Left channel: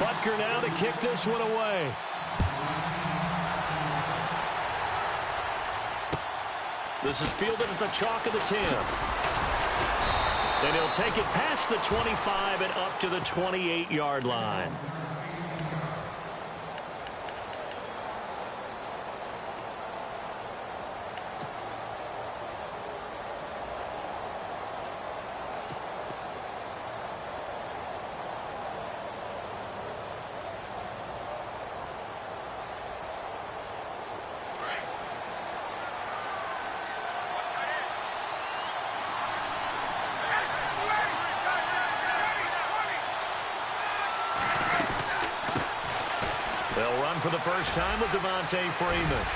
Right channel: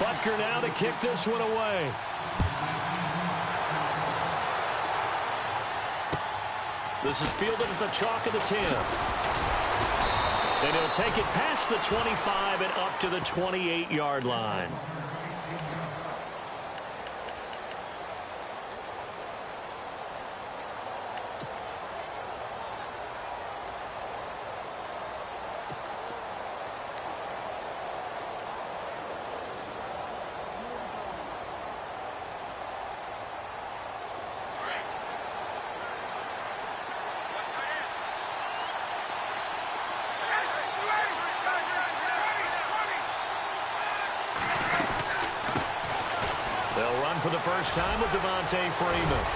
Butker now to kick this one away. This is fielded at the chalk of the 10. And he'll take it past the 25 and up to the 28-yard line. They'll run for the first time with Devontae Freeman.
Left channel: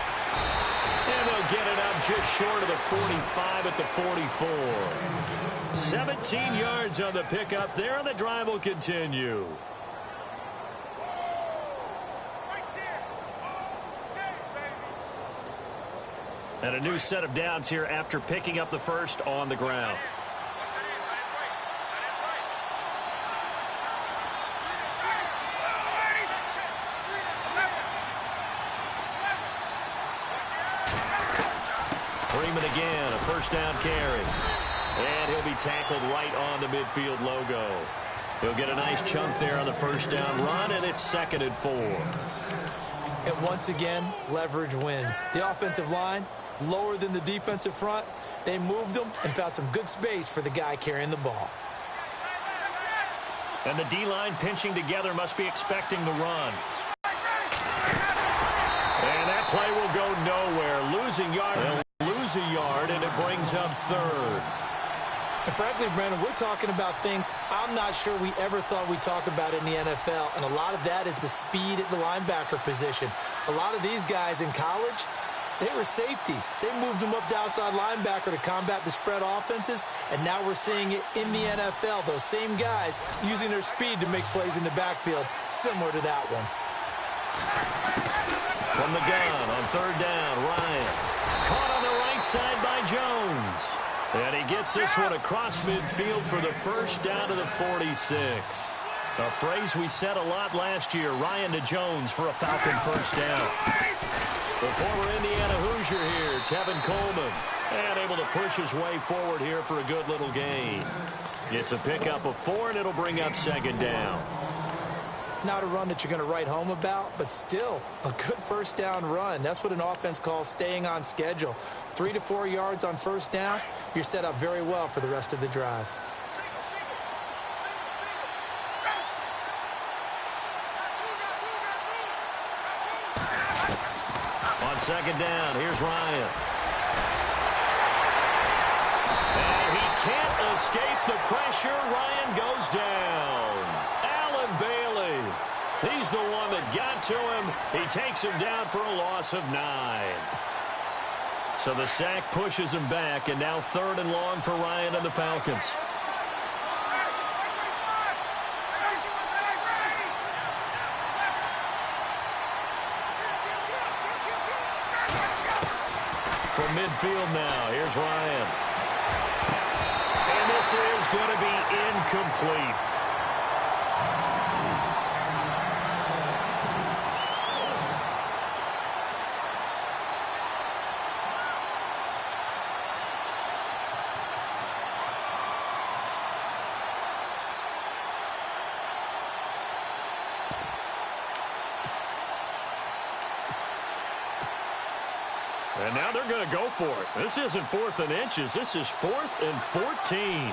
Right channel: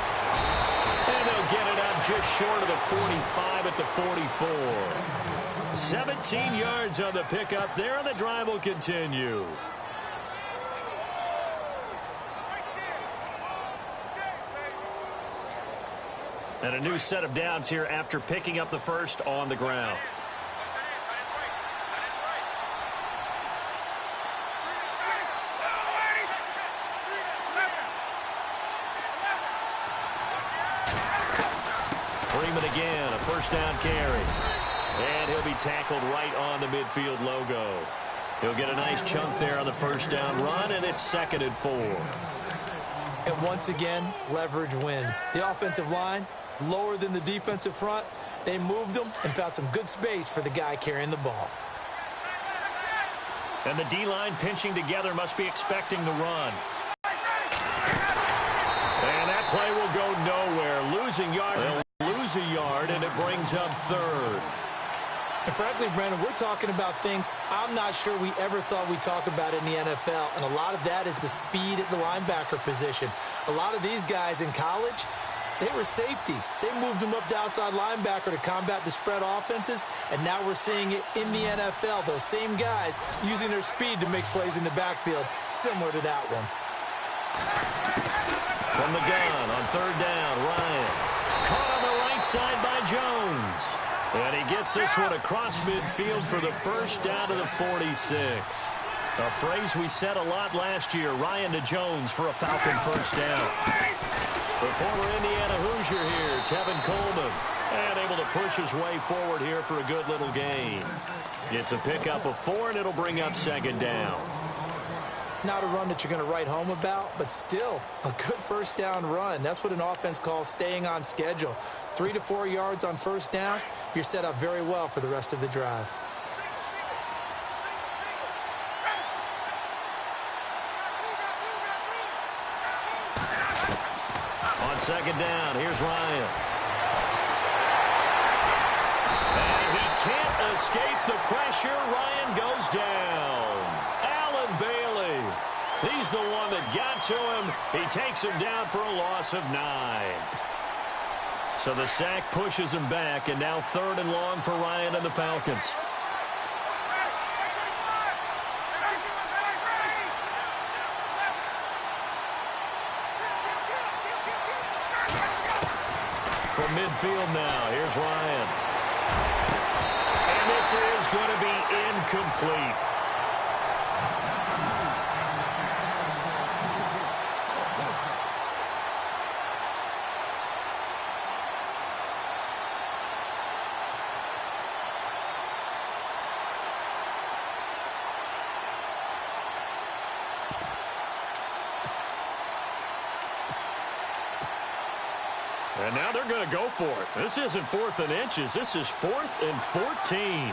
And they'll get it up just short of the 45 at the 44. 17 yards on the pickup there, and the drive will continue. And a new set of downs here after picking up the first on the ground. Freeman again, a first down carry. And he'll be tackled right on the midfield logo. He'll get a nice chunk there on the first down run, and it's 2nd and 4. And once again, leverage wins. The offensive line, lower than the defensive front. They moved them and found some good space for the guy carrying the ball. And the D-line pinching together must be expecting the run. And that play will go nowhere. Losing yard. They'll lose a yard, and it brings up 3rd. And frankly, Brandon, we're talking about things I'm not sure we ever thought we'd talk about in the NFL. And a lot of that is the speed at the linebacker position. A lot of these guys in college, they were safeties. They moved them up to outside linebacker to combat the spread offenses, and now we're seeing it in the NFL. Those same guys using their speed to make plays in the backfield, similar to that one. From the gun on 3rd down, Ryan. Caught on the right side by Jones. And he gets this one across midfield for the first down to the 46. A phrase we said a lot last year, Ryan to Jones for a Falcon first down. The former Indiana Hoosier here, Tevin Coleman, and able to push his way forward here for a good little gain. It's a pickup of 4, and it'll bring up 2nd down. Not a run that you're going to write home about, but still a good first down run. That's what an offense calls staying on schedule. 3 to 4 yards on first down, you're set up very well for the rest of the drive. On 2nd down, here's Ryan. And he can't escape the pressure. Ryan goes down. Allen Bailey. He's the one that got to him. He takes him down for a loss of 9. So the sack pushes him back, and now 3rd and long for Ryan and the Falcons. From midfield now, here's Ryan. And this is going to be incomplete. And now they're going to go for it. This isn't 4th and inches. This is 4th and 14.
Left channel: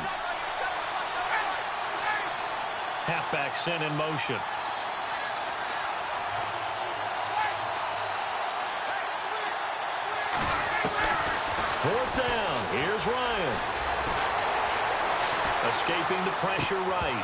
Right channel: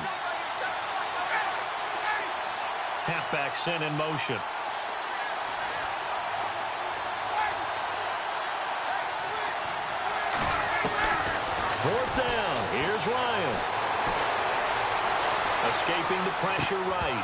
Halfback sent in motion. 4th down. Here's Ryan. Escaping the pressure right.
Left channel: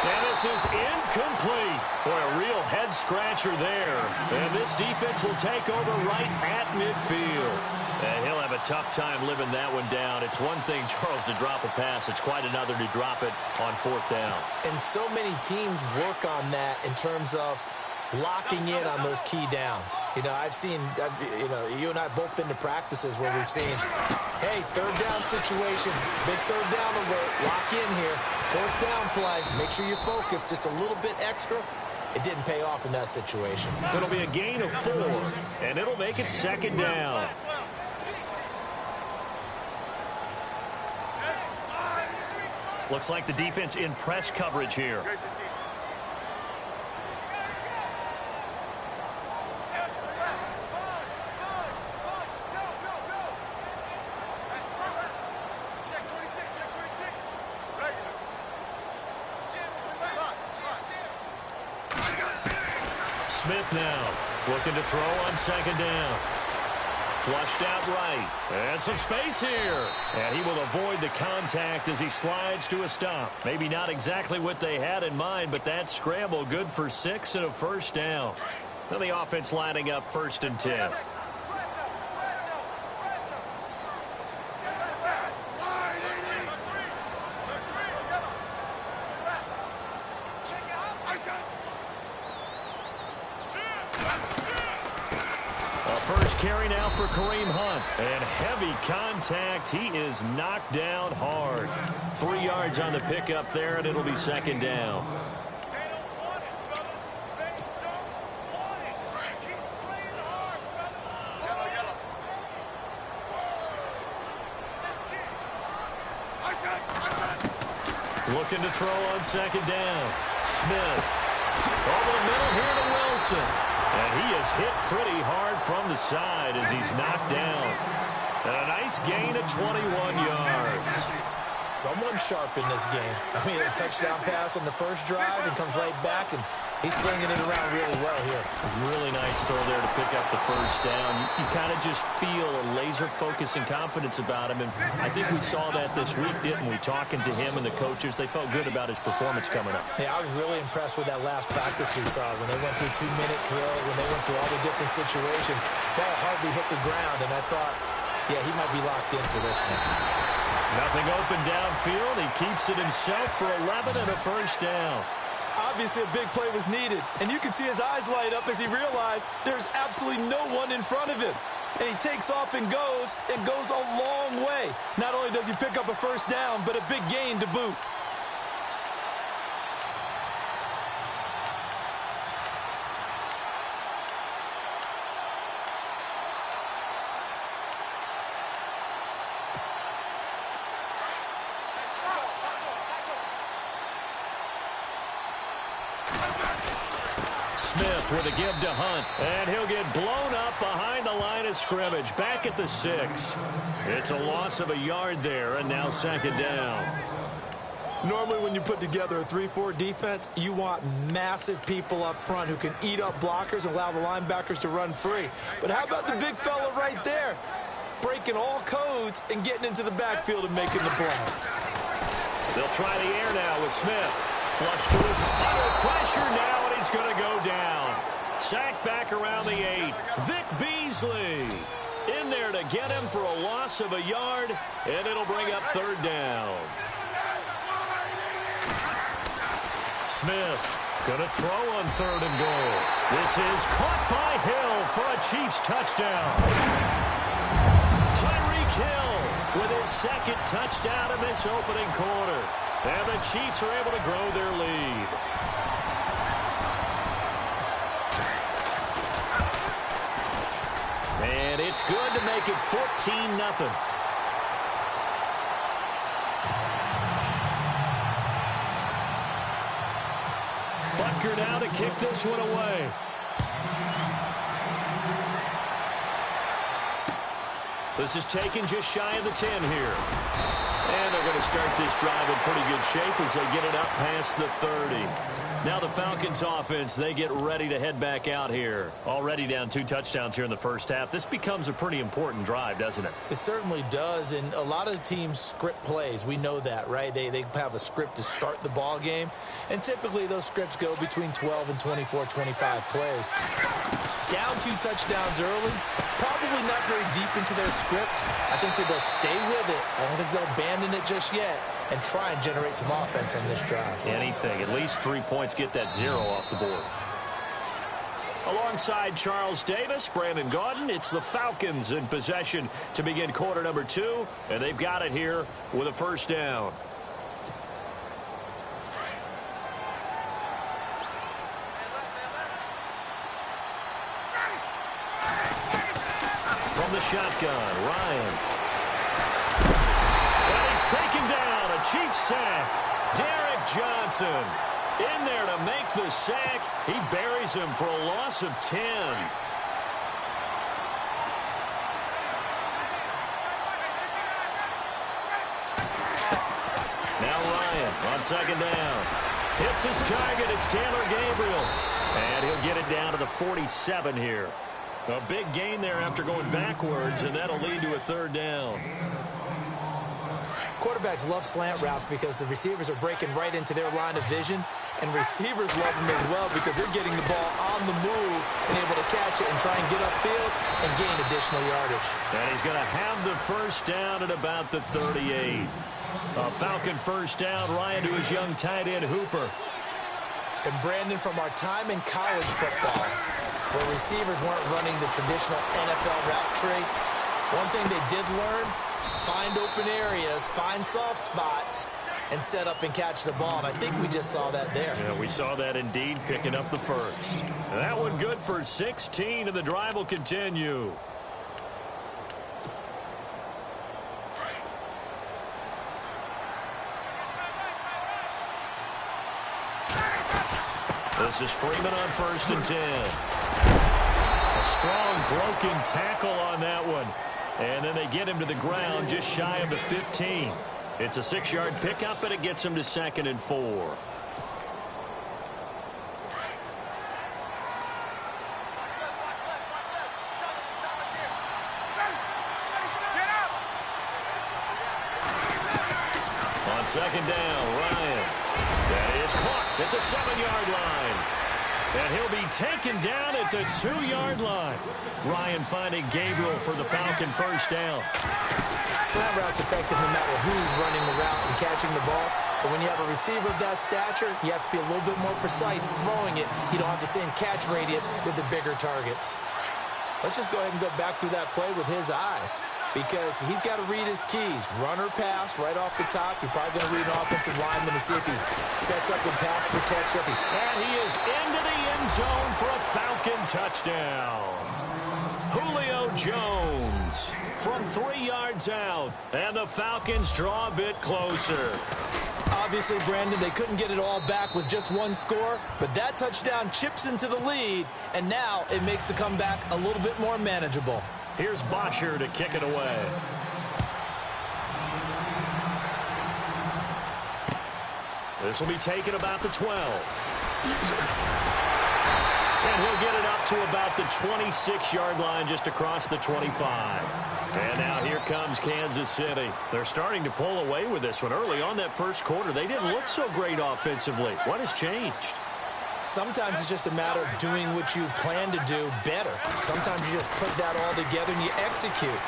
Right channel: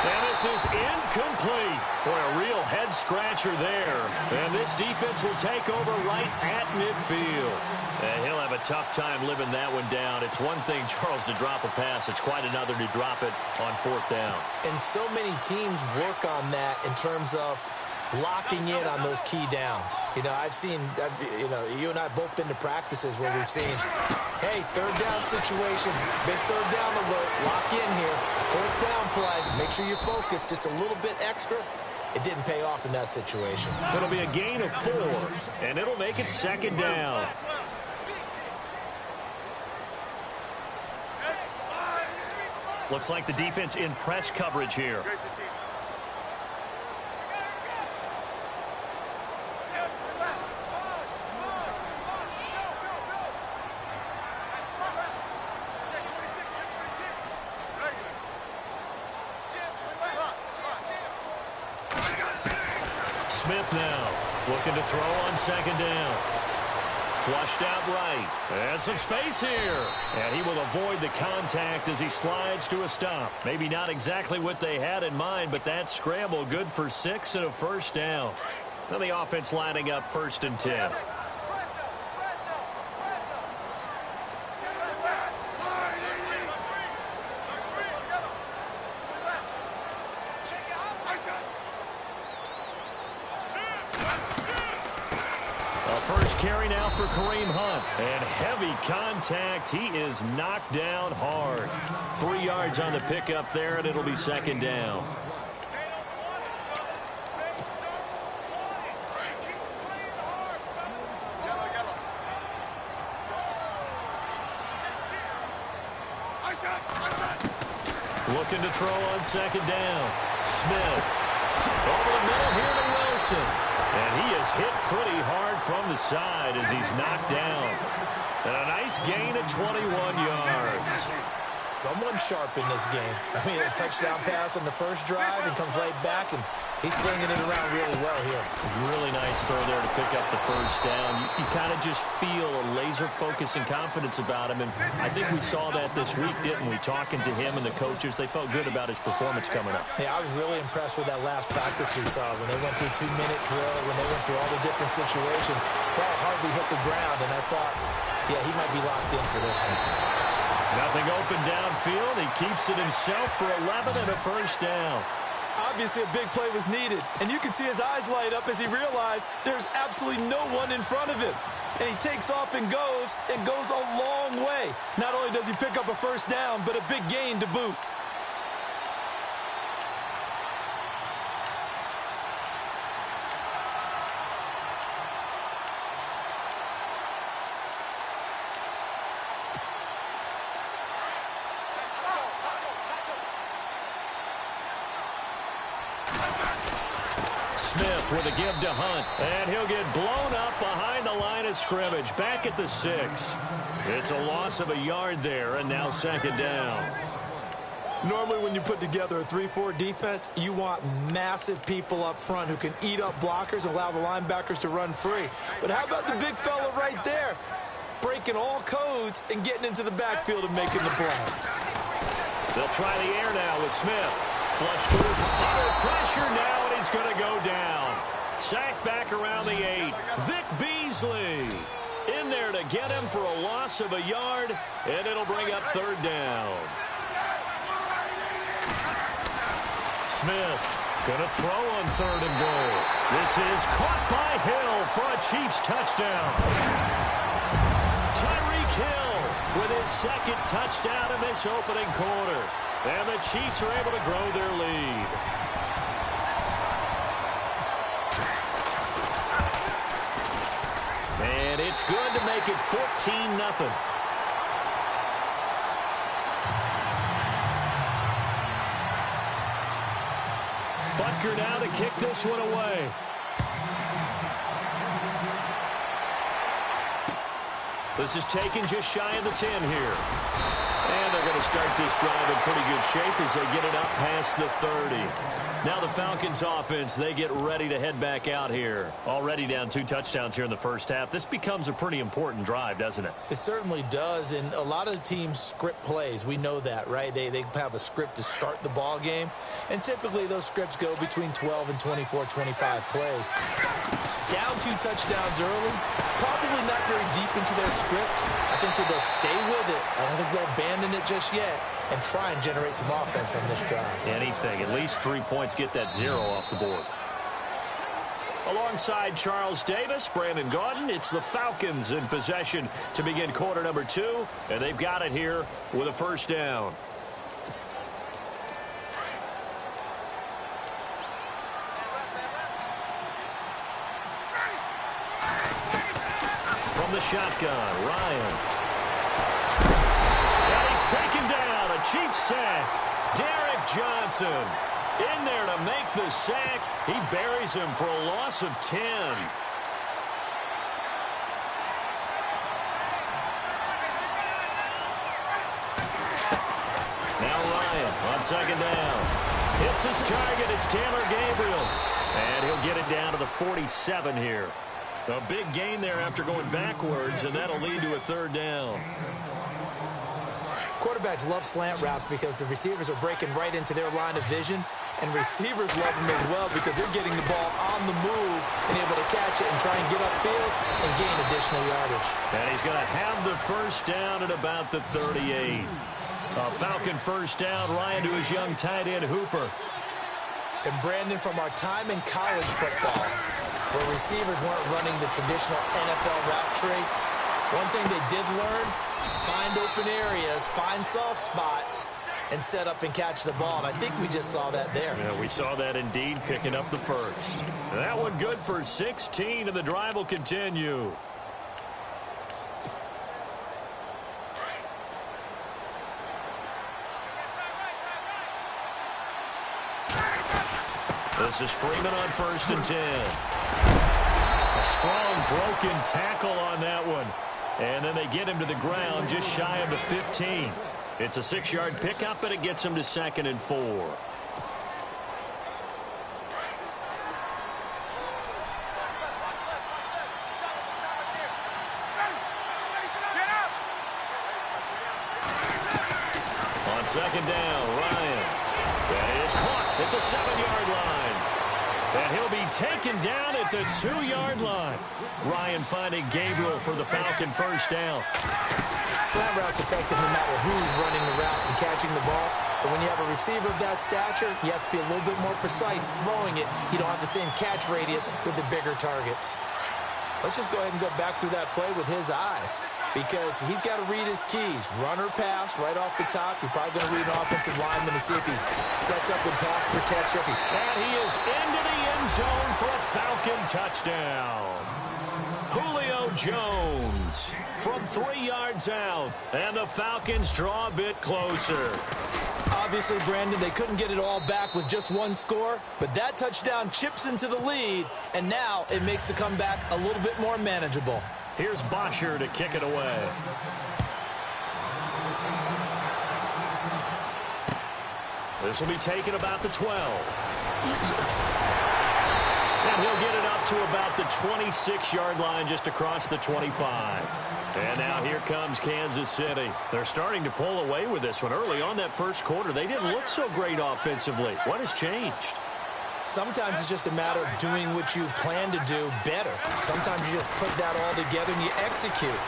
And this is incomplete. Boy, a real head-scratcher there. And this defense will take over right at midfield. And he'll have a tough time living that one down. It's one thing, Charles, to drop a pass. It's quite another to drop it on 4th down. And so many teams work on that in terms of locking in on those key downs. You know, you and I both been to practices where we've seen Hey, third down situation. Big third down alert. Lock in here. Fourth down play. Make sure you focus just a little bit extra. It didn't pay off in that situation. It'll be a gain of 4, and it'll make it second down. Looks like the defense in press coverage here. Smith now looking to throw on second down. Flushed out right. And some space here. And he will avoid the contact as he slides to a stop. Maybe not exactly what they had in mind, but that scramble good for 6 and a first down. Now the offense lining up 1st and 10. First carry now for Kareem Hunt. And heavy contact. He is knocked down hard. 3 yards on the pickup there, and it'll be second down. They don't want it, brothers. They don't want it. Keep playing hard, brothers. Yellow. Looking to throw on second down. Smith. Over the middle here to Wilson. And he is hit pretty hard from the side as he's knocked down. And a nice gain of 21 yards. Someone sharp in this game. I mean, a touchdown pass on the first drive and comes right back, and he's bringing it around really well here. Really nice throw there to pick up the first down. You kind of just feel a laser focus and confidence about him, and I think we saw that this week, didn't we? Talking to him and the coaches, they felt good about his performance coming up. Yeah, I was really impressed with that last practice we saw when they went through 2-minute drill, when they went through all the different situations. Ball hardly hit the ground, and I thought, yeah, he might be locked in for this one. Nothing open downfield. He keeps it himself for 11 and a first down. Obviously, a big play was needed, and you can see his eyes light up as he realized there's absolutely no one in front of him. And he takes off and goes a long way. Not only does he pick up a first down, but a big gain to boot. Smith with a give to Hunt, and he'll get blown up behind the line of scrimmage, back at the 6. It's a loss of a yard there, and now second down. Normally when you put together a 3-4 defense, you want massive people up front who can eat up blockers and allow the linebackers to run free. But how about the big fella right there, breaking all codes and getting into the backfield and making the play? They'll try the air now with Smith. Flush to his under pressure now, and he's going to go down. Sacked back around the 8. Vic Beasley in there to get him for a loss of a yard, and it'll bring up third down. Smith going to throw on 3rd and goal. This is caught by Hill for a Chiefs touchdown. Tyreek Hill with his 2nd touchdown in this opening quarter. And the Chiefs are able to grow their lead. And it's good to make it 14-0. Butker now to kick this one away. This is taken just shy of the 10 here. And they're going to start this drive in pretty good shape as they get it up past the 30. Now the Falcons offense, they get ready to head back out here. Already down 2 touchdowns here in the first half. This becomes a pretty important drive, doesn't it? It certainly does, and a lot of the teams script plays. We know that, right? They have a script to start the ball game, and typically those scripts go between 12 and 24, 25 plays. Down 2 touchdowns early, probably not very deep into their script. I think that they'll stay with it. I don't think they'll abandon it just yet and try and generate some offense on this drive. Anything. At least 3 points, get that 0 off the board. Alongside Charles Davis, Brandon Gaudin, it's the Falcons in possession to begin quarter number 2, and they've got it here with a first down. From the shotgun, Ryan. And he's taken down, a Chiefs sack. Derek Johnson in there to make the sack. He buries him for a loss of 10. Now Ryan on second down. Hits his target. It's Taylor Gabriel. And he'll get it down to the 47 here. A big gain there after going backwards, and that'll lead to a third down. Quarterbacks love slant routes because the receivers are breaking right into their line of vision, and receivers love them as well because they're getting the ball on the move and able to catch it and try and get upfield and gain additional yardage. And he's going to have the first down at about the 38. A Falcon first down, Ryan to his young tight end, Hooper. And Brandon, from our time in college football, where receivers weren't running the traditional NFL route tree, one thing they did learn, find open areas, find soft spots, and set up and catch the ball. And I think we just saw that there. Yeah, we saw that indeed, picking up the first. And that one good for 16, and the drive will continue. This is Freeman on 1st and 10. A strong broken tackle on that one. And then they get him to the ground just shy of the 15. It's a 6-yard pickup, and it gets him to 2nd and 4. On 2nd down, Ryan. That is caught at the 7-yard line. And he'll be taken down at the 2-yard line. Ryan finding Gabriel for the Falcon first down. Slant route's effective no matter who's running the route and catching the ball. But when you have a receiver of that stature, you have to be a little bit more precise throwing it. You don't have the same catch radius with the bigger targets. Let's just go ahead and go back through that play with his eyes, because he's got to read his keys. Run or pass right off the top. You're probably going to read an offensive lineman to see if he sets up in pass protection. And he is into the end zone for a Falcon touchdown. Julio Jones from 3 yards out, and the Falcons draw a bit closer. Obviously, Brandon, they couldn't get it all back with just one score, but that touchdown chips into the lead, and now it makes the comeback a little bit more manageable. Here's Bosher to kick it away. This will be taken about the 12. And he'll get it up to about the 26-yard line, just across the 25. And now here comes Kansas City. They're starting to pull away with this one. Early on that first quarter, they didn't look so great offensively. What has changed? Sometimes it's just a matter of doing what you plan to do better. Sometimes you just put that all together and you execute.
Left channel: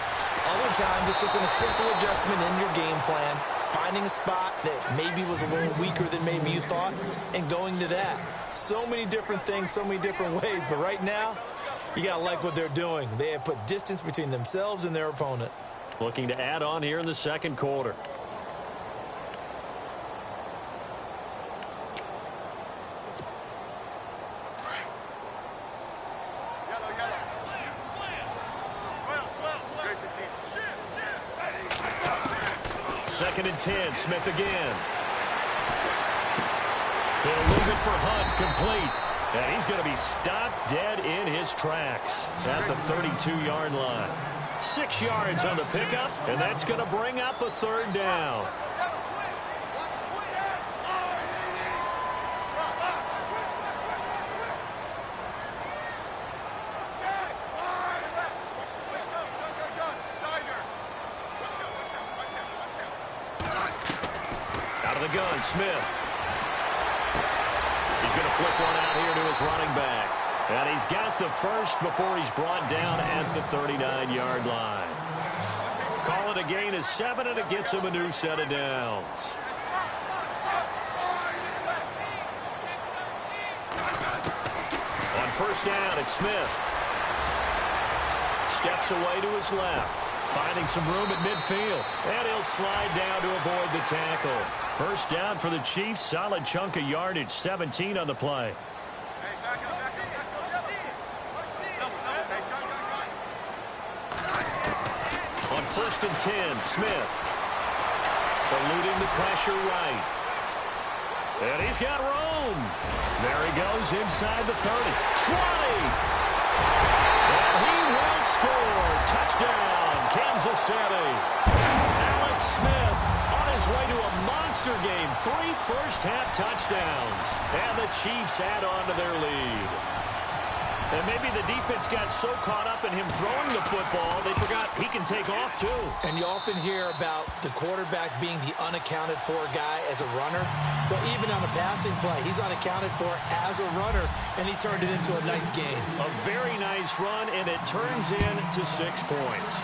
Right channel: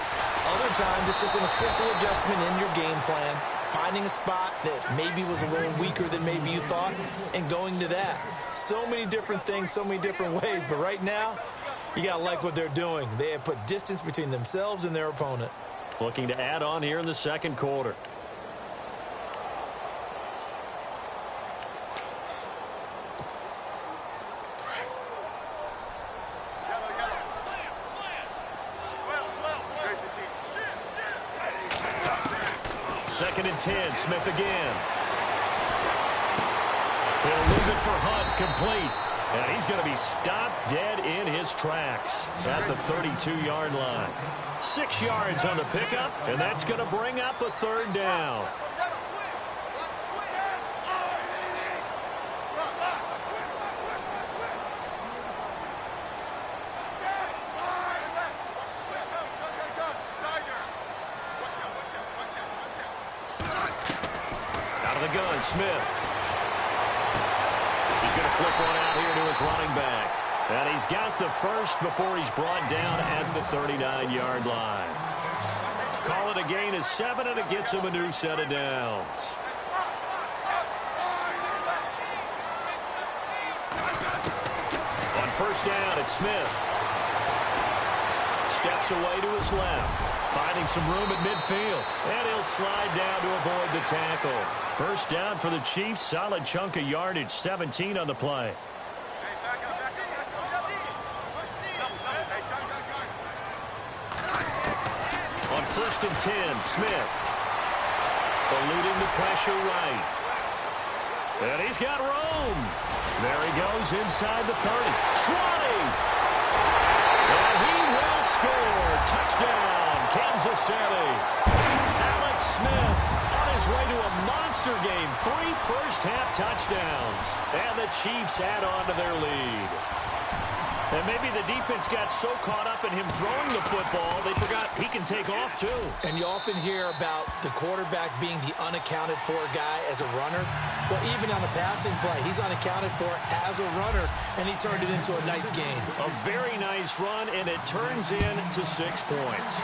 Other times it's just a simple adjustment in your game plan, finding a spot that maybe was a little weaker than maybe you thought, and going to that. So many different things, so many different ways, but right now, you got to like what they're doing. They have put distance between themselves and their opponent. Looking to add on here in the second quarter. Second and 10, Smith again. He'll leave it for Hunt, complete. And he's going to be stopped dead in his tracks at the 32-yard line. 6 yards on the pickup, and that's going to bring up a third down. Out of the gun, Smith. He's going to flip one out here to his running back. And he's got the first before he's brought down at the 39-yard line. Call it a gain of 7, and it gets him a new set of downs. On first down, it's Smith. Steps away to his left. Finding some room at midfield. And he'll slide down to avoid the tackle. First down for the Chiefs. Solid chunk of yardage. 17 on the play. On first and 10, Smith. Eluding the pressure right. And he's got room. There he goes inside the 30. 20. And he will score. Touchdown, Kansas City. Alex Smith on his way to a monster game. 3 first-half touchdowns. And the Chiefs add on to their lead. And maybe the defense got so caught up in him throwing the football, they forgot he can take off, too. And you often hear about the quarterback being the unaccounted-for guy as a runner. Well, even on a passing play, he's unaccounted for as a runner, and he turned it into a nice gain. A very nice run, and it turns into 6 points.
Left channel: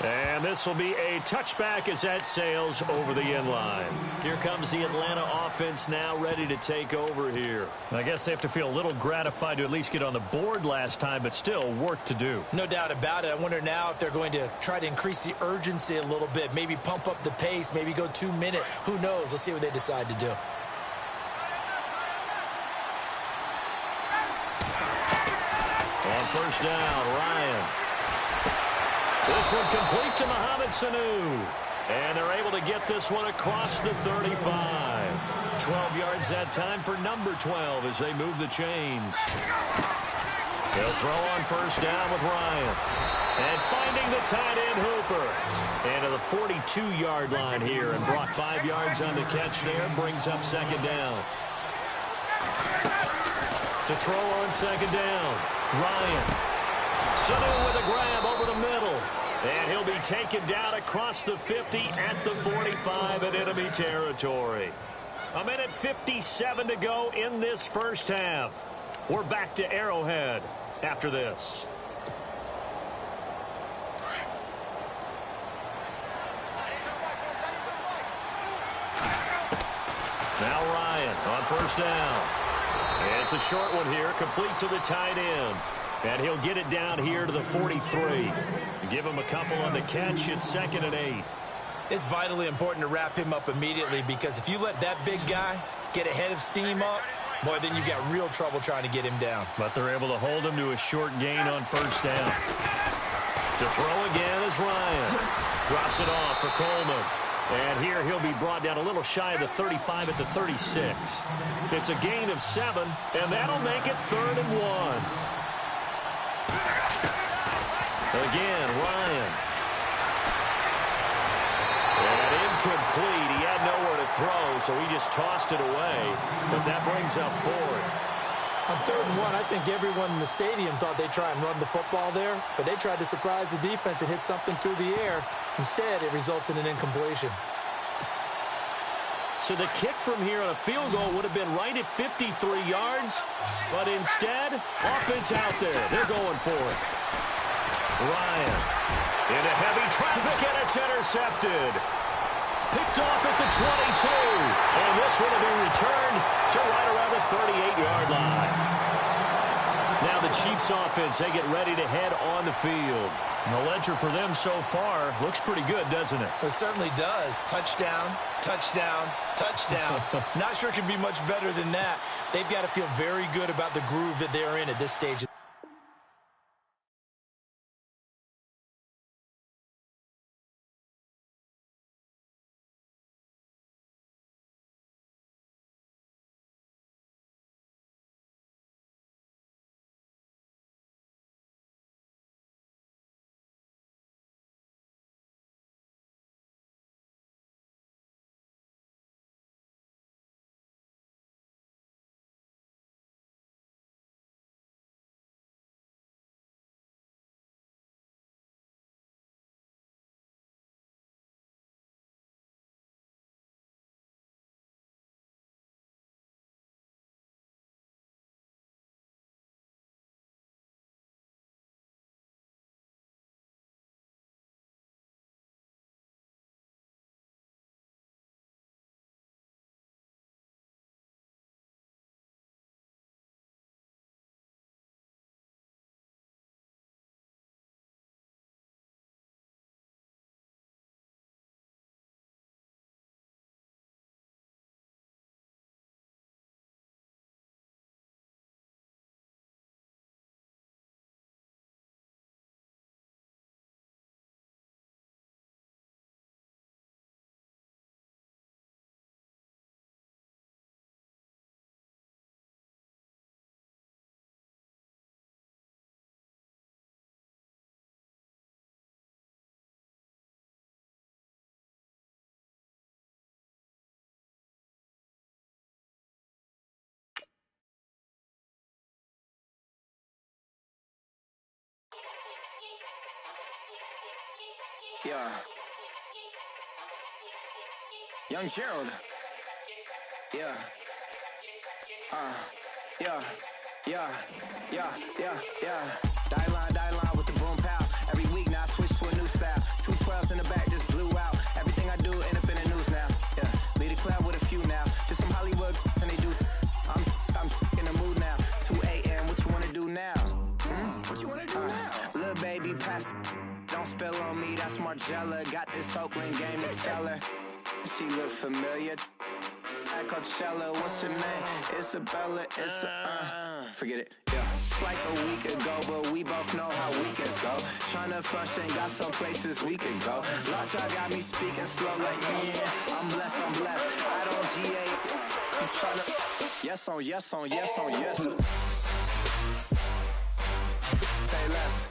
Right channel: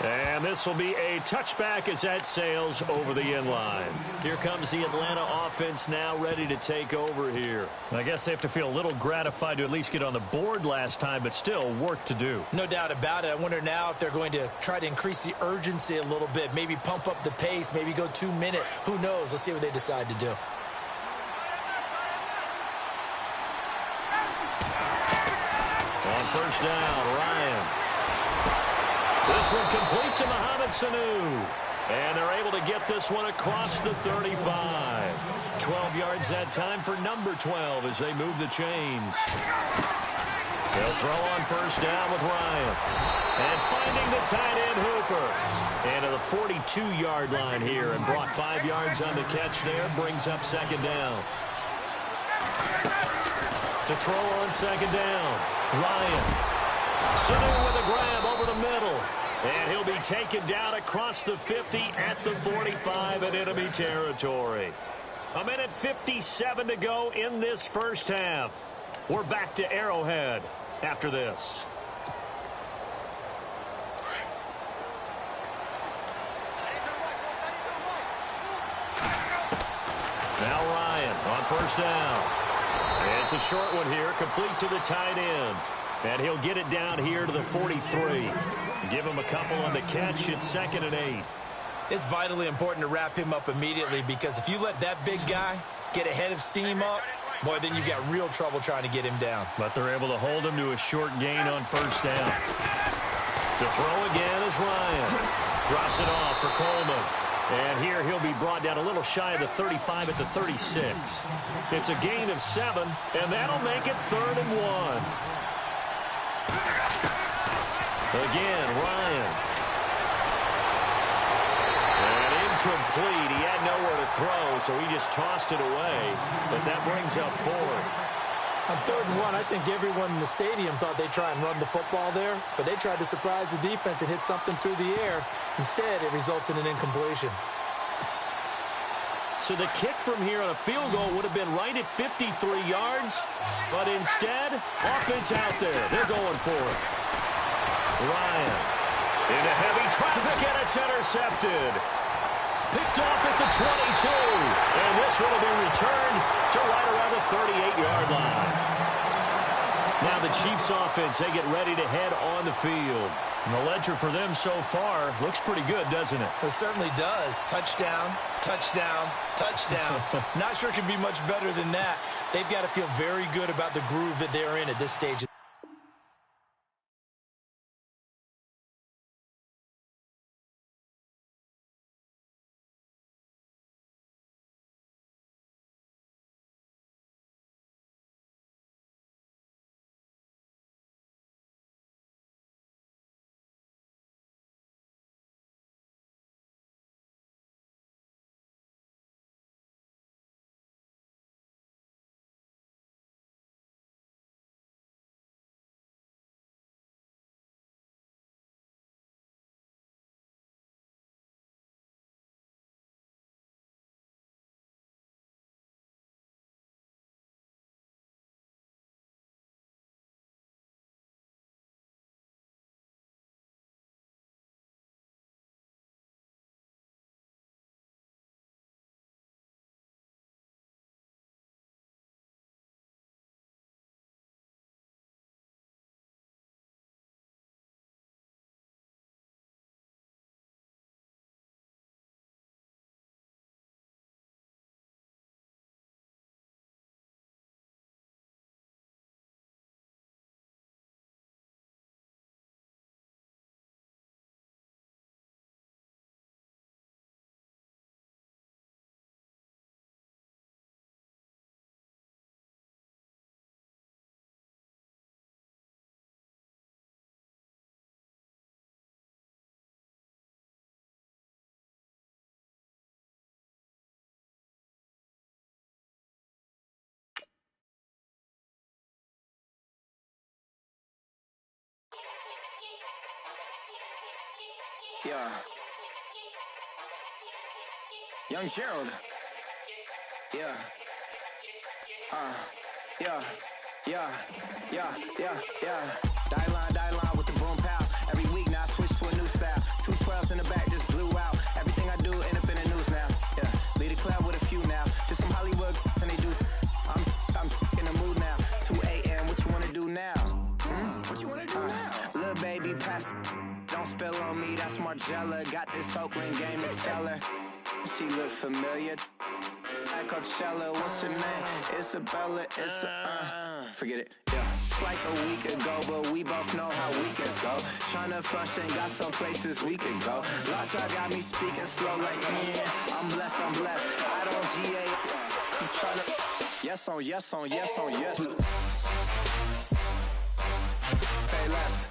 And this will be a touchback as that sails over the end line. Here comes the Atlanta offense now ready to take over here. I guess they have to feel a little gratified to at least get on the board last time, but still work to do. No doubt about it. I wonder now if they're going to try to increase the urgency a little bit, maybe pump up the pace, maybe go 2 minute. Who knows? Let's see what they decide to do. On first down, Ryan. This one complete to Mohamed Sanu. And they're able to get this one across the 35. 12 yards that time for number 12 as they move the chains. They'll throw on first down with Ryan. And finding the tight end Hooper. And to the 42-yard line here. And brought 5 yards on the catch there. Brings up second down. To throw on second down, Ryan. Sanu with a grab over the middle. And he'll be taken down across the 50 at the 45 in enemy territory. 1:57 to go in this first half. We're back to Arrowhead after this. Now Ryan on first down. It's a short one here, complete to the tight end. And he'll get it down here to the 43. Give him a couple on the catch. It's 2nd and 8. It's vitally important to wrap him up immediately because if you let that big guy get ahead of steam up, boy, then you've got real trouble trying to get him down. But they're able to hold him to a short gain on first down. To throw again is Ryan. Drops it off for Coleman. And here he'll be brought down a little shy of the 35 at the 36. It's a gain of 7, and that'll make it 3rd and 1. Again, Ryan. And incomplete. He had nowhere to throw, so he just tossed it away. But that brings up 4th. On 3rd and 1, I think everyone in the stadium thought they'd try and run the football there, but they tried to surprise the defense and hit something through the air. Instead, it results in an incompletion. So the kick from here on a field goal would have been right at 53 yards, but instead, offense out there. They're going for it. Ryan into heavy traffic, and it's intercepted. Picked off at the 22, and this one will be returned to right around the 38-yard line. Now the Chiefs offense, they get ready to head on the field. And the ledger for them so far looks pretty good, doesn't it? It certainly does. Touchdown, touchdown, touchdown. Not sure it can be much better than that. They've got to feel very good about the groove that they're in at this stage. Yeah. Young Gerald. Yeah. Yeah. Die line with the boom pow. Every week now I switch to a new style. 212s in the back just blew out. Everything I do end up in the news now. Yeah. Lead a club with a few now. Just some Hollywood and they do. I'm in the mood now. 2 a.m. What you wanna do now? What you wanna do now? Little baby, pass. Don't spill on me. That's Margella. Got this Oakland game to tell her. She look familiar. At Coachella, what's her name? Isabella, forget it, yeah. It's like a week ago, but we both know how weekends go. Tryna function, got some places we could go. Lockjaw got me speaking slow like, yeah, I'm blessed. I don't GA, I'm tryna, yes on yes. Say less.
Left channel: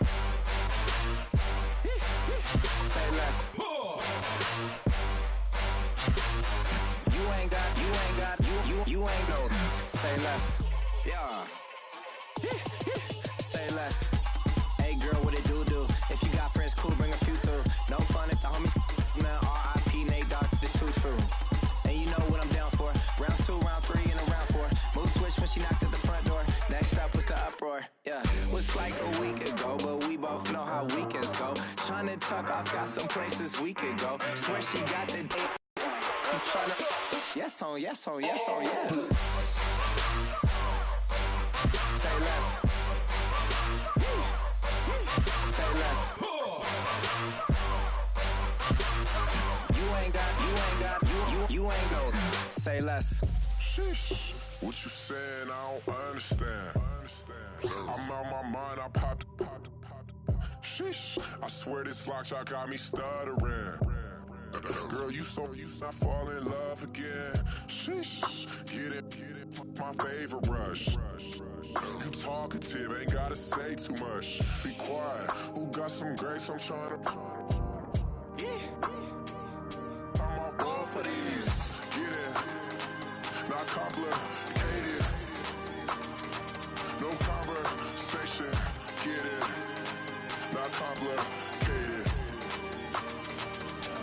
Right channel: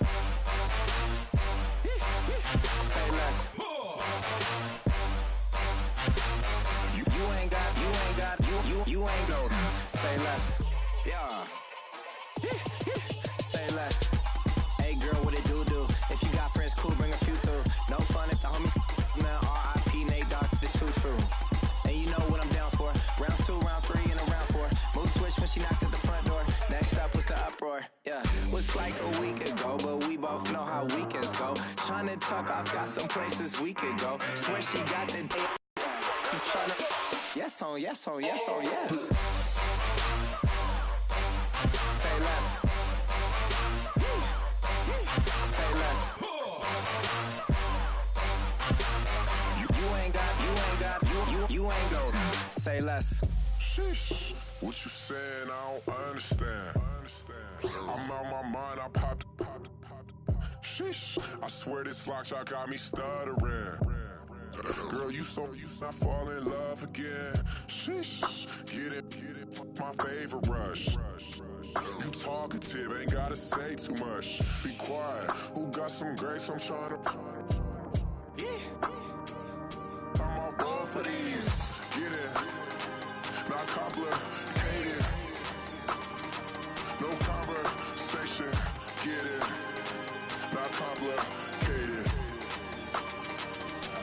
Say less. You ain't no. Say less. Yeah. Say less. Hey girl, what it do? If you got friends, cool, bring a few through. No fun if the homies man. R.I.P. Nate Dogg, this too true. And you know what I'm down for. Round 2, round 3, and a round 4. Mood switch when she knocked at the front door. Next up was the uproar. Yeah. Was like a week ago, but we both know how weekends go. Tryna tuck off, got some places we could go. Swear she got the date. I'm tryna. Yes on yes. Say less. Say less. You ain't go. Say less. Sheesh. What you saying? I don't understand. I'm out my mind. I popped. Sheesh. I swear this lockjaw got me stuttering. Girl, you not fall in love again. Sheesh, get it, my favorite rush. You talkative, ain't gotta say too much. Be quiet, who got some grapes? I'm tryna. I'm all roll for these. Get it, not complicated. No conversation. Get it, not complicated.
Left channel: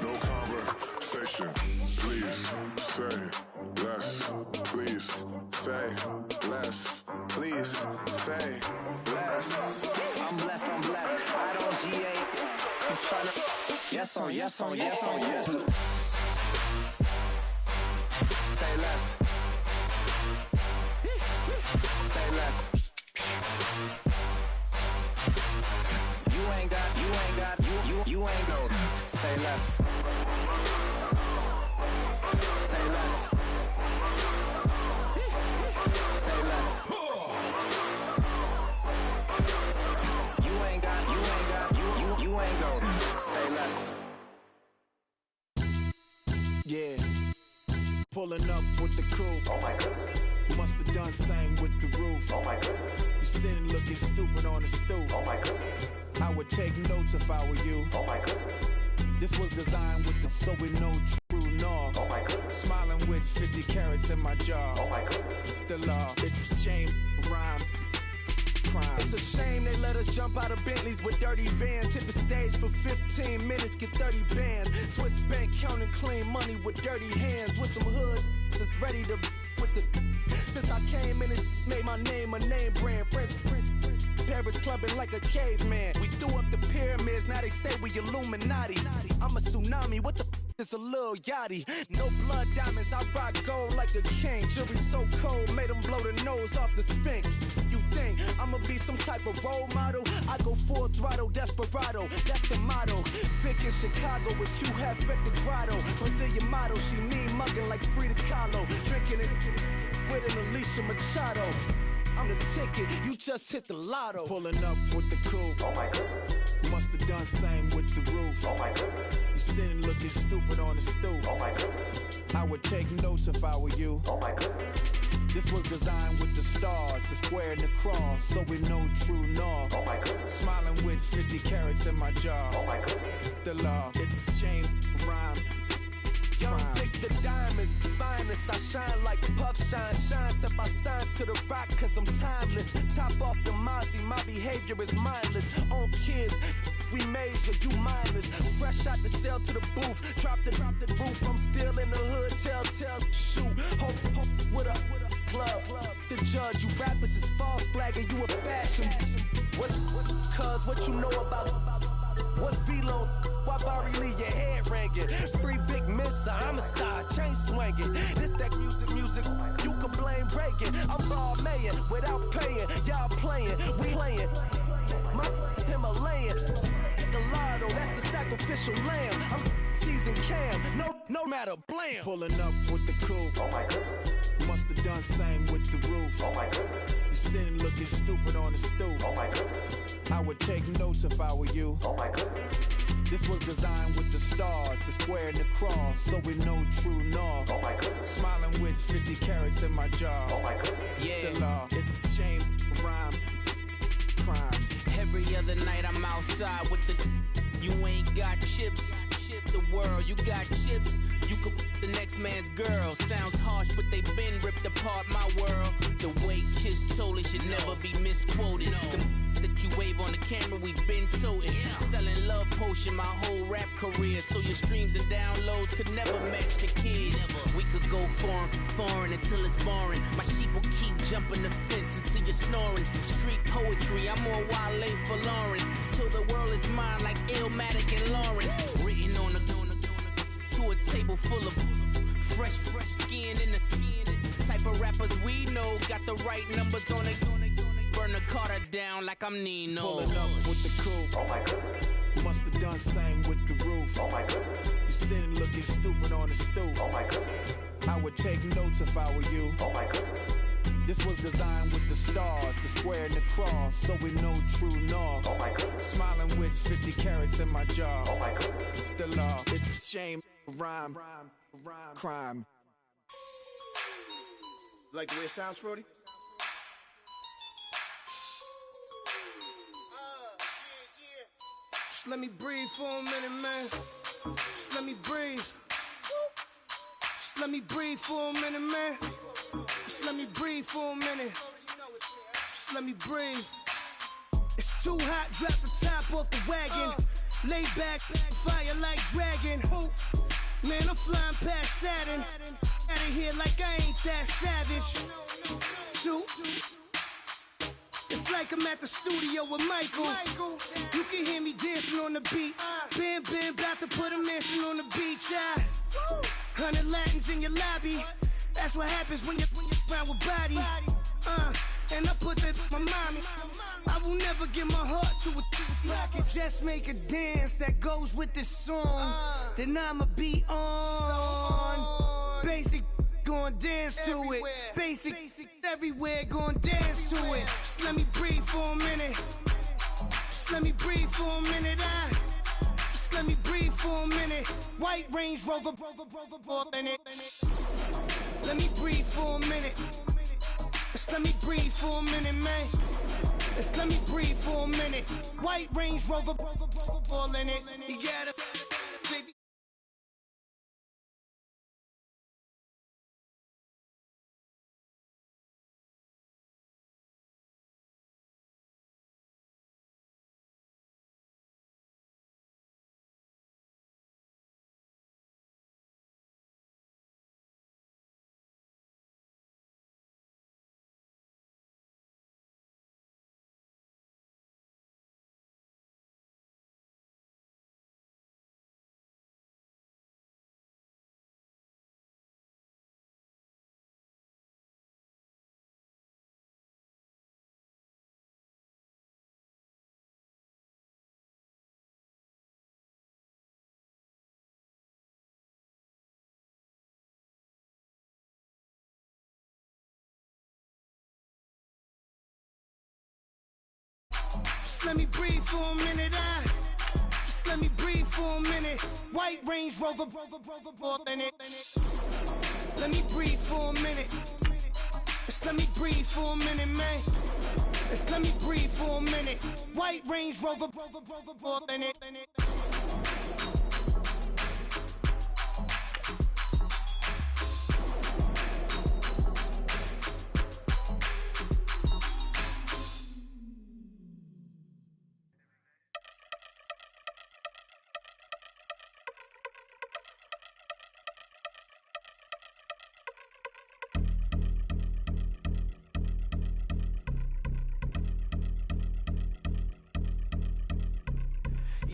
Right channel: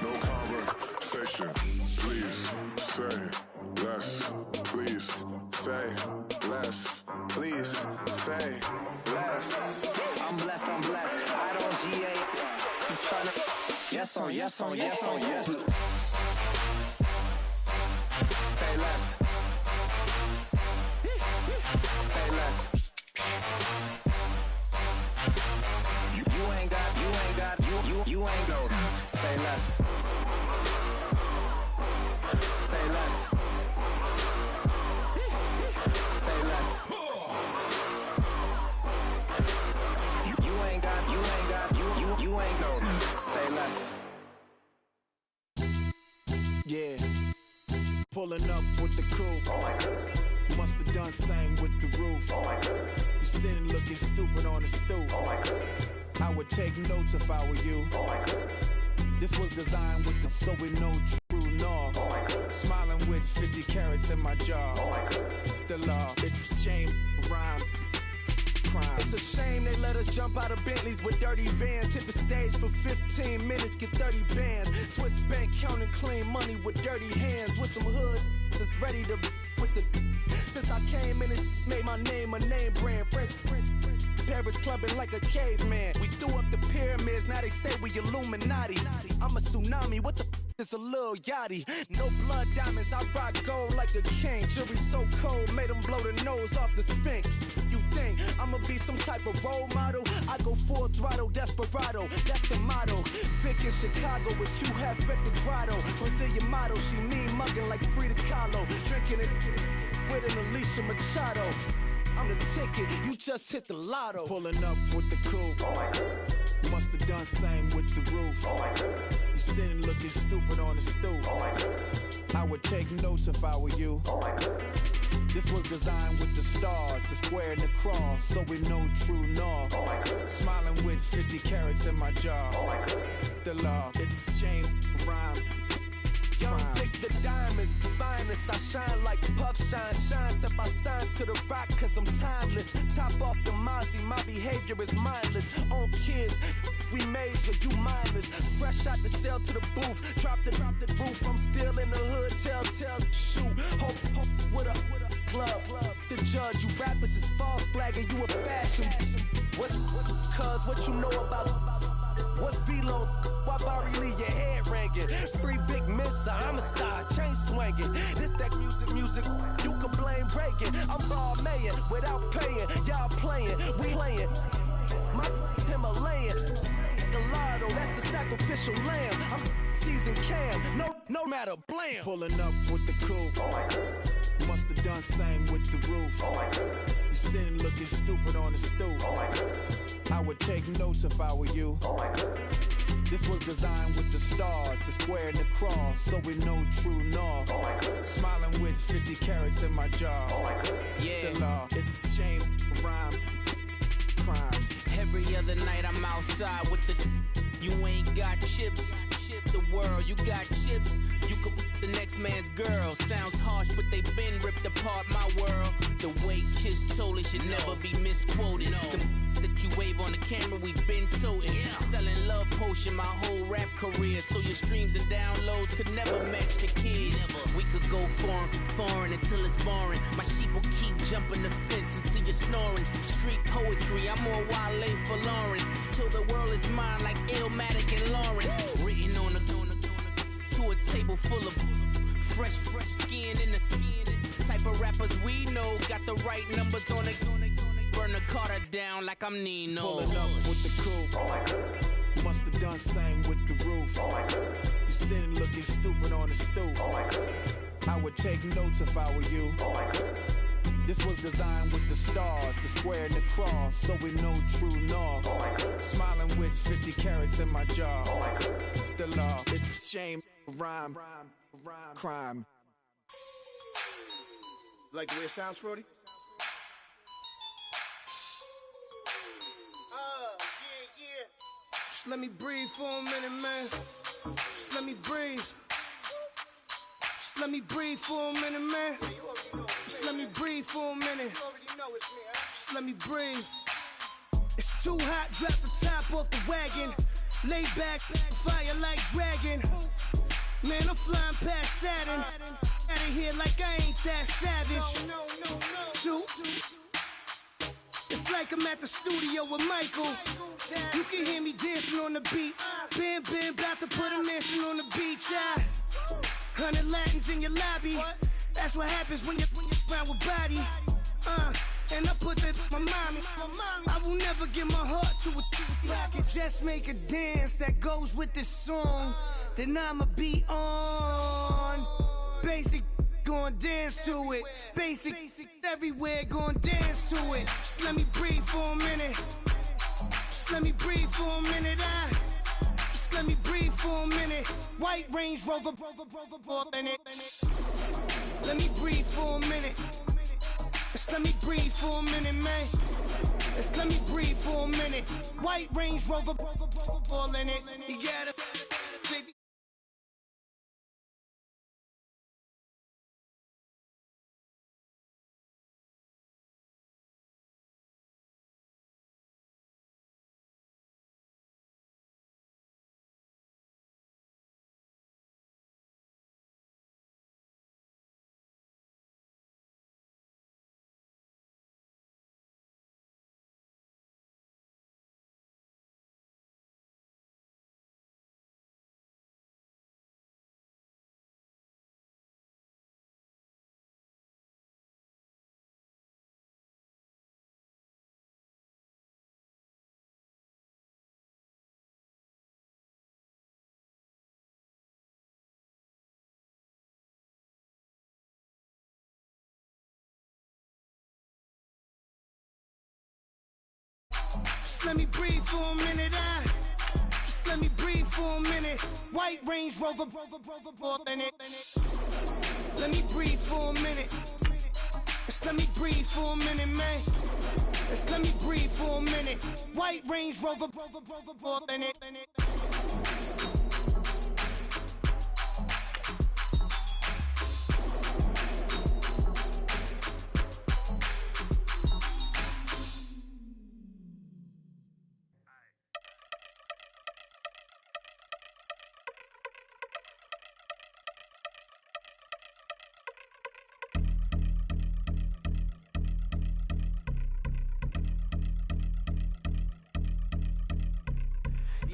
No conversation. Please say less. Please say less. Please say less. I'm blessed. I don't GA. I'm tryna. Yes on yes. Say less. Say less. You ain't go. Say less. Say less. Say less. You ain't go. Say less. Yeah. Pulling up with the crew. Oh my goodness. Must have done same with the roof. Oh my goodness. You sitting looking stupid on the stoop. Oh my goodness. I would take notes if I were you. Oh my goodness. This was designed with the so we know true north. Oh my goodness. Smiling with 50 carats in my jaw. Oh my goodness. The law, it's a shame, rhyme, crime. It's a shame they let us jump out of Bentleys with dirty vans. Hit the stage for 15 minutes, get 30 bands. Swiss bank counting clean money with dirty hands. With some hood that's ready to with the. Since I came in, it made my name a name brand. French. Paris clubbing like a caveman. We threw up the pyramids, now they say we Illuminati. I'm a tsunami, what the is a little yachty. No blood diamonds, I rock gold like a king. Jury so cold, made them blow the nose off the Sphinx. You think I'ma be some type of role model? I go full throttle, desperado, that's the motto. Vic in Chicago is Hugh Hef at the grotto. Brazilian model, she mean mugging like Frida Kahlo. Drinking it with an Alicia Machado. I'm the ticket, you just hit the lotto. Pulling up with the crew. Oh my goodness. Must have done same with the roof. Oh my goodness. You sitting looking stupid on the stoop. Oh my goodness. I would take notes if I were you. Oh my goodness. This was designed with the stars, the square and the cross, so we know true north. Oh my goodness. Smiling with 50 carats in my jaw. Oh my goodness. The law, it's a shame, rhyme. Young Vic the diamonds, finest timeless. I shine like Puff Shine. Shines if I sign to the rock cause I'm timeless. Top off the Mozzie, my behavior is mindless. On kids, we major, you minors. Fresh out the cell to the booth. Drop the roof, I'm still in the hood. Tell, shoot. Hope with a club. The judge, you rappers is false flagging, you a fashion. What's cuz, what you know about? What's Velo? Why Barry Lee, your head ringing? Free Vic Mensa, I'm a star, chain swinging. This that music, you can blame Reagan. I'm ball mayin' without paying. Y'all playing, we playing. My Himalayan. Gallardo, that's a sacrificial lamb. I'm seasoned Cam, no matter, blam. Pulling up with the coupe. Oh my goodness. Must have done same with the roof. Oh my goodness. You sitting looking stupid on the stoop. Oh my goodness. I would take notes if I were you. Oh my goodness. This was designed with the stars, the square and the cross, so we know true north. Oh my goodness. Smiling with 50 carats in my jaw. Oh my goodness. Yeah. The law, it's a shame, rhyme, crime. Every other night I'm outside with the. You ain't got chips. The world, you got chips. You could the next man's girl. Sounds harsh, but they been ripped apart my world. The way Kiss told it should never be misquoted. The that you wave on the camera, we been toting. Selling love potion my whole rap career. So your streams and downloads could never match the kids. We could go foreign until it's boring. My sheep will keep jumping the fence until you're snoring. Street poetry, I'm more Wale for Lauren. Till the world is mine like Illmatic and Lauren. Written on to a table full of fresh skin in the type of rappers we know. Got the right numbers on it. Burn the Carter down like I'm Nino. Pulling up with the coupe. Oh my goodness. Must have done same with the roof. Oh my goodness. You sitting looking stupid on the stoop. Oh my goodness. I would take notes if I were you. Oh my goodness. This was designed with the stars, the square and the cross, so we know true north. Oh my goodness. Smiling with 50 carats in my jaw. Oh my goodness. The law, it's a shame, rhyme, crime. Like the way it sounds, Frody? Just let me breathe for a minute, man. Just let me breathe. Just let me breathe for a minute, man. Just let me breathe for a minute. Just let me breathe. It's too hot, drop the top off the wagon. Lay back, fire like dragon. Man, I'm flying past Saturn. Out of here like I ain't that savage. Two. It's like I'm at the studio with Michael. You can hear me dancing on the beat. Bam, about to put a mansion on the beach. 100 Latins in your lobby. That's what happens when you're around with body. And I put that my mommy. I will never give my heart to it. If I could just make a dance that goes with this song, then I'ma be on. Basic, gon' dance to it. Basic, everywhere, gon' dance to it. Just let me breathe for a minute. Just let me breathe for a minute. Just let me breathe for a minute. White Range Rover, in it. Let me breathe for a minute. Just let me breathe for a minute, man. Just let me breathe for a minute. White Range Rover, all in it. You gotta, baby. Just let me breathe for a minute. Just let me breathe for a minute. White Range Rover, in it. Let me breathe for a minute. Just let me breathe for a minute, man. Just let me breathe for a minute. White Range Rover, in it.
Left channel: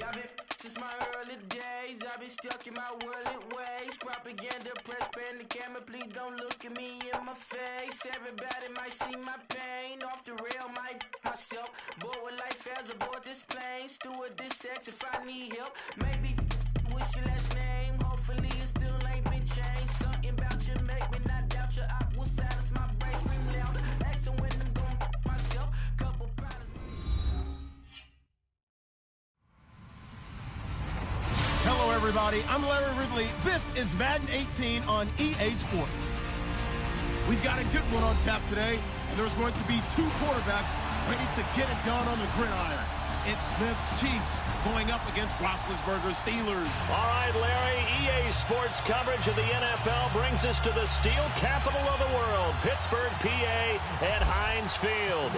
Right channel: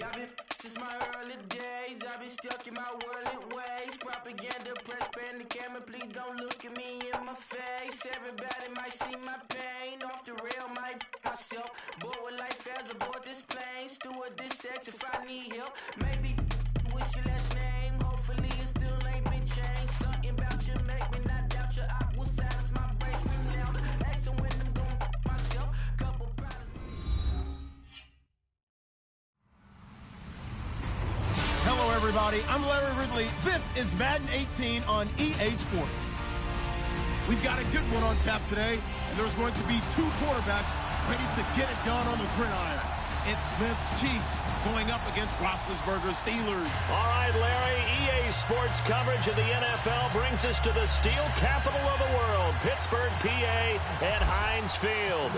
Y'all been since my early days. I've been stuck in my worldly ways. Propaganda, press, pan the camera. Please don't look at me in my face. Everybody might see my pain. Off the rail, might myself. Bored with life as aboard this plane. Steward this sex if I need help. Maybe what's your last name? Hopefully it still ain't been changed. Something about you make me not doubt you. I will silence my brain, scream louder. Asking when I'm gonna myself. Couple problems. Hello, everybody. I'm Larry Ridley. This is Madden 18 on EA Sports. We've got a good one on tap today, and there's going to be two quarterbacks ready to get it done on the gridiron. It's Smith's Chiefs going up against Roethlisberger's Steelers. All right, Larry, EA Sports coverage of the NFL brings us to the steel capital of the world, Pittsburgh, PA, at Heinz Field.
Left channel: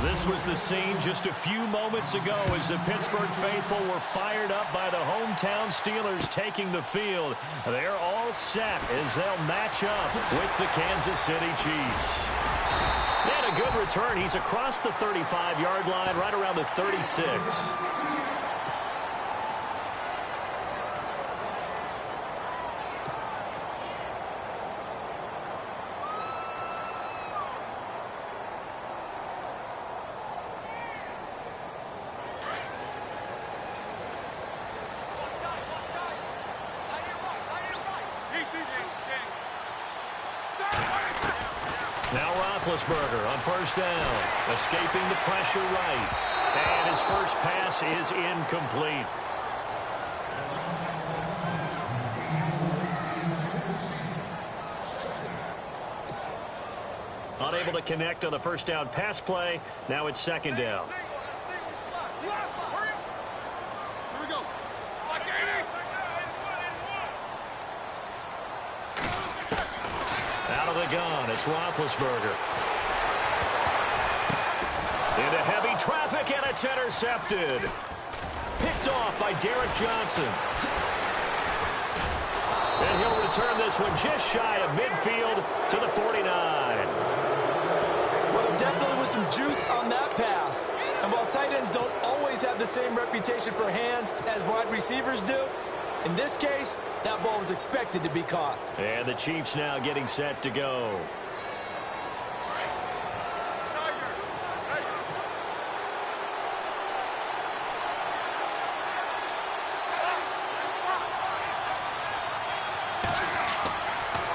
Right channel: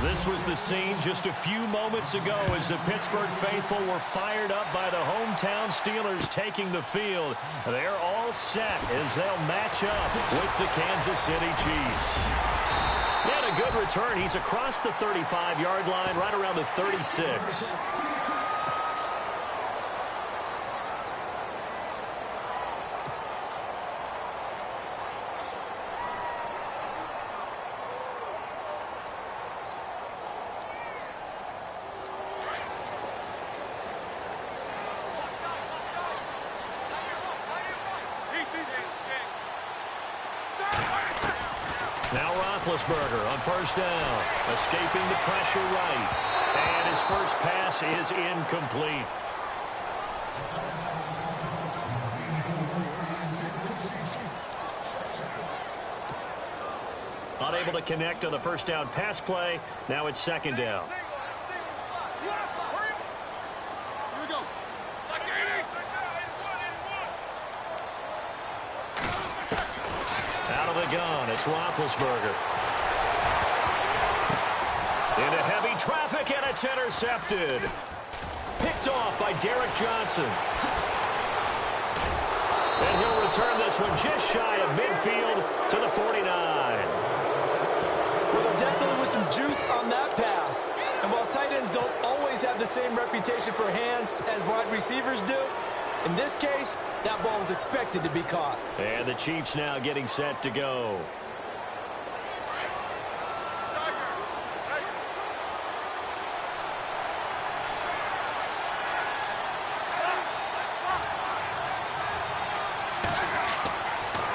This was the scene just a few moments ago as the Pittsburgh faithful were fired up by the hometown Steelers taking the field. They're all set as they'll match up with the Kansas City Chiefs. He had a good return. He's across the 35-yard line, right around the 36. Now Roethlisberger on first down, escaping the pressure right. And his first pass is incomplete. Unable to connect on the first down pass play. Now it's second down. Here we go. Out of the gun, it's Roethlisberger. Into heavy traffic, and it's intercepted. Picked off by Derek Johnson. And he'll return this one just shy of midfield to the 49. Well, there definitely was some juice on that pass. And while tight ends don't always have the same reputation for hands as wide receivers do, in this case, that ball was expected to be caught. And the Chiefs now getting set to go.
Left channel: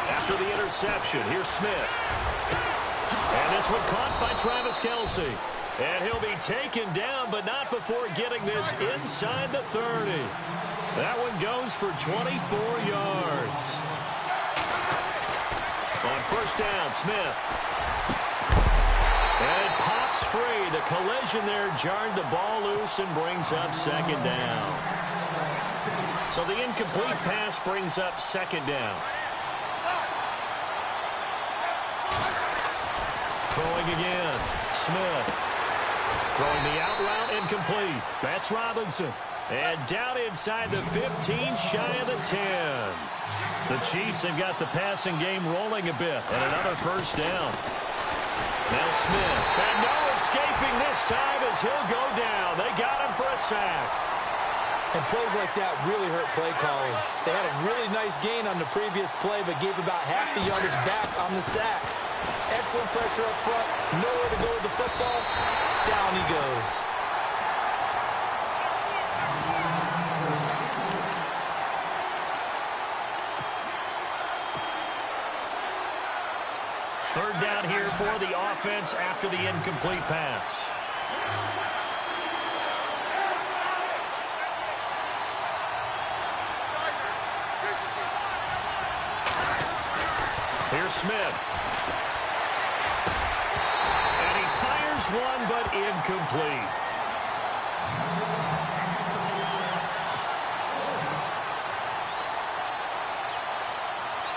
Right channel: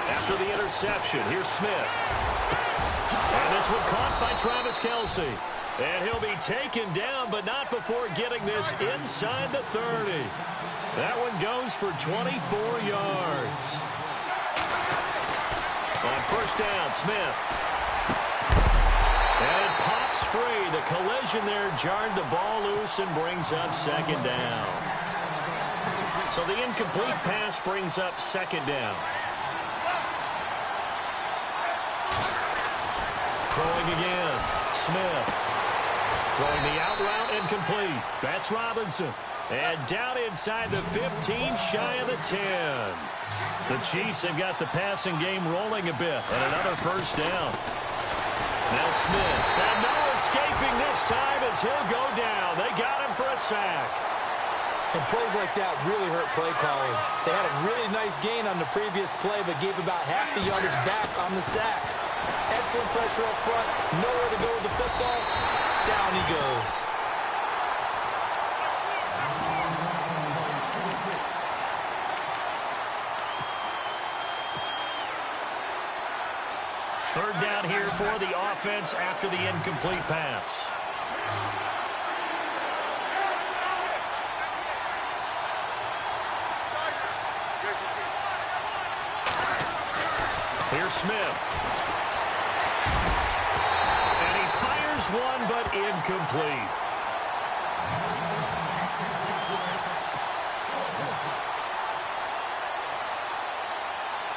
After the interception, here's Smith. And this one caught by Travis Kelce. And he'll be taken down, but not before getting this inside the 30. That one goes for 24 yards. On first down, Smith. And it pops free. The collision there jarred the ball loose and brings up second down. So the incomplete pass brings up second down. Throwing again, Smith. Throwing the out route incomplete. That's Robinson. And down inside the 15, shy of the 10. The Chiefs have got the passing game rolling a bit. And another first down. Now Smith. And no escaping this time as he'll go down. They got him for a sack. And plays like that really hurt play calling. They had a really nice gain on the previous play, but gave about half the yardage back on the sack. Excellent pressure up front. Nowhere to go with the football. Down he goes. Third down here for the offense after the incomplete pass. Here's Smith. And he fires one, but incomplete.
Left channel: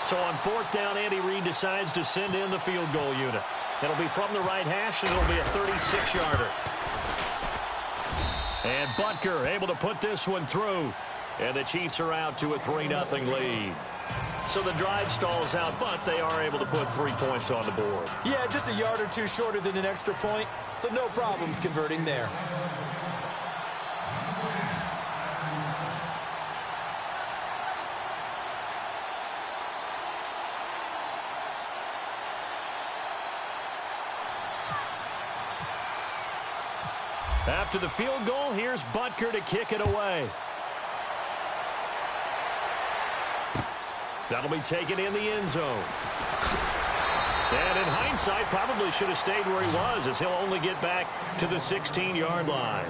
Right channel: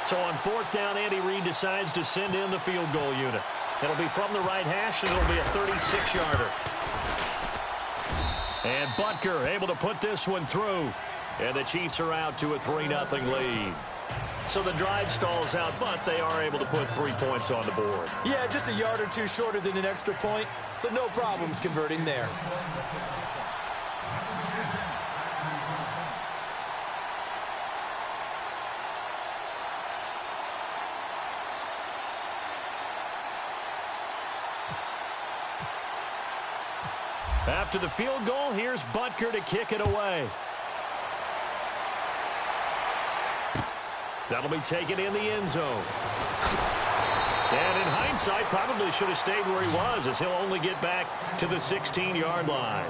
So on fourth down, Andy Reid decides to send in the field goal unit. It'll be from the right hash, and it'll be a 36-yarder. And Butker able to put this one through. And the Chiefs are out to a 3-0 lead. So the drive stalls out, but they are able to put 3 points on the board. Yeah, just a yard or two shorter than an extra point, so no problems converting there. After the field goal, here's Butker to kick it away. That'll be taken in the end zone. And in hindsight, probably should have stayed where he was, as he'll only get back to the 16-yard line.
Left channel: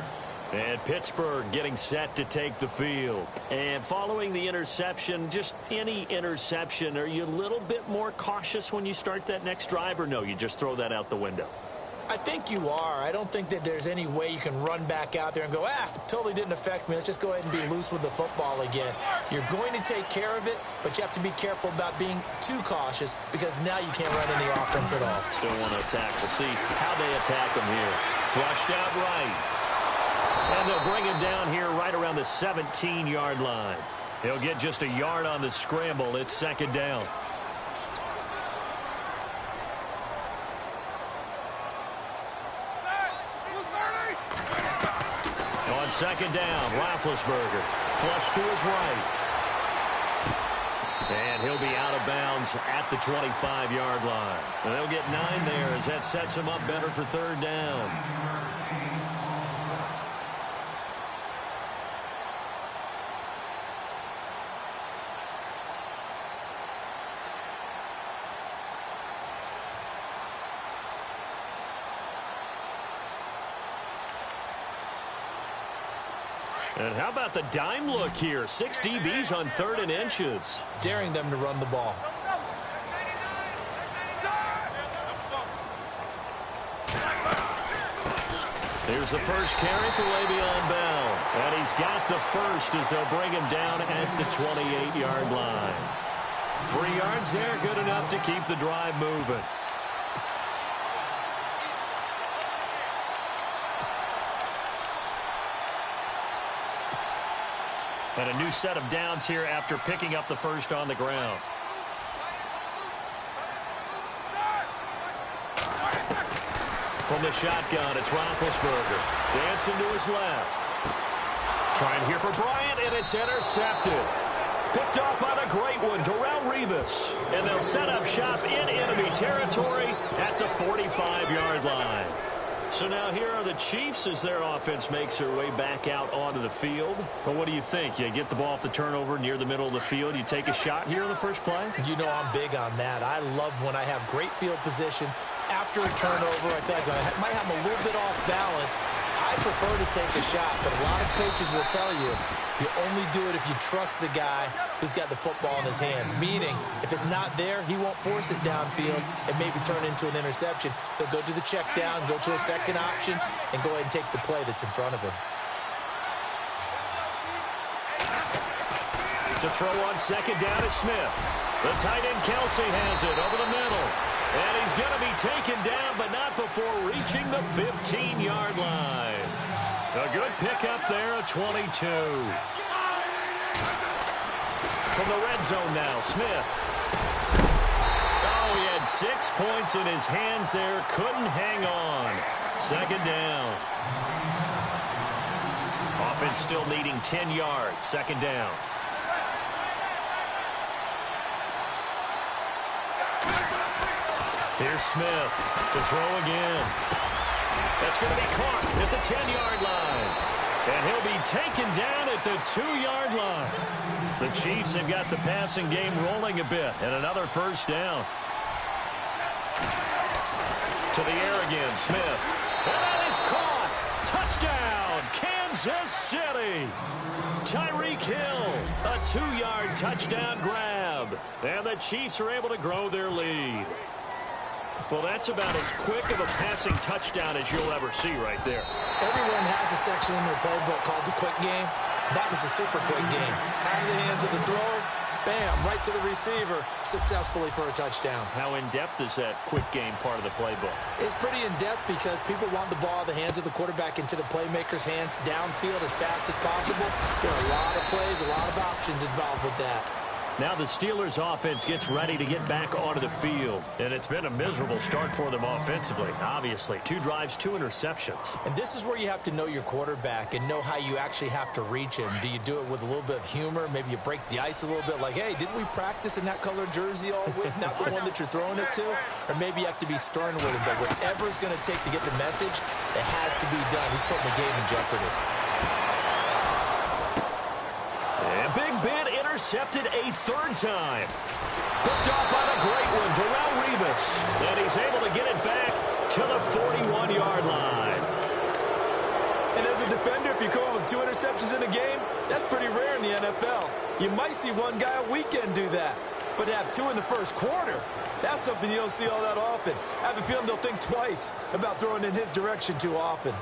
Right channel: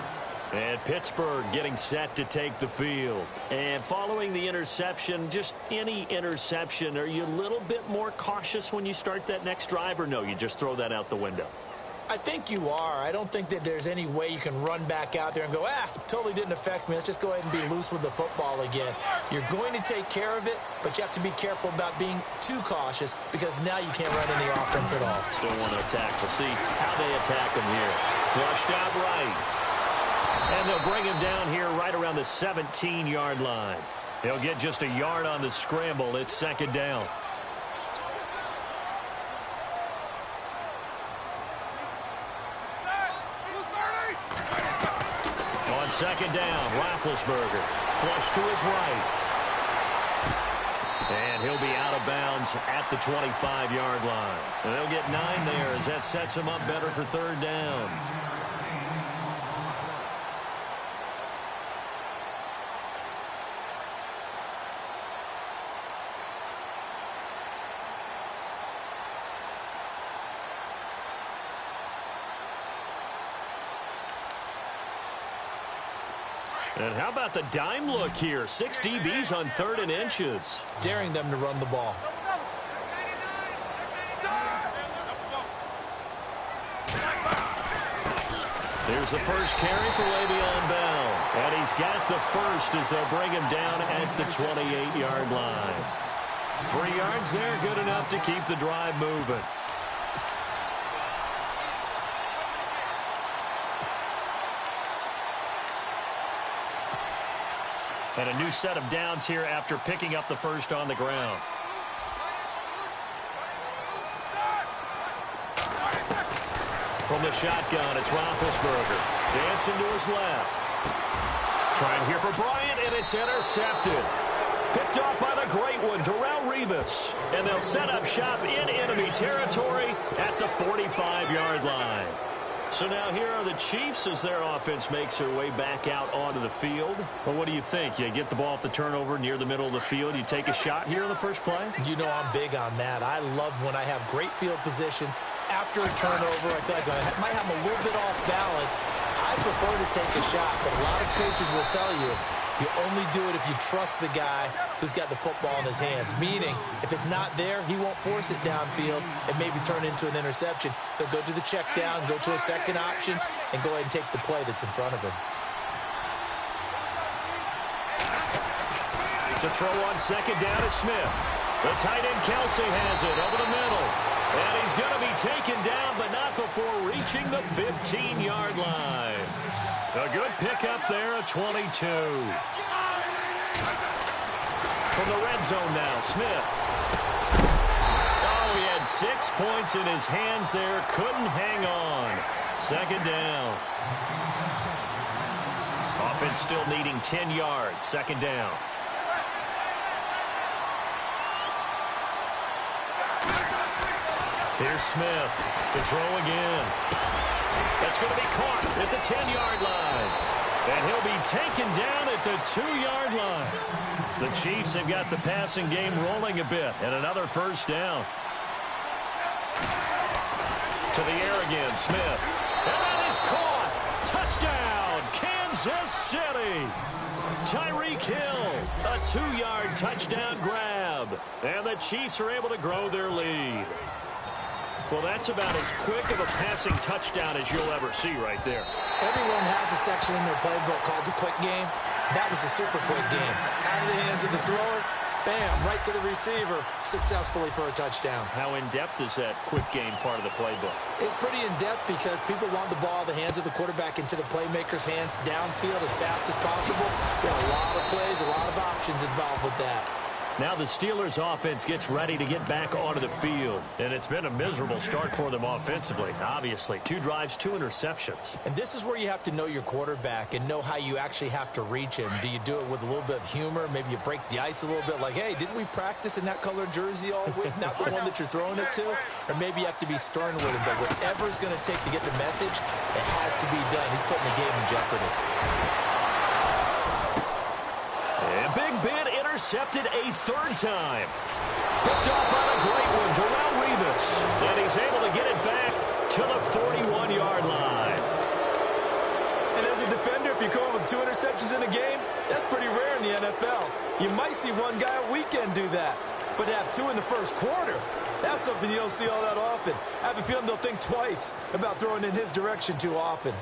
And Pittsburgh getting set to take the field. And following the interception, just any interception, are you a little bit more cautious when you start that next drive, or no, you just throw that out the window? I think you are. I don't think that there's any way you can run back out there and go, totally didn't affect me. Let's just go ahead and be loose with the football again. You're going to take care of it, but you have to be careful about being too cautious because now you can't run any offense at all. Still want to attack. We'll see how they attack him here. Flushed out right. And they'll bring him down here right around the 17-yard line. He'll get just a yard on the scramble. It's second down. On second down, Roethlisberger flush to his right. And he'll be out of bounds at the 25-yard line. And they'll get 9 there as that sets him up better for third down. And how about the dime look here? 6 DBs on 3rd and inches. Daring them to run the ball. Here's the first carry for Le'Veon Bell. And he's got the first as they'll bring him down at the 28-yard line. 3 yards there, good enough to keep the drive moving. And a new set of downs here after picking up the first on the ground. From the shotgun, it's Roethlisberger. Dancing to his left. Trying here for Bryant, and it's intercepted. Picked off by the great one, Darrelle Revis. And they'll set up shop in enemy territory at the 45-yard line. So now here are the Chiefs as their offense makes their way back out onto the field. Well, what do you think? You get the ball off the turnover near the middle of the field. You take a shot here in the first play? You know I'm big on that. I love when I have great field position. After a turnover, I feel like I might have a little bit off balance. I prefer to take a shot, but a lot of coaches will tell you you only do it if you trust the guy who's got the football in his hands. Meaning, if it's not there, he won't force it downfield and maybe turn into an interception. He'll go to the check down, go to a second option, and go ahead and take the play that's in front of him. To throw on second down is Smith. The tight end Kelsey has it over the middle. And he's going to be taken down, but not before reaching the 15-yard line. A good pickup there, a 22. From the red zone now, Smith. Oh, he had 6 points in his hands there. Couldn't hang on. Second down. Offense still needing 10 yards. Second down. Here's Smith to throw again. That's going to be caught at the 10-yard line. And he'll be taken down at the 2-yard line. The Chiefs have got the passing game rolling a bit. And another first down. To the air again, Smith. And that is caught. Touchdown, Kansas City. Tyreek Hill, a 2-yard touchdown grab. And the Chiefs are able to grow their lead. Well, that's about as quick of a passing touchdown as you'll ever see right there. Everyone has a section in their playbook called the quick game. That was a super quick game. Out of the hands of the thrower, bam, right to the receiver, successfully for a touchdown. How in-depth is that quick game part of the playbook? It's pretty in-depth because people want the ball in the hands of the quarterback into the playmaker's hands downfield as fast as possible. There are a lot of plays, a lot of options involved with that. Now the Steelers offense gets ready to get back onto the field. And it's been a miserable start for them offensively, obviously. 2 drives, 2 interceptions. And this is where you have to know your quarterback and know how you actually have to reach him. Do you do it with a little bit of humor? Maybe you break the ice a little bit like, hey, didn't we practice in that color jersey all week? Not the one that you're throwing it to? Or maybe you have to be stern with him. But whatever it's going to take to get the message, it has to be done. He's putting the game in jeopardy. And Big Ben intercepted a 3rd time. Picked off by the great one, Darrelle Revis. And he's able to get it back to the 41-yard line. And as a defender, if you come up with 2 interceptions in a game, that's pretty rare in the NFL. You might see one guy a weekend do that. But to have 2 in the first quarter, that's something you don't see all that often. I have a feeling they'll think twice about throwing in his direction too often.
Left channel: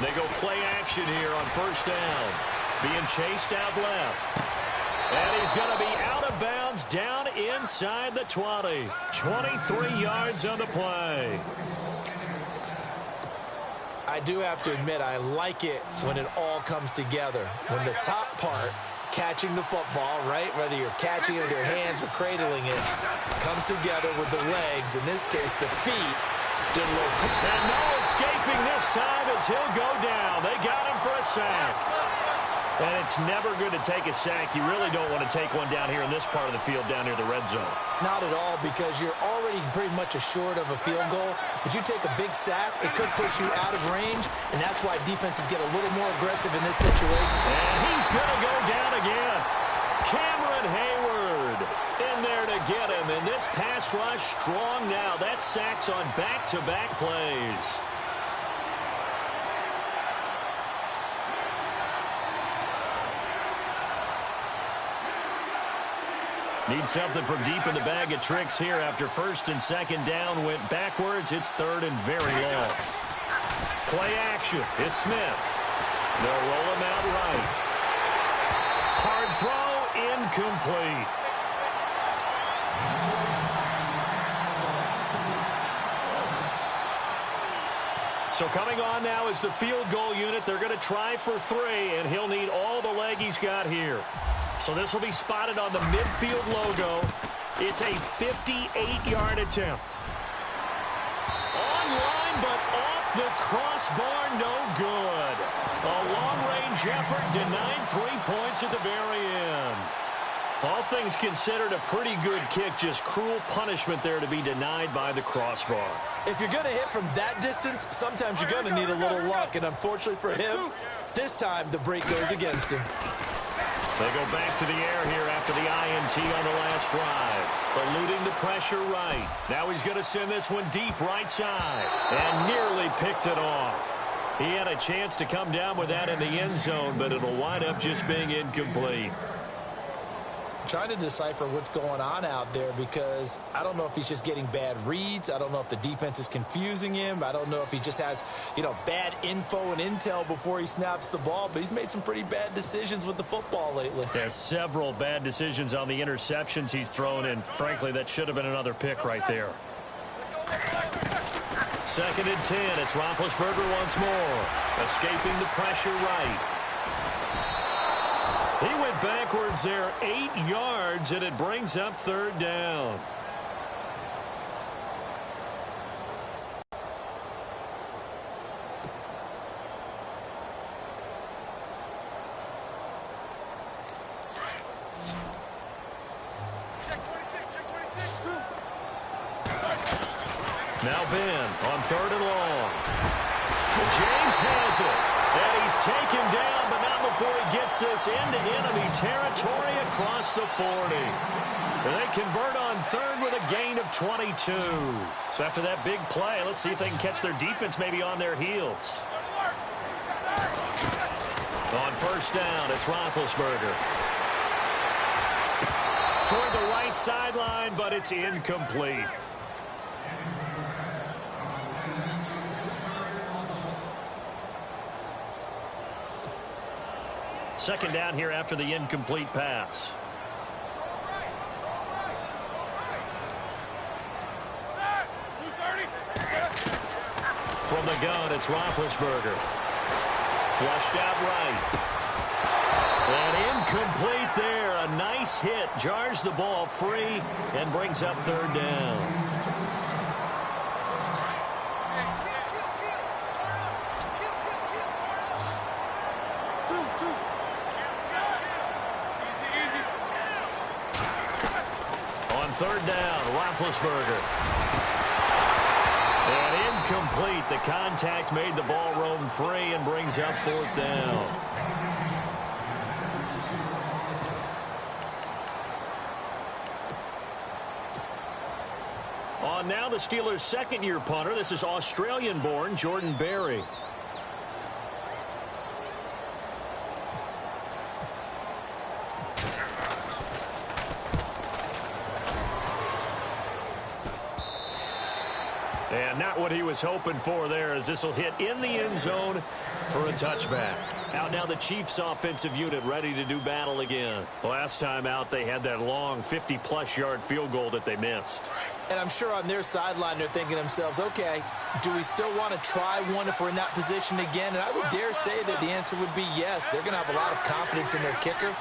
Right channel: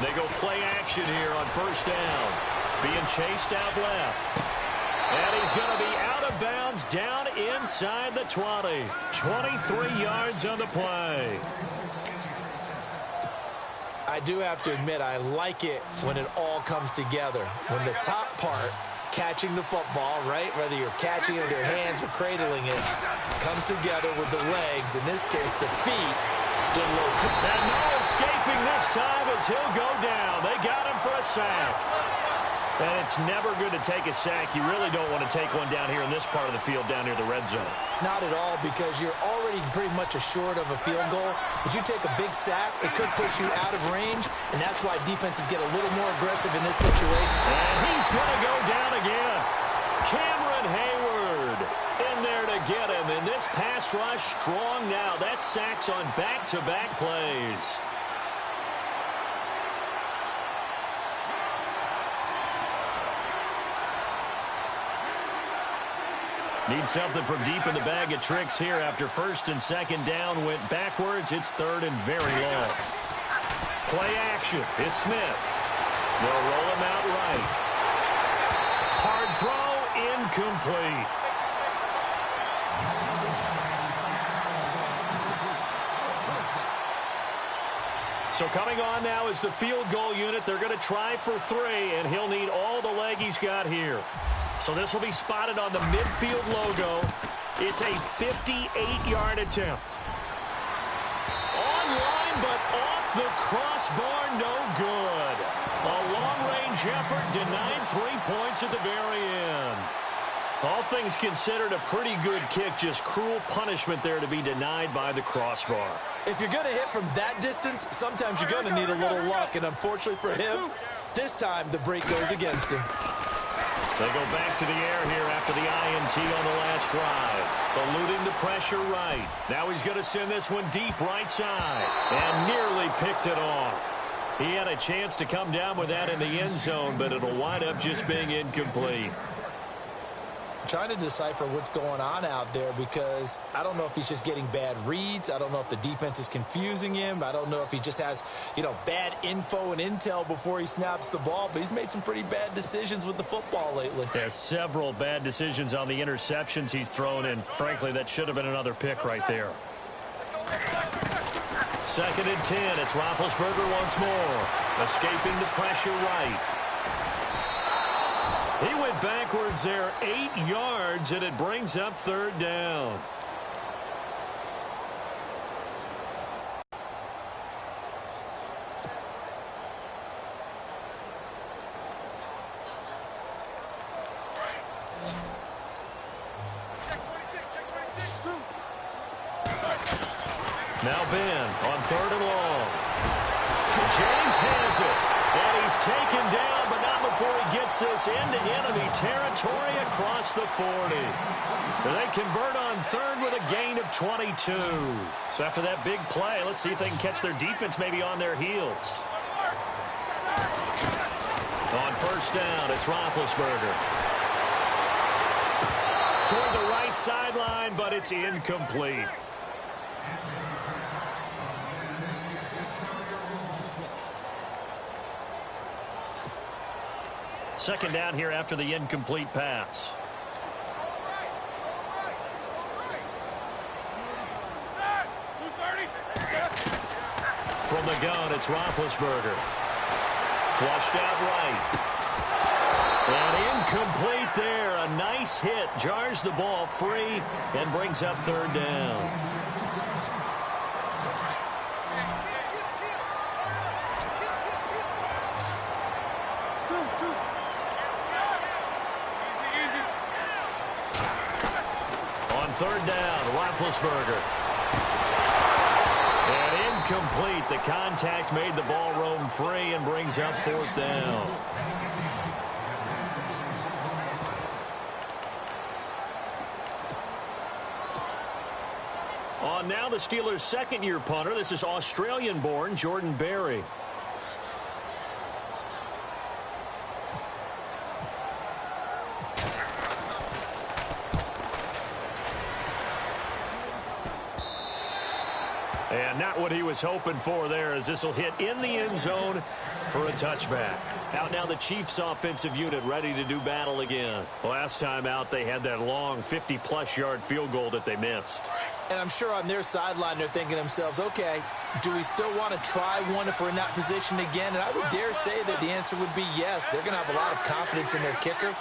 They go play action here on 1st down. Being chased out left. And he's going to be out of bounds down inside the 20. 23 yards on the play. I do have to admit, I like it when it all comes together. When the top part, catching the football, right, whether you're catching it with your hands or cradling it, comes together with the legs, in this case the feet, did a little tip. And no escaping this time as he'll go down. They got him for a sack. And it's never good to take a sack. You really don't want to take one down here in this part of the field, down near the red zone. Not at all, because you're already pretty much assured of a field goal. But you take a big sack, it could push you out of range, and that's why defenses get a little more aggressive in this situation. And he's going to go down again. Cameron Hayward in there to get him. And this pass rush strong now. That sacks on back-to-back plays. Need something from deep in the bag of tricks here after 1st and 2nd down went backwards. It's 3rd and very long. Play action. It's Smith. They'll roll him out right. Hard throw, incomplete. So coming on now is the field goal unit. They're going to try for 3, and he'll need all the leg he's got here. So this will be spotted on the midfield logo. It's a 58-yard attempt. Online, but off the crossbar, no good. A long-range effort denied 3 points at the very end. All things considered, a pretty good kick, just cruel punishment there to be denied by the crossbar. If you're going to hit from that distance, sometimes you're going to need a little luck, and unfortunately for him, this time the break goes against him. They go back to the air here after the INT on the last drive. Eluding the pressure right. Now he's going to send this one deep right side. And nearly picked it off. He had a chance to come down with that in the end zone, but it'll wind up just being incomplete. Trying to decipher what's going on out there, because I don't know if he's just getting bad reads. I don't know if the defense is confusing him. I don't know if he just has, bad info and intel before he snaps the ball. But he's made some pretty bad decisions with the football lately. There's several bad decisions on the interceptions he's thrown, and frankly, that should have been another pick right there. 2nd and 10. It's Roethlisberger once more. Escaping the pressure right. He went backwards there 8 yards, and it brings up 3rd down. Now Ben on 3rd and long. James has it. And he's taken down, but not before he gets this into enemy territory across the 40. They convert on 3rd with a gain of 22. So after that big play, let's see if they can catch their defense maybe on their heels. On 1st down, it's Roethlisberger. Toward the right sideline, but it's incomplete. Second down here after the incomplete pass. the gun, it's Roethlisberger. Flushed out right. And incomplete there. A nice hit. Jars the ball free and brings up third down. On third down, Roethlisberger. And incomplete. The contact made the ball roam free and brings up fourth down. On now the Steelers' second-year punter. This is Australian-born Jordan Berry. And not what he was hoping for there, as this will hit in the end zone for a touchback. Out now the Chiefs' offensive unit ready to do battle again. Last time out they had that long 50-plus yard field goal that they missed. And I'm sure on their sideline they're thinking to themselves, okay, do we still want to try one if we're in that position again? And I would dare say that the answer would be yes. They're going to have a lot of confidence in their kicker.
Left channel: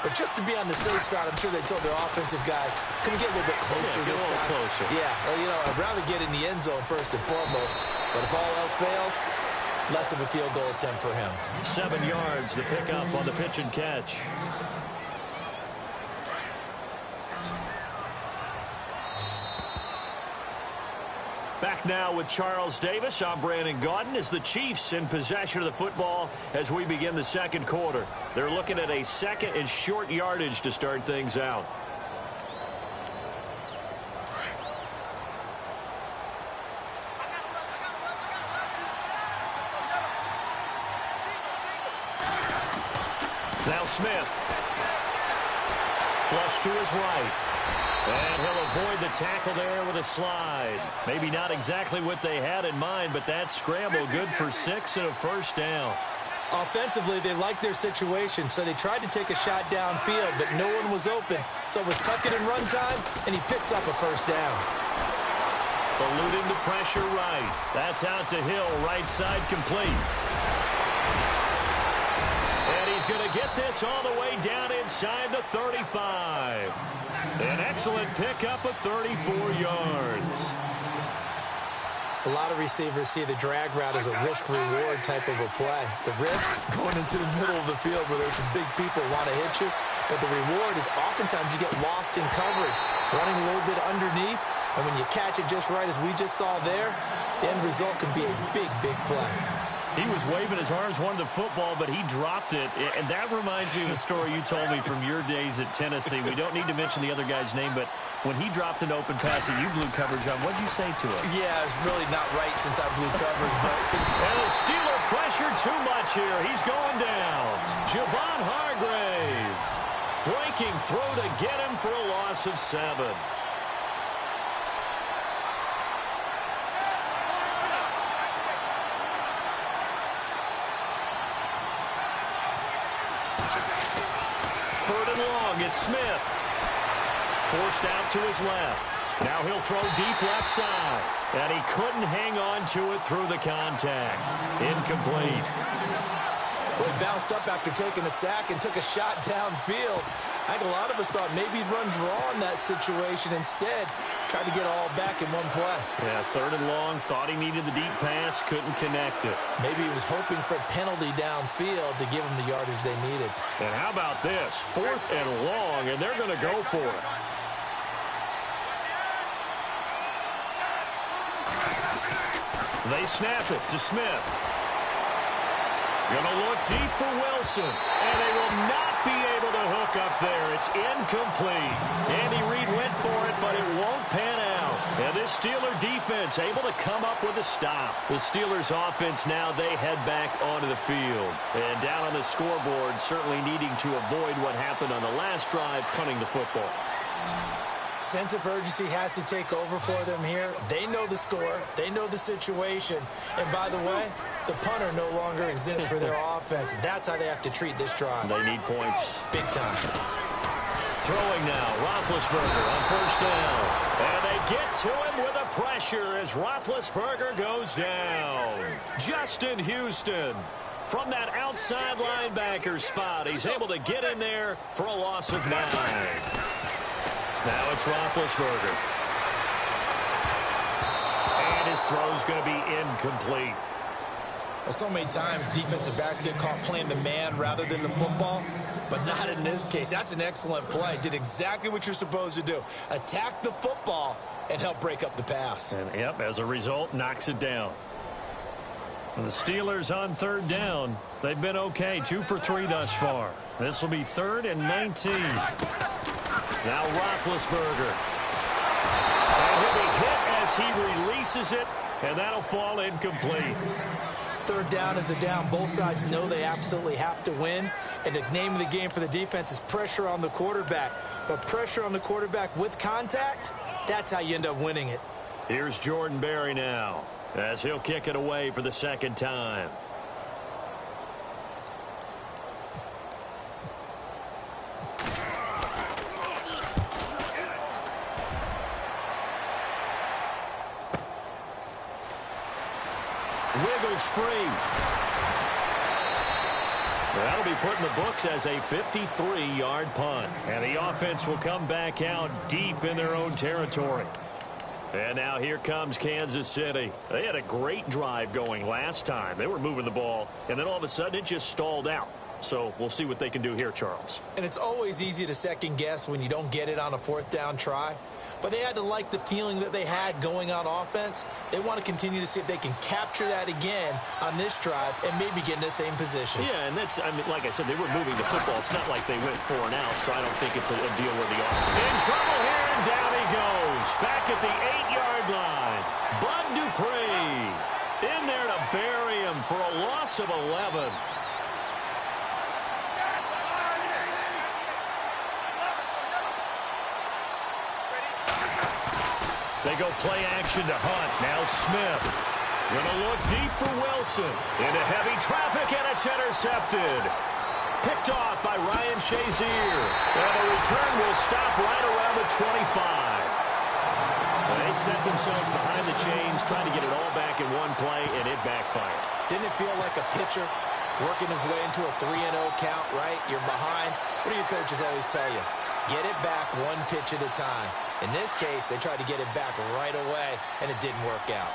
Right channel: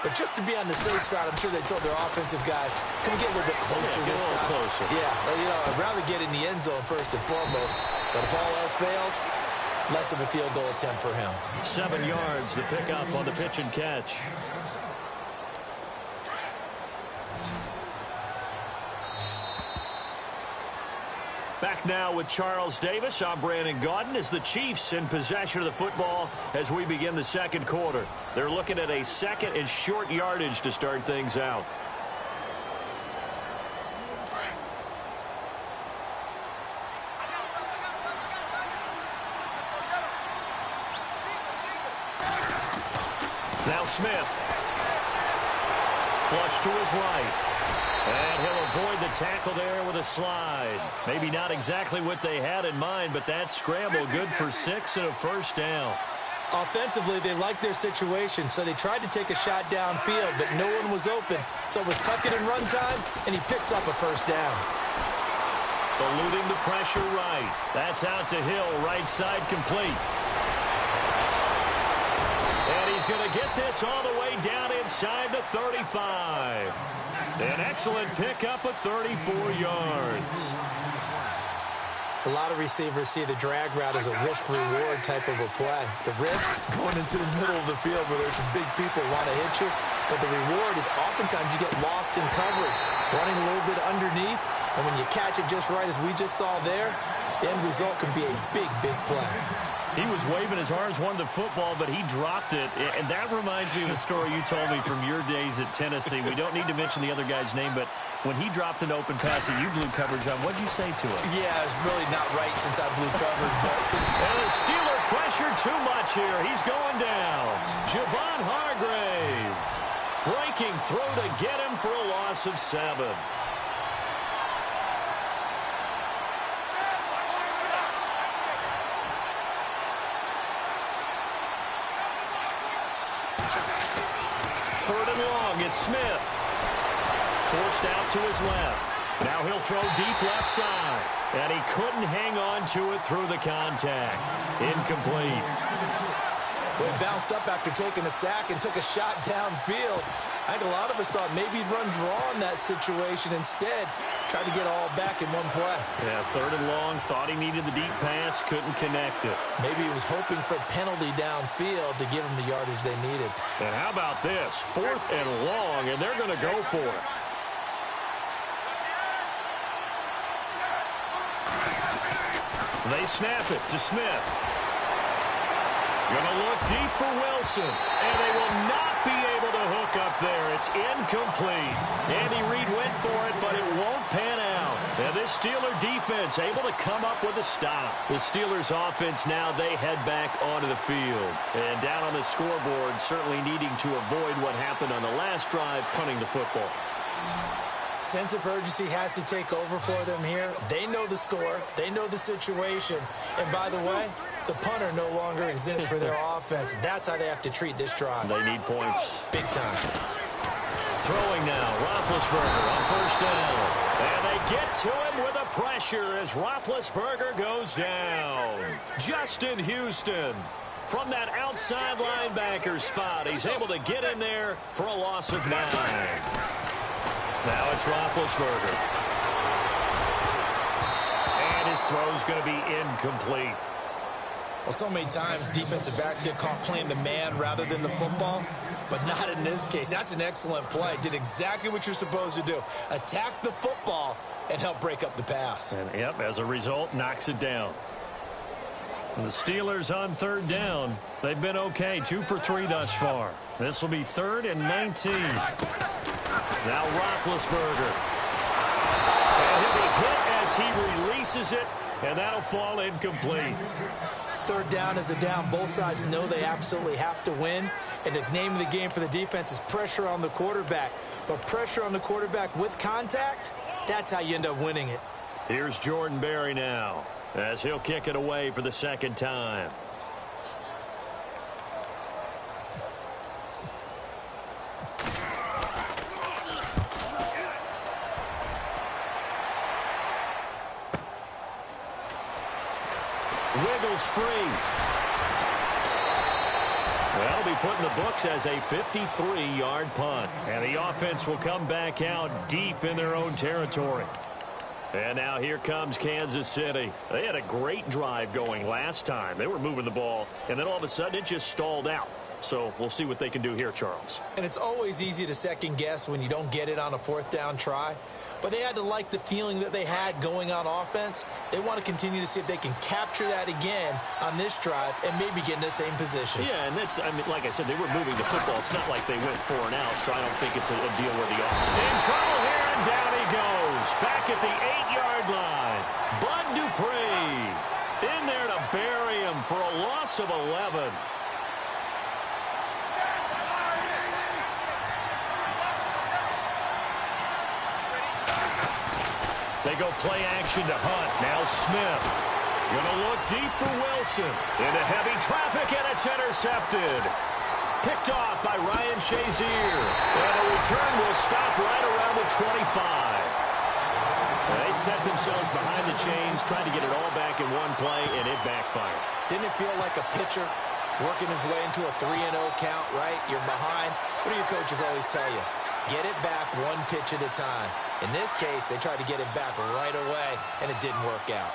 But just to be on the safe side, I'm sure they told their offensive guys, can we get a little bit closer this time? Closer. Yeah, well, you know, I'd rather get in the end zone first and foremost. But if all else fails, less of a field goal attempt for him. 7 yards, the pickup on the pitch and catch. Back now with Charles Davis. I'm Brandon Gaudin as the Chiefs in possession of the football as we begin the second quarter. They're looking at a second and short yardage to start things out. Now Smith. Flush to his right. And he'll avoid the tackle there with a slide. Maybe not exactly what they had in mind, but that scramble good for 6 and a first down. Offensively, they liked their situation, so they tried to take a shot downfield, but no one was open. So it was tuck it in run time, and he picks up a first down. Eluding the pressure right. That's out to Hill, right side complete. And he's going to get this all the way down inside the 35. An excellent pickup of 34 yards. A lot of receivers see the drag route as a risk-reward type of a play. The risk, going into the middle of the field where there's some big people who want to hit you. But the reward is oftentimes you get lost in coverage, running a little bit underneath. And when you catch it just right, as we just saw there, the end result can be a big, big play. He was waving his arms, wanted the football, but he dropped it. And that reminds me of a story you told me from your days at Tennessee. We don't need to mention the other guy's name, but when he dropped an open pass that you blew coverage on, what did you say to him? Yeah, it's really not right since I blew coverage. But and the Steeler pressure too much here. He's going down. Javon Hargrave. Breaking throw to get him for a loss of 7. Third and long, it's Smith. Forced out to his left. Now he'll throw deep left side. And he couldn't hang on to it through the contact. Incomplete. Well, he bounced up after taking a sack and took a shot downfield. I think a lot of us thought maybe he'd run draw in that situation. Instead, tried to get all back in one play. Yeah, third and long, thought he needed the deep pass, couldn't connect it. Maybe he was hoping for a penalty downfield to give him the yardage they needed. And how about this? Fourth and long, and they're going to go for it. They snap it to Smith. Gonna look deep for Wilson, and they will not be able to hook up there. It's incomplete. Andy Reid went for it, but it won't pan out. And this Steeler defense able to come up with a stop. The Steelers offense now, they head back onto the field. And down on the scoreboard, certainly needing to avoid what happened on the last drive, punting the football. Sense of urgency has to take over for them here. They know the score. They know the situation. And by the way, the punter no longer exists for their offense. That's how they have to treat this drive. They need points. Big time. throwing now. Roethlisberger on first down. And they get to him with a pressure as Roethlisberger goes down. Justin Houston from that outside linebacker spot. He's able to get in there for a loss of 9. Now it's Roethlisberger. And his throw's going to be incomplete. Well, so many times defensive backs get caught playing the man rather than the football, but not in this case. That's an excellent play. Did exactly what you're supposed to do. Attack the football and help break up the pass. And, yep, as a result, knocks it down. And the Steelers on third down. They've been okay, 2 for 3 thus far. This will be 3rd and 19. Now Roethlisberger. And he'll be hit as he releases it, and that'll fall incomplete. Third down is the down. Both sides know they absolutely have to win. And the name of the game for the defense is pressure on the quarterback. But pressure on the quarterback with contact, that's how you end up winning it. Here's Jordan Berry now as he'll kick it away for the second time. Wiggles free. That'll be put in the books as a 53-yard punt. And the offense will come back out deep in their own territory. And now here comes Kansas City. They had a great drive going last time. They were moving the ball, and then all of a sudden it just stalled out. So we'll see what they can do here, Charles. And it's always easy to second guess when you don't get it on a 4th down try. But they had to like the feeling that they had going on offense. They want to continue to see if they can capture that again on this drive and maybe get in the same position. Yeah, and that's, I mean, like I said, they were moving the football. It's not like they went 4 and out, so I don't think it's a deal where the offense. In trouble here, and down he goes. Back at the 8-yard line. Bud Dupree in there to bury him for a loss of 11. They go play action to Hunt. Now Smith. Going to look deep for Wilson. Into heavy traffic, and it's intercepted. Picked off by Ryan Shazier. And the return will stop right around the 25. They set themselves behind the chains, trying to get it all back in one play, and it backfired. Didn't it feel like a pitcher working his way into a 3-0 count, right? You're behind. What do your coaches always tell you? Get it back one pitch at a time. In this case, they tried to get it back right away, and it didn't work out.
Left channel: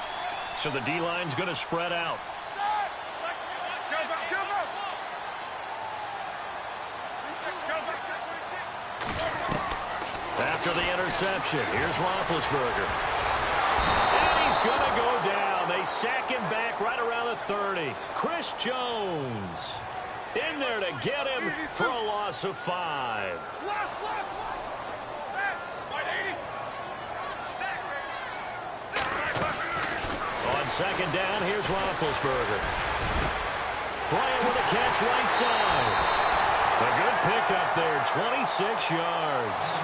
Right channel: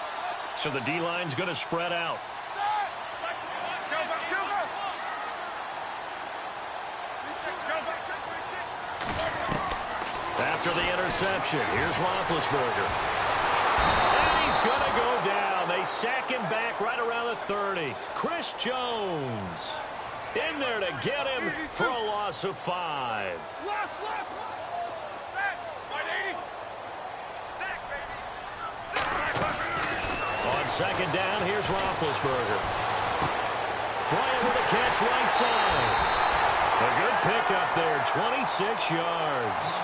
So the D-line's going to spread out. After the interception, here's Roethlisberger. And he's going to go down. They sack him back right around the 30. Chris Jones in there to get him for a loss of 5. On second down, here's Roethlisberger. Bryant with a catch right side. A good pickup there, 26 yards.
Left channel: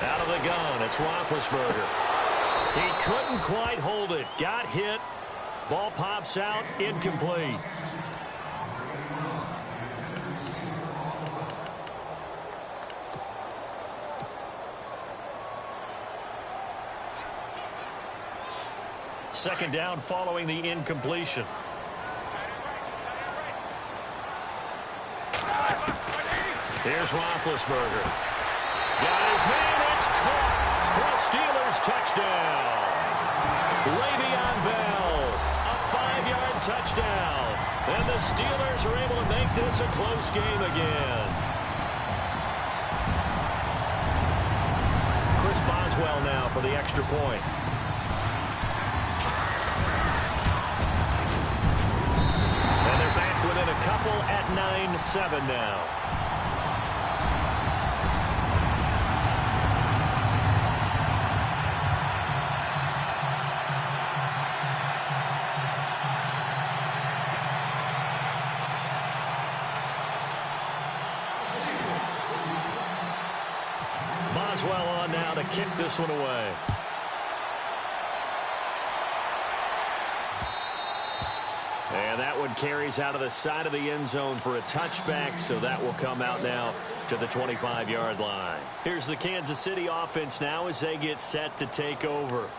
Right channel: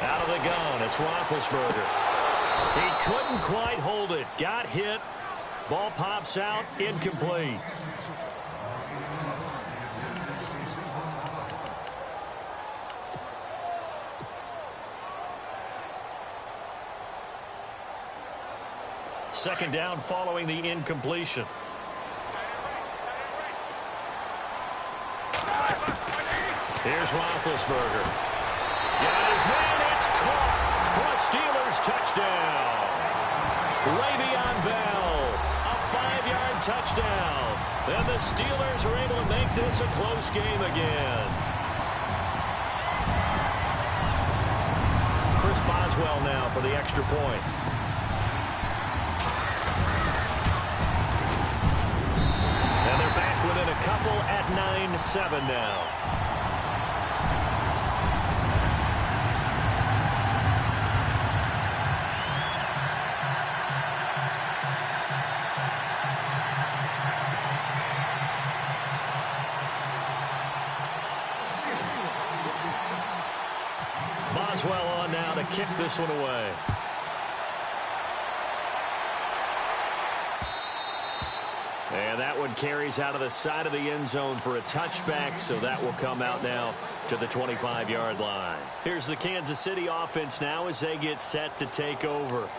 Out of the gun, it's Roethlisberger. He couldn't quite hold it. Got hit. Ball pops out, incomplete. Second down following the incompletion. Here's Roethlisberger. Got his man, it's caught for a Steelers touchdown. Le'Veon Bell, a 5-yard touchdown. And the Steelers are able to make this a close game again. Chris Boswell now for the extra point. And they're back within a couple at 9-7 now. Boswell on now to kick this one away. And that one carries out of the side of the end zone for a touchback, so that will come out now to the 25-yard line. Here's the Kansas City offense now as they get set to take over.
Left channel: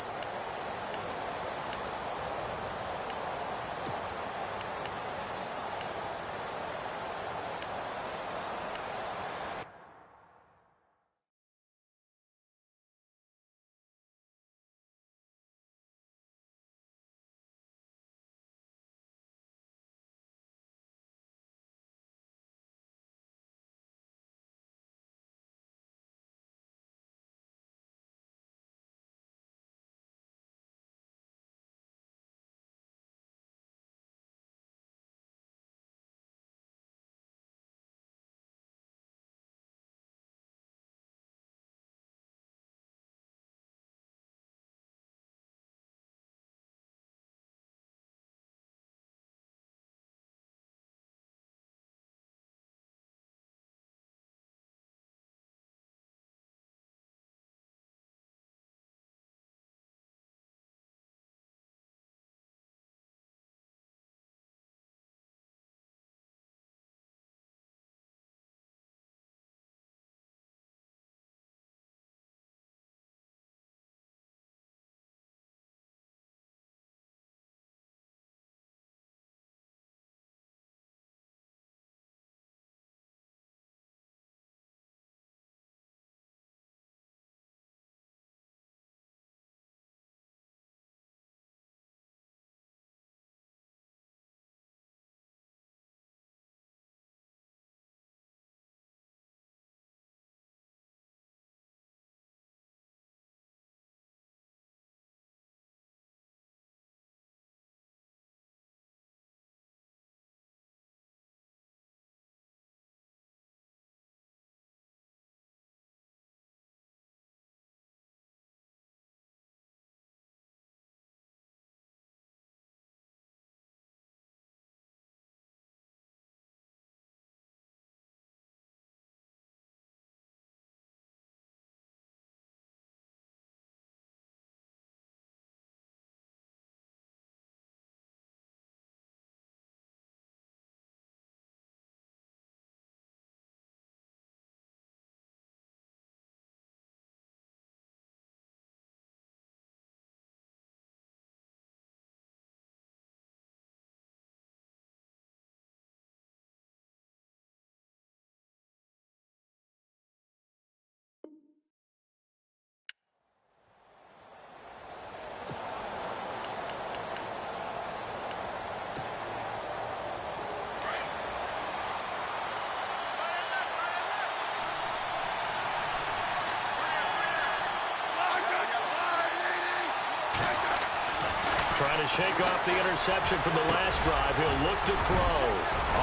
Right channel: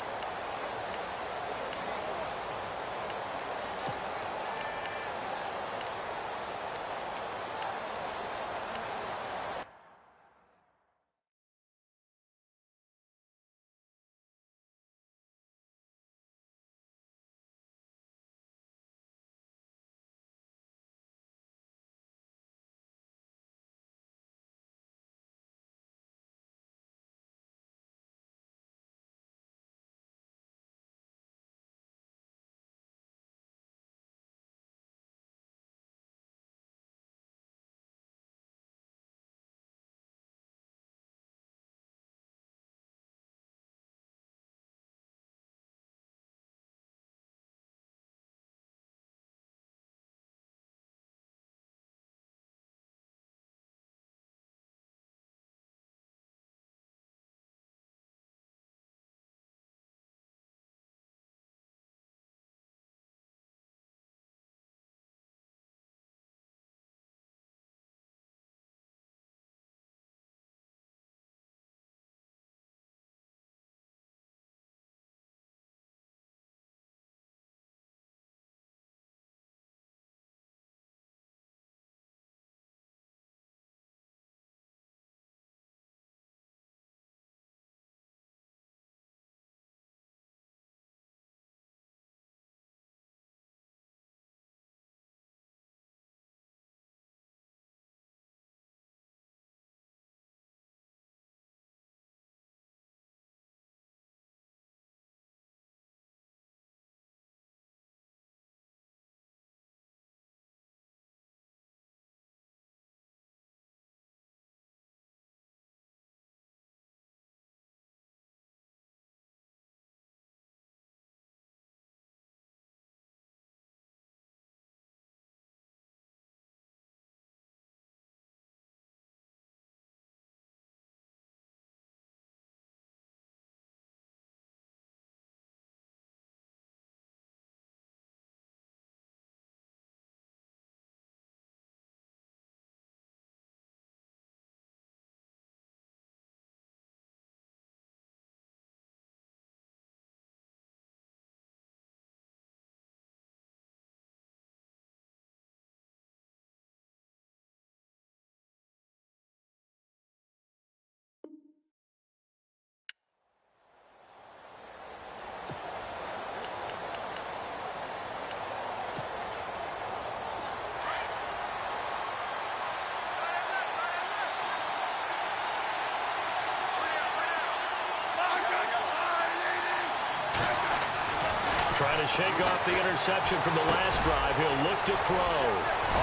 Trying to shake off the interception from the last drive. He'll look to throw.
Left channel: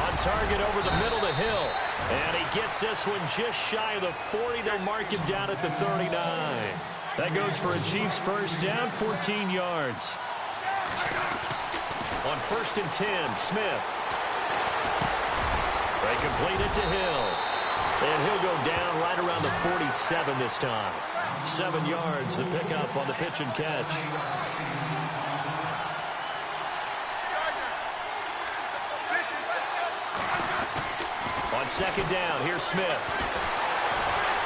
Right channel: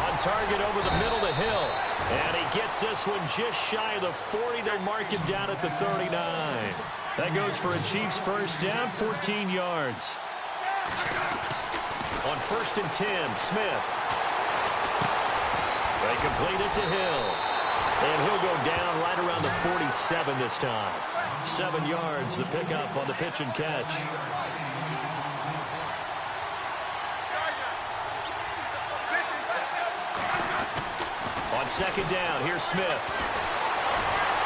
On target over the middle to Hill. And he gets this one just shy of the 40. They'll mark him down at the 39. That goes for a Chiefs first down, 14 yards. On 1st and 10, Smith. They complete it to Hill. And he'll go down right around the 47 this time. 7 yards, the pickup on the pitch and catch. On 2nd down, here's Smith.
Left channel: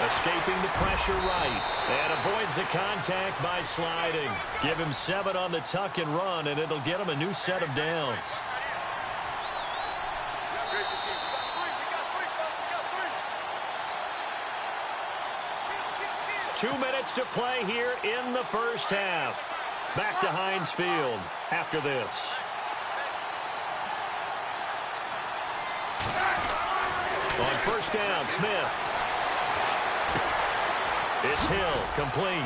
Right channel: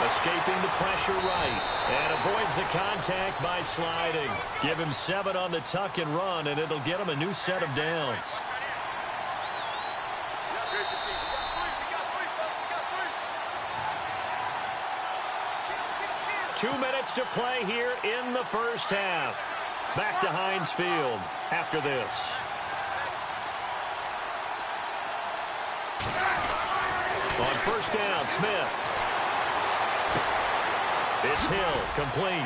Escaping the pressure right. And avoids the contact by sliding. Give him 7 on the tuck and run, and it'll get him a new set of downs. Two minutes to play here in the first half. Back to Heinz Field after this. On 1st down, Smith. It's Hill, complete.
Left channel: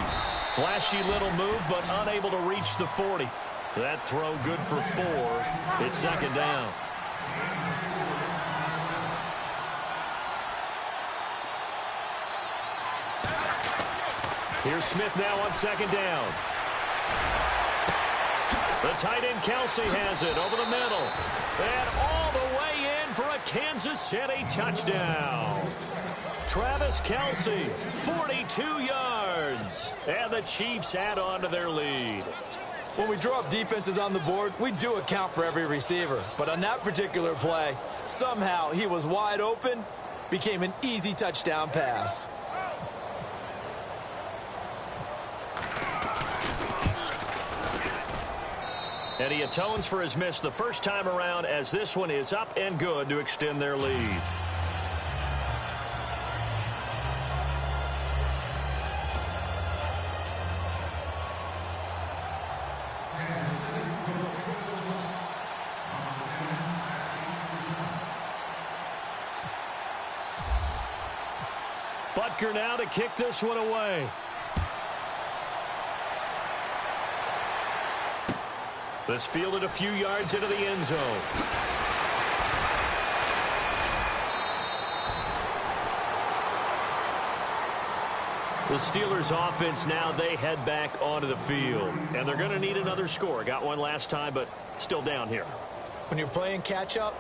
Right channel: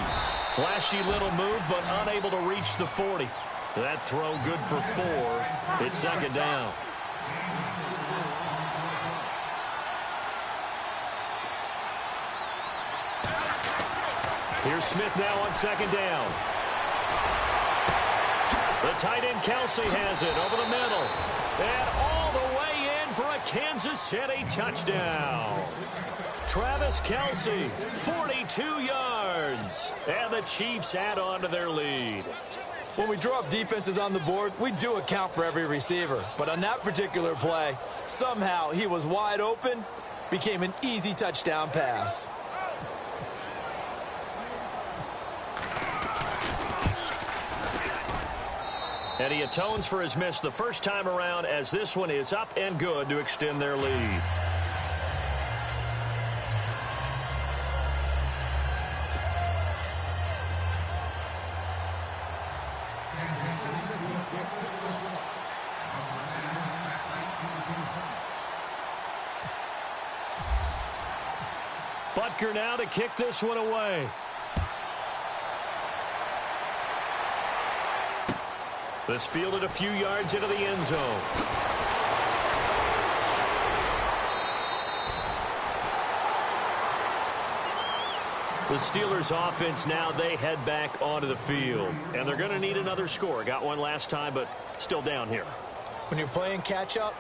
Flashy little move, but unable to reach the 40. That throw good for 4. It's 2nd down. Here's Smith now on 2nd down. The tight end Kelsey has it over the middle. And all the way in for a Kansas City touchdown. Travis Kelce, 42 yards. And the Chiefs add on to their lead. When we draw up defenses on the board, we do account for every receiver. But on that particular play, somehow he was wide open, became an easy touchdown pass. And he atones for his miss the first time around, as this one is up and good to extend their lead. Butker now to kick this one away. This fielded a few yards into the end zone. The Steelers offense now, they head back onto the field. And they're going to need another score. Got one last time, but still down here. When you're playing catch-up,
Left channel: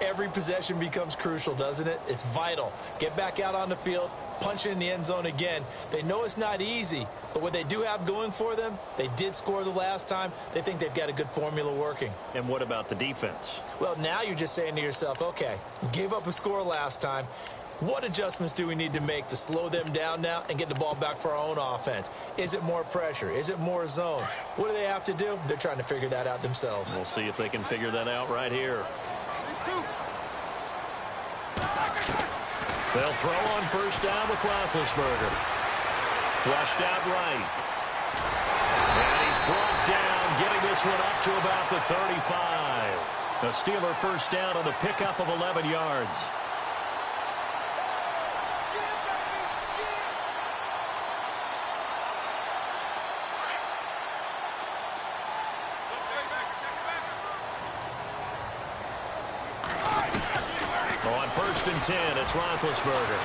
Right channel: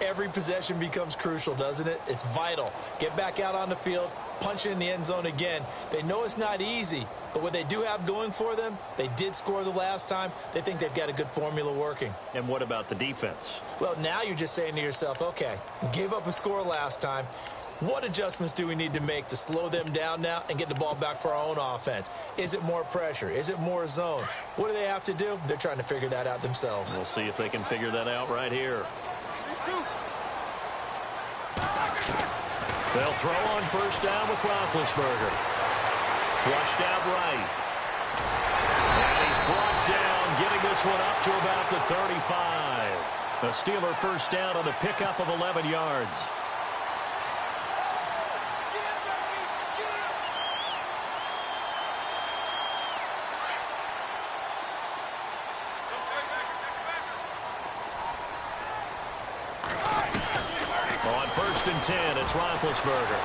every possession becomes crucial, doesn't it? It's vital. Get back out on the field, punch it in the end zone again. They know it's not easy, but what they do have going for them, they did score the last time. They think they've got a good formula working. And what about the defense? Well, now you're just saying to yourself, okay, we gave up a score last time. What adjustments do we need to make to slow them down now and get the ball back for our own offense? Is it more pressure? Is it more zone? What do they have to do? They're trying to figure that out themselves. We'll see if they can figure that out right here. They'll throw on first down with Roethlisberger. Flushed out right. And he's brought down, getting this one up to about the 35. The Steeler first down on the pickup of 11 yards. On first and 10, it's Roethlisberger.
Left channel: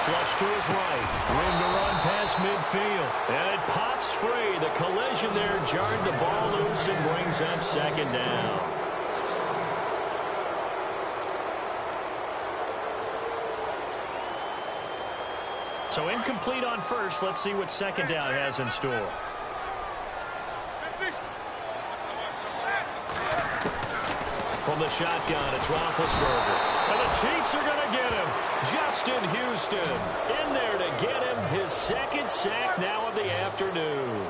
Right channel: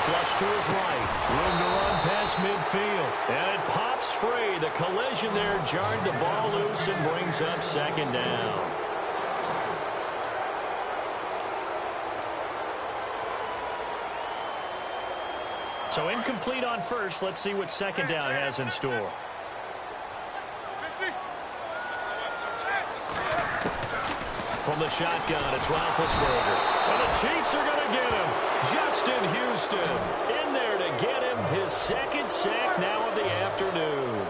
Flush to his right. Room to run past midfield. And it pops free. The collision there jarred the ball loose and brings up second down. So incomplete on first. Let's see what second down has in store. From the shotgun, it's Roethlisberger. And the Chiefs are going to get him. Justin Houston in there to get him his second sack now of the afternoon.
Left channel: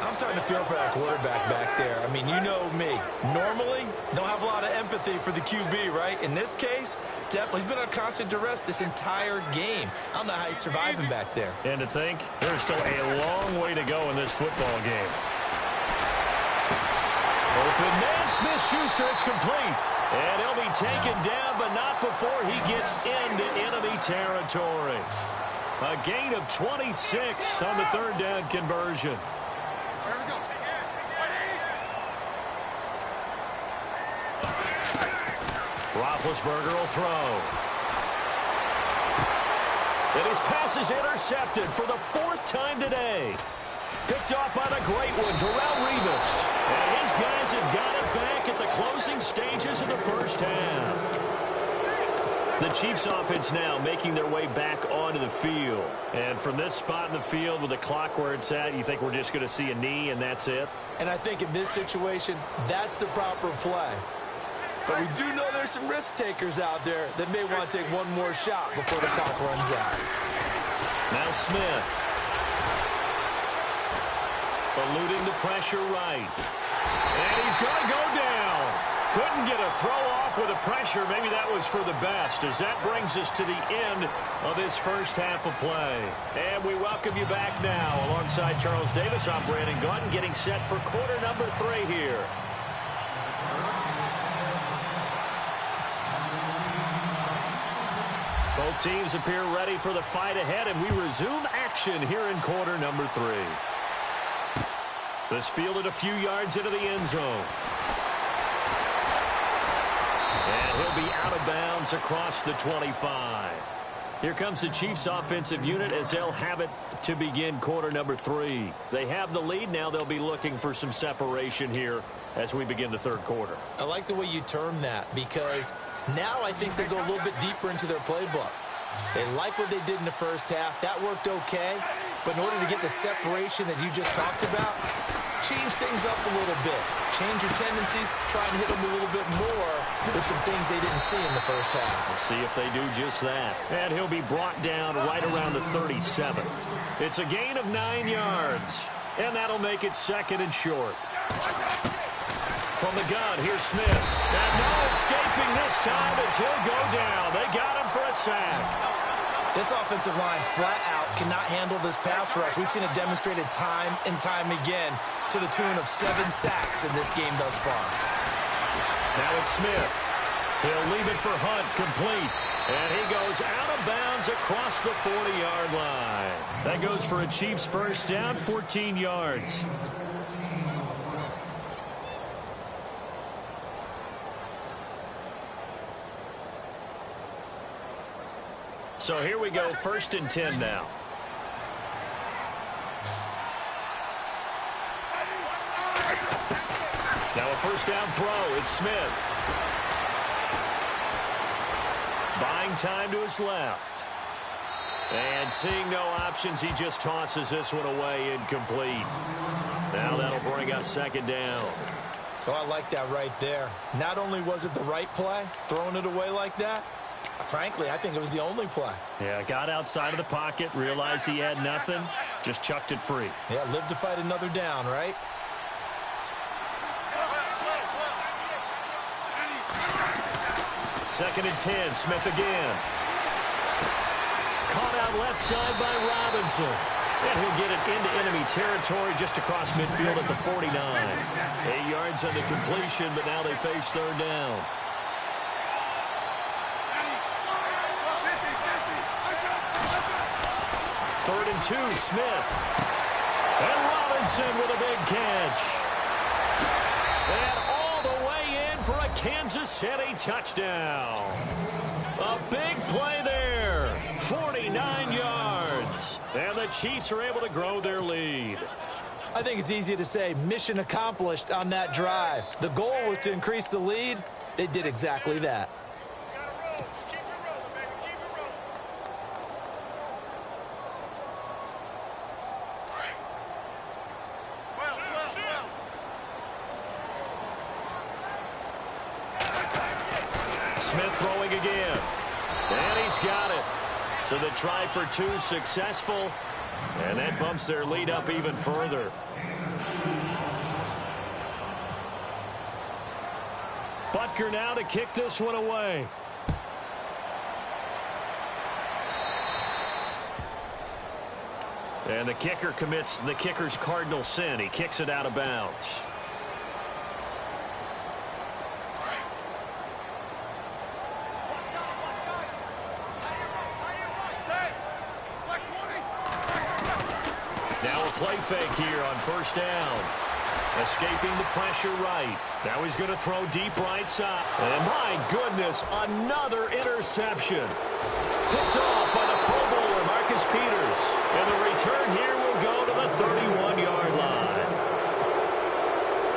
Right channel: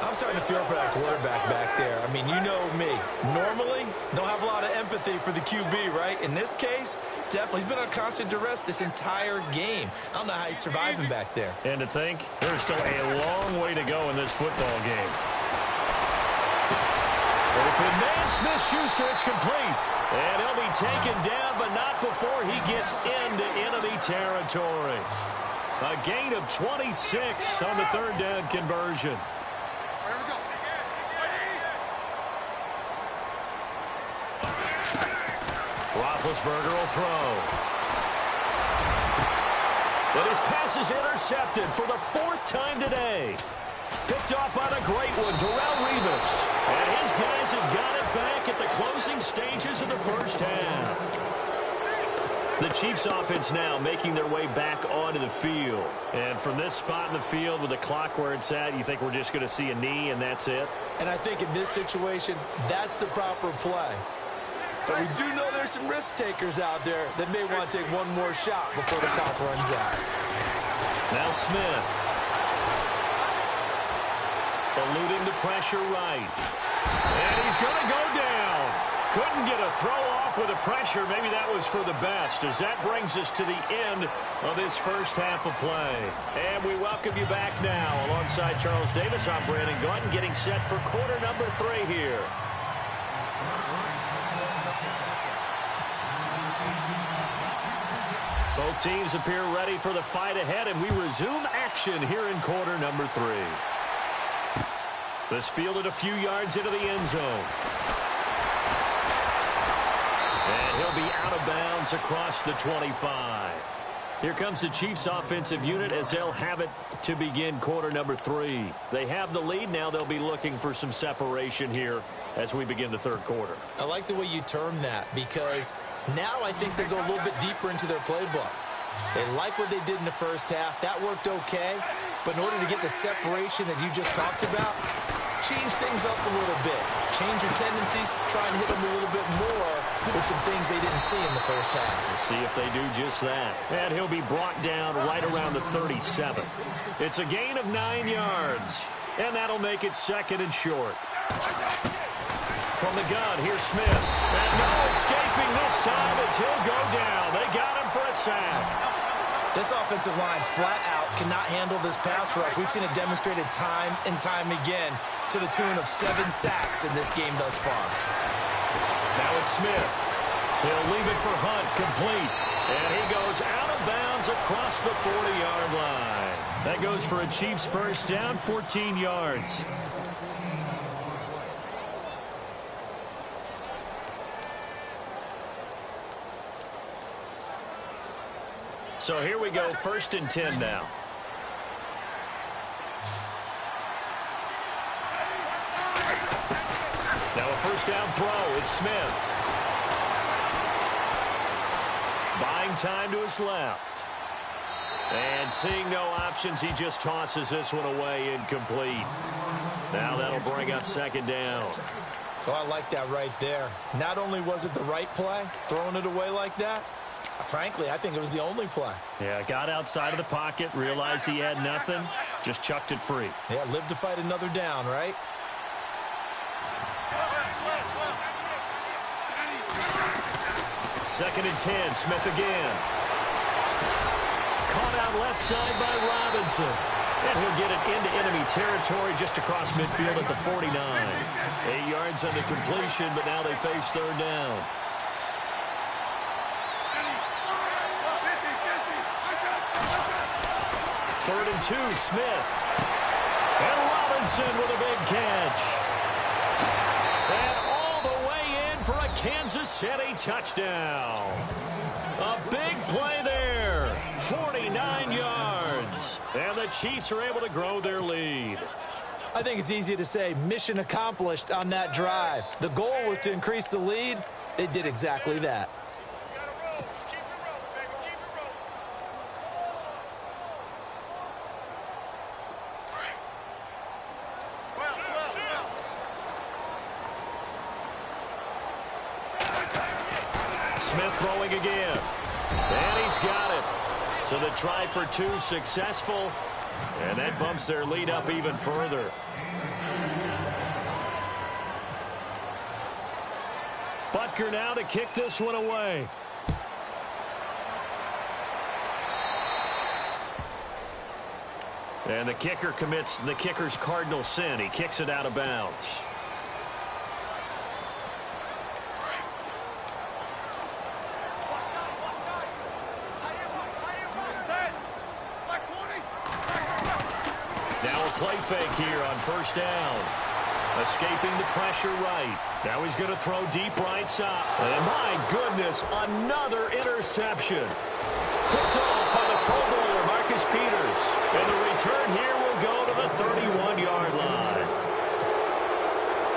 I'm starting to feel for that quarterback back there. I mean, you know me. Normally, don't have a lot of empathy for the QB, right? In this case, definitely. He's been on constant duress this entire game. I don't know how he's surviving back there. And to think, there's still a long way to go in this football game. Open man, Smith-Schuster, it's complete. And he'll be taken down, but not before he gets into enemy territory. A gain of 26 on the third down conversion. Here we go. Roethlisberger will throw. And his pass is intercepted for the fourth time today. Picked off by the great one, Darrelle Revis. And his guys have got it back at the closing stages of the first half. The Chiefs offense now making their way back onto the field. And from this spot in the field with the clock where it's at, you think we're just going to see a knee and that's it? And I think in this situation, that's the proper play. But we do know there's some risk takers out there that may want to take one more shot before the clock runs out. Now Smith. Eluding the pressure right. And he's going to go down. Couldn't get a throw off with the pressure. Maybe that was for the best, as that brings us to the end of this first half of play. And we welcome you back now. Alongside Charles Davis, I'm Brandon Gaudin, getting set for quarter number 3 here. Both teams appear ready for the fight ahead, and we resume action here in quarter number 3. This fielded a few yards into the end zone. And he'll be out of bounds across the 25. Here comes the Chiefs offensive unit as they'll have it to begin quarter number 3. They have the lead. Now they'll be looking for some separation here as we begin the third quarter. I like the way you term that, because now I think they go a little bit deeper into their playbook. They like what they did in the first half. That worked okay. But in order to get the separation that you just talked about, change things up a little bit. Change your tendencies. Try and hit them a little bit more with some things they didn't see in the first half. We'll see if they do just that. And he'll be brought down right around the 37. It's a gain of 9 yards. And that'll make it 2nd and short. From the gun, here's Smith. And no escaping this time as he'll go down. They got him for a sack. This offensive line flat out cannot handle this pass rush. We've seen it demonstrated time and time again to the tune of 7 sacks in this game thus far. Now it's Smith. He'll leave it for Hunt, complete. And he goes out of bounds across the 40-yard line. That goes for a Chiefs first down, 14 yards. So here we go, 1st and 10 now. Now a first down throw. It's Smith. Buying time to his left. And seeing no options, he just tosses this one away, incomplete. Now that'll bring up 2nd down. So I like that right there. Not only was it the right play, throwing it away like that, frankly, I think it was the only play. Yeah, got outside of the pocket, realized he had nothing, just chucked it free. Yeah, live to fight another down, right? Second and 10, Smith again. Caught out left side by Robinson. And he'll get it into enemy territory just across midfield at the 49. 8 yards on the completion, but now they face 3rd down. Third and 2, Smith. And Robinson with a big catch. And all the way in for a Kansas City touchdown. A big play there. 49 yards. And the Chiefs are able to grow their lead. I think it's easy to say mission accomplished on that drive. The goal was to increase the lead. They did exactly that. Smith throwing again. And he's got it. So the try for 2 successful. And that bumps their lead up even further. Butker now to kick this one away. And the kicker commits the kicker's cardinal sin. He kicks it out of bounds. Now a play fake here on 1st down. Escaping the pressure right. Now he's going to throw deep right side. And my goodness, another interception. Picked off by the Pro Bowler, Marcus Peters. And the return here will go to the 31-yard line.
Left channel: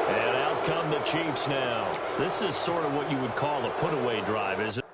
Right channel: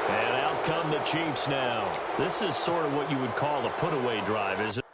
And out come the Chiefs now. This is sort of what you would call a put-away drive, isn't it?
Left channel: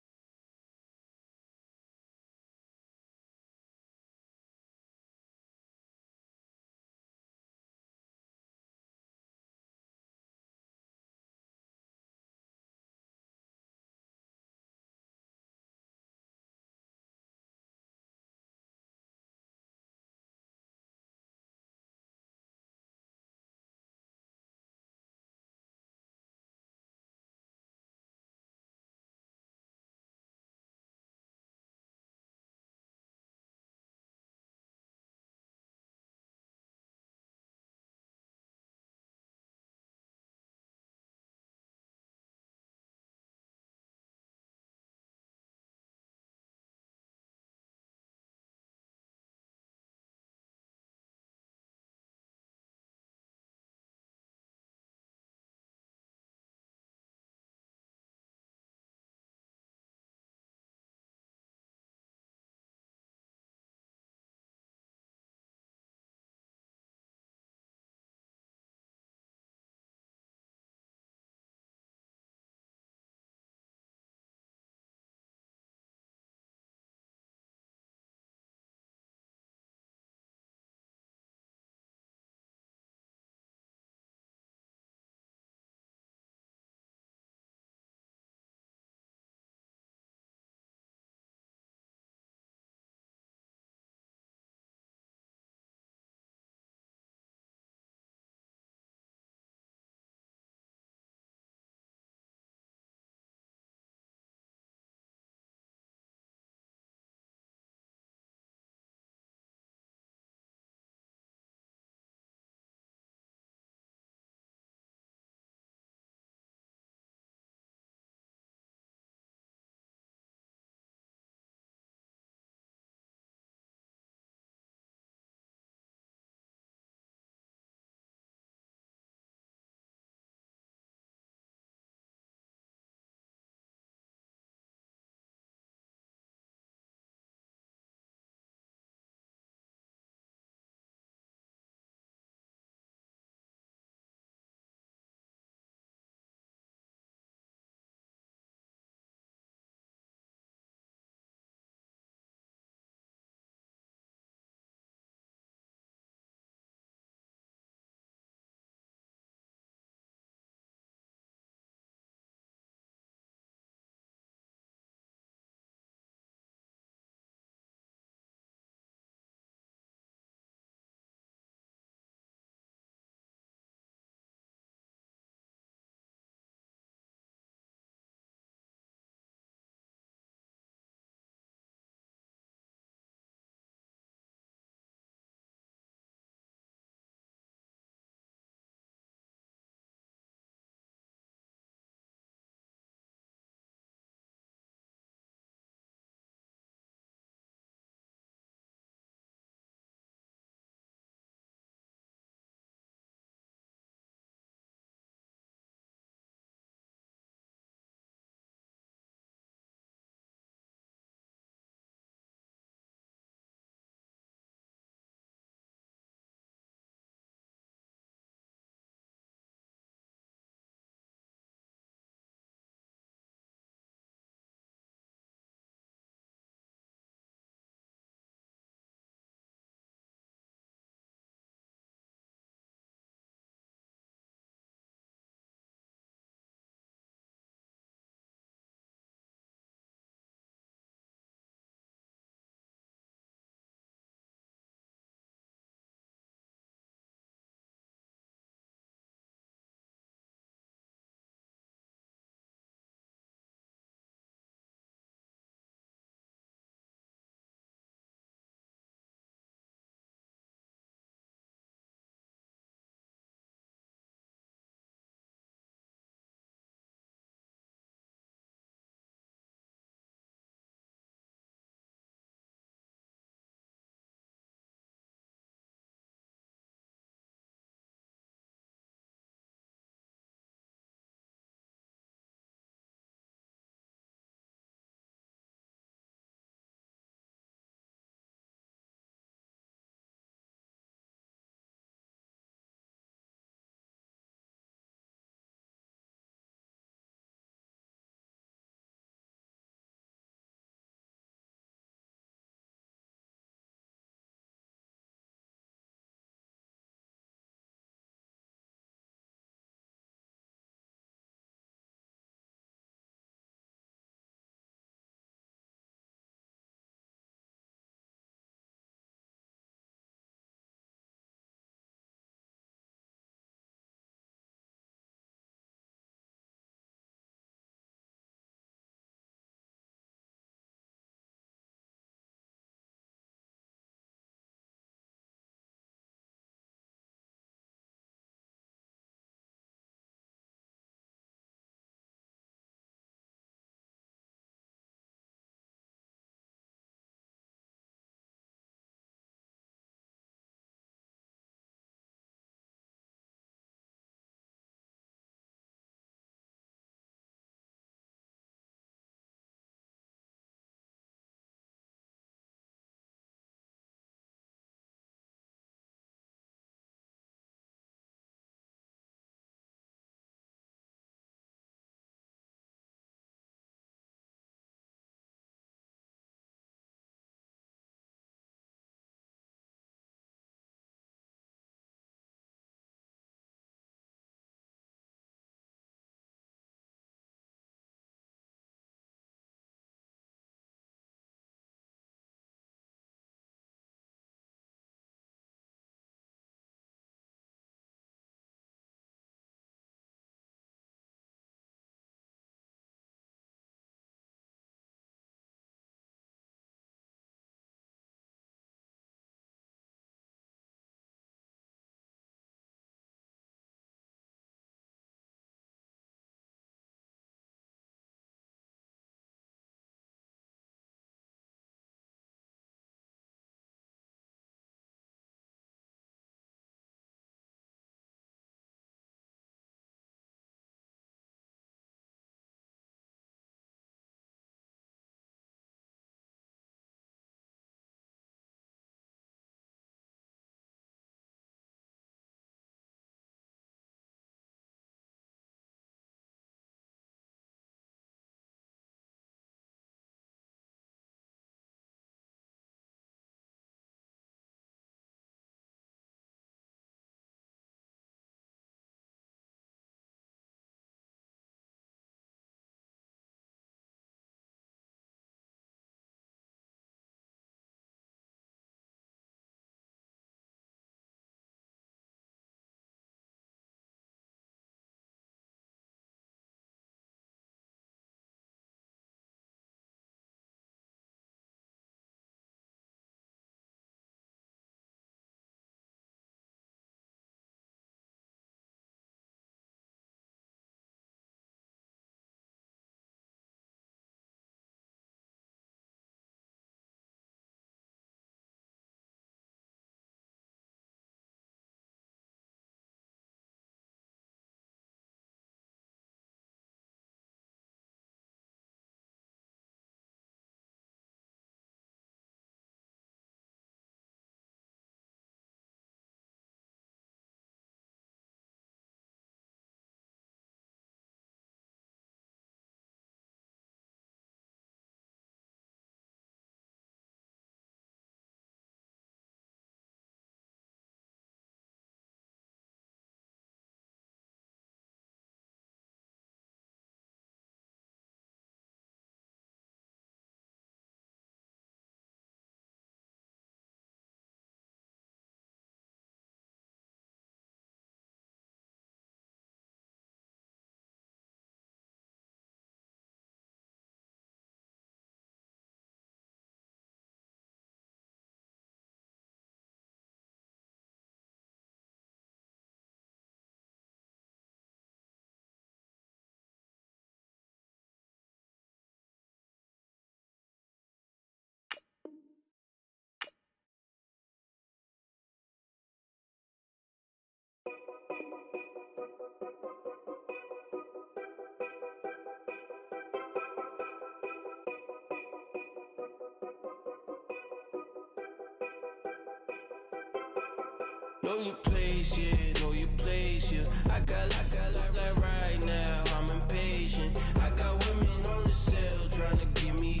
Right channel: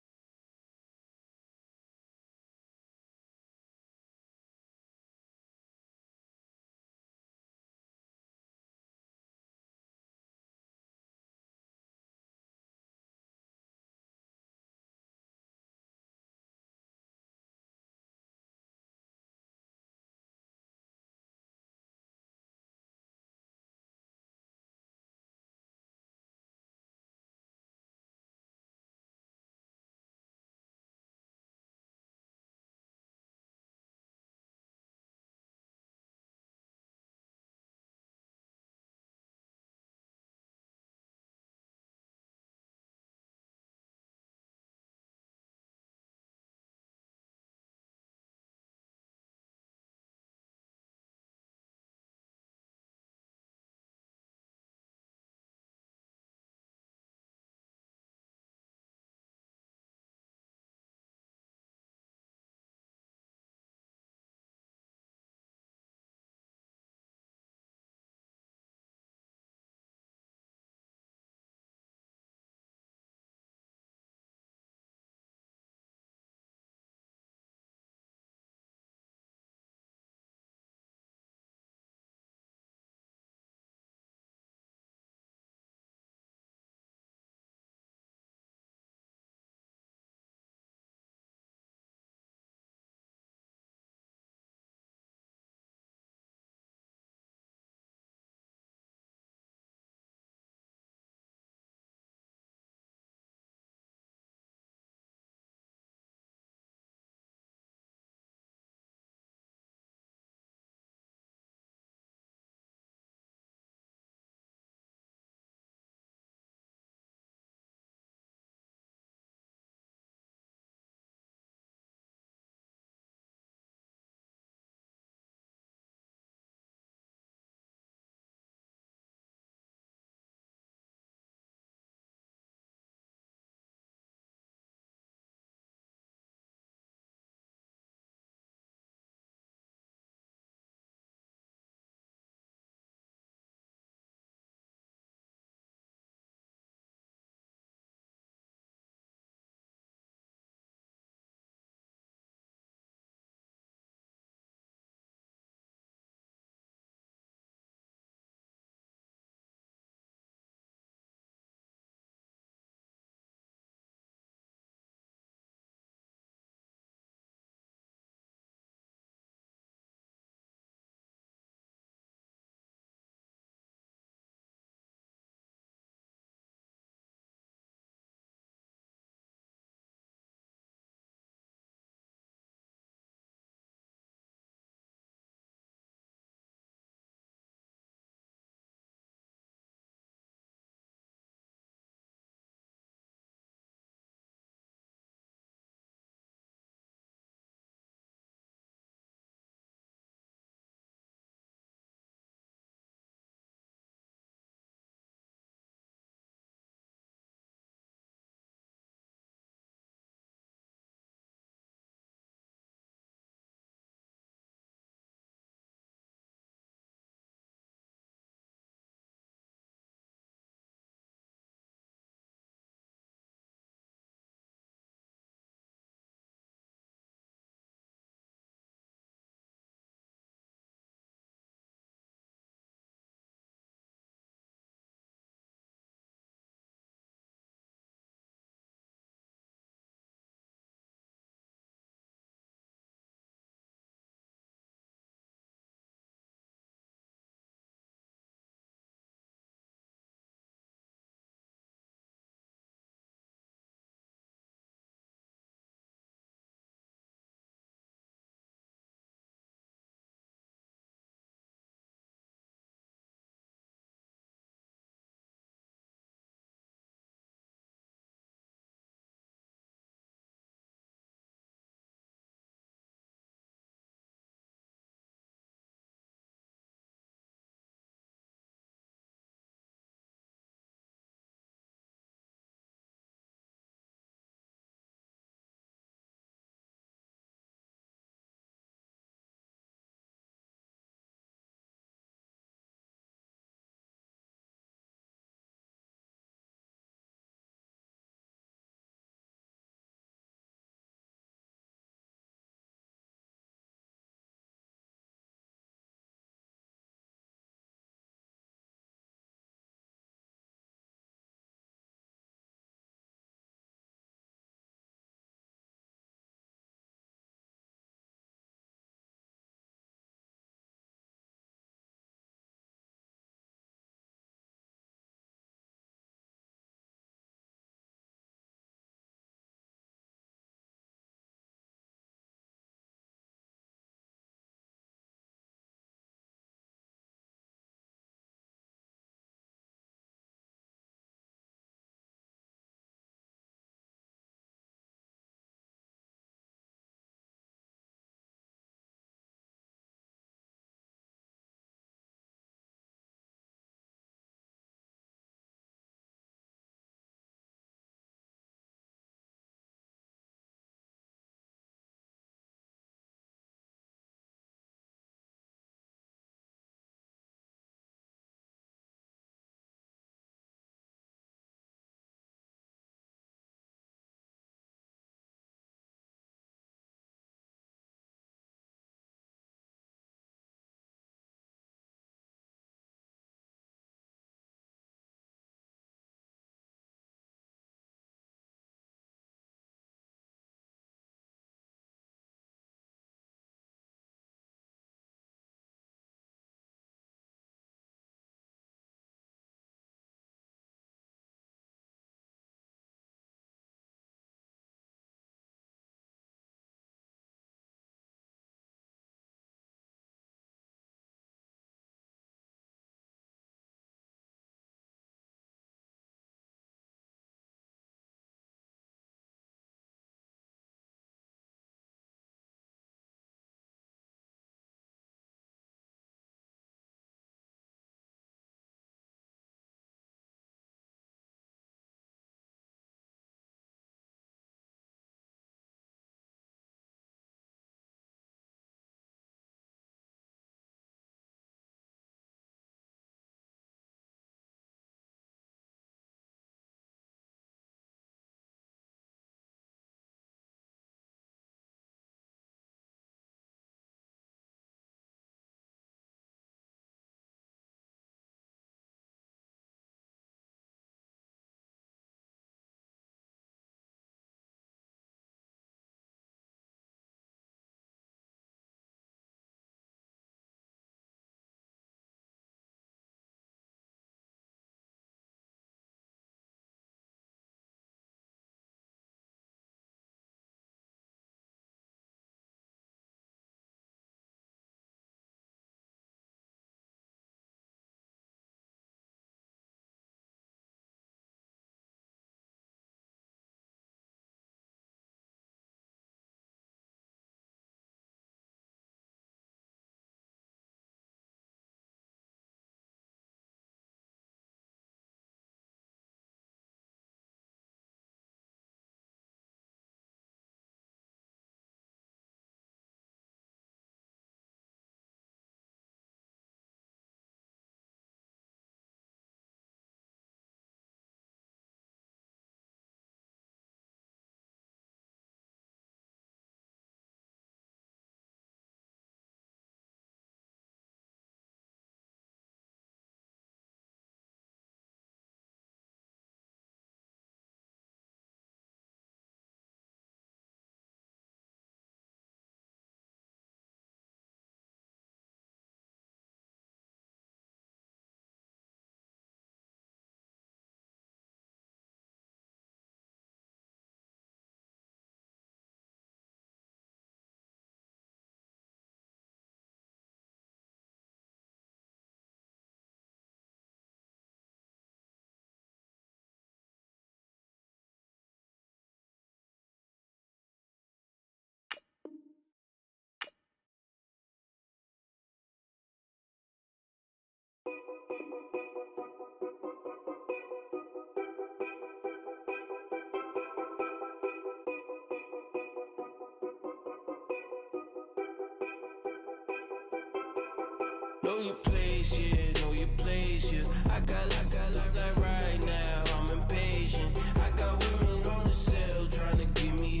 Know your place, yeah, know your place, yeah. I got like right now, I'm impatient. I got women on the cell trying to give me.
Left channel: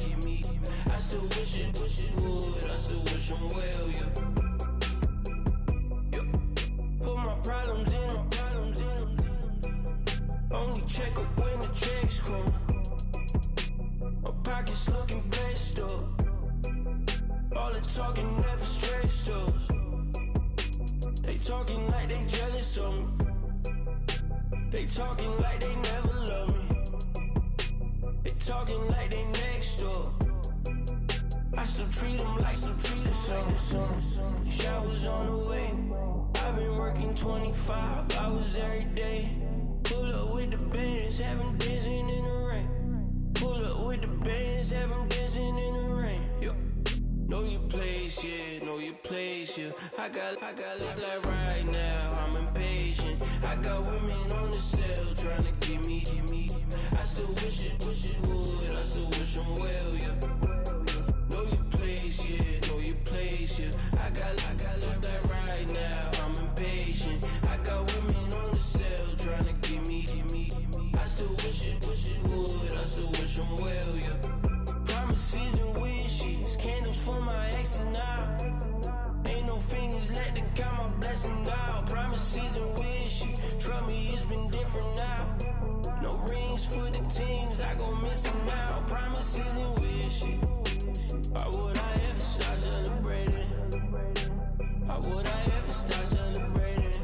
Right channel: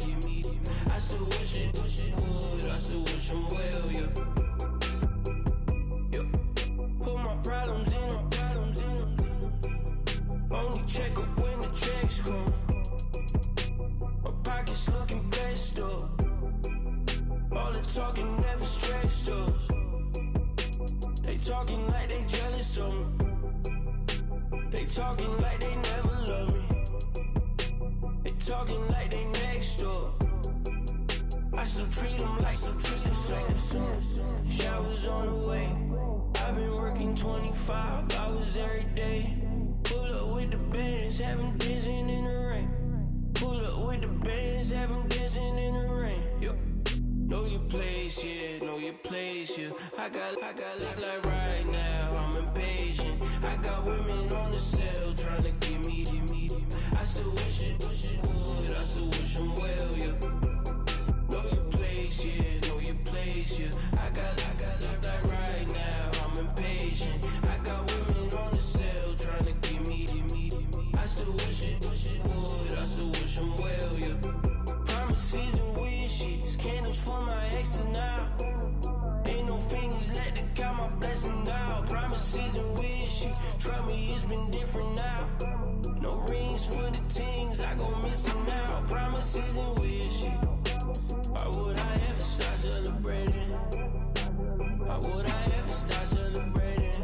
I still wish it would, I still wish I'm well, yeah. Put my problems in them. Only check up when the checks come. My pockets looking blessed up. All the talking never stressed us. They talking like they jealous of me. They talking like they never love me. They talking like they next door. I still treat them like the son. Showers on the way. I've been working 25 hours every day. Pull up with the bands, have them dancing in the rain. Pull up with the bands, have them dancing in the rain. Yo. Know your place, yeah, know your place, yeah. I got like right now, I'm impatient. I got women on the cell trying to give me. I still wish it would, I still wish I'm well, yeah. Know your place, yeah, know your place, yeah. I got like right now, I'm impatient. I got women on the cell trying to give me. I still wish it would, I still wish I'm well, yeah. Promises and wishes, candles for my exes now. Ain't no fingers let to count my blessing out. Promises and wishes, trust me, it's been different now. No rings for the things I go missing now. Promises and wishes, why would I ever start celebrating? Why would I ever start celebrating?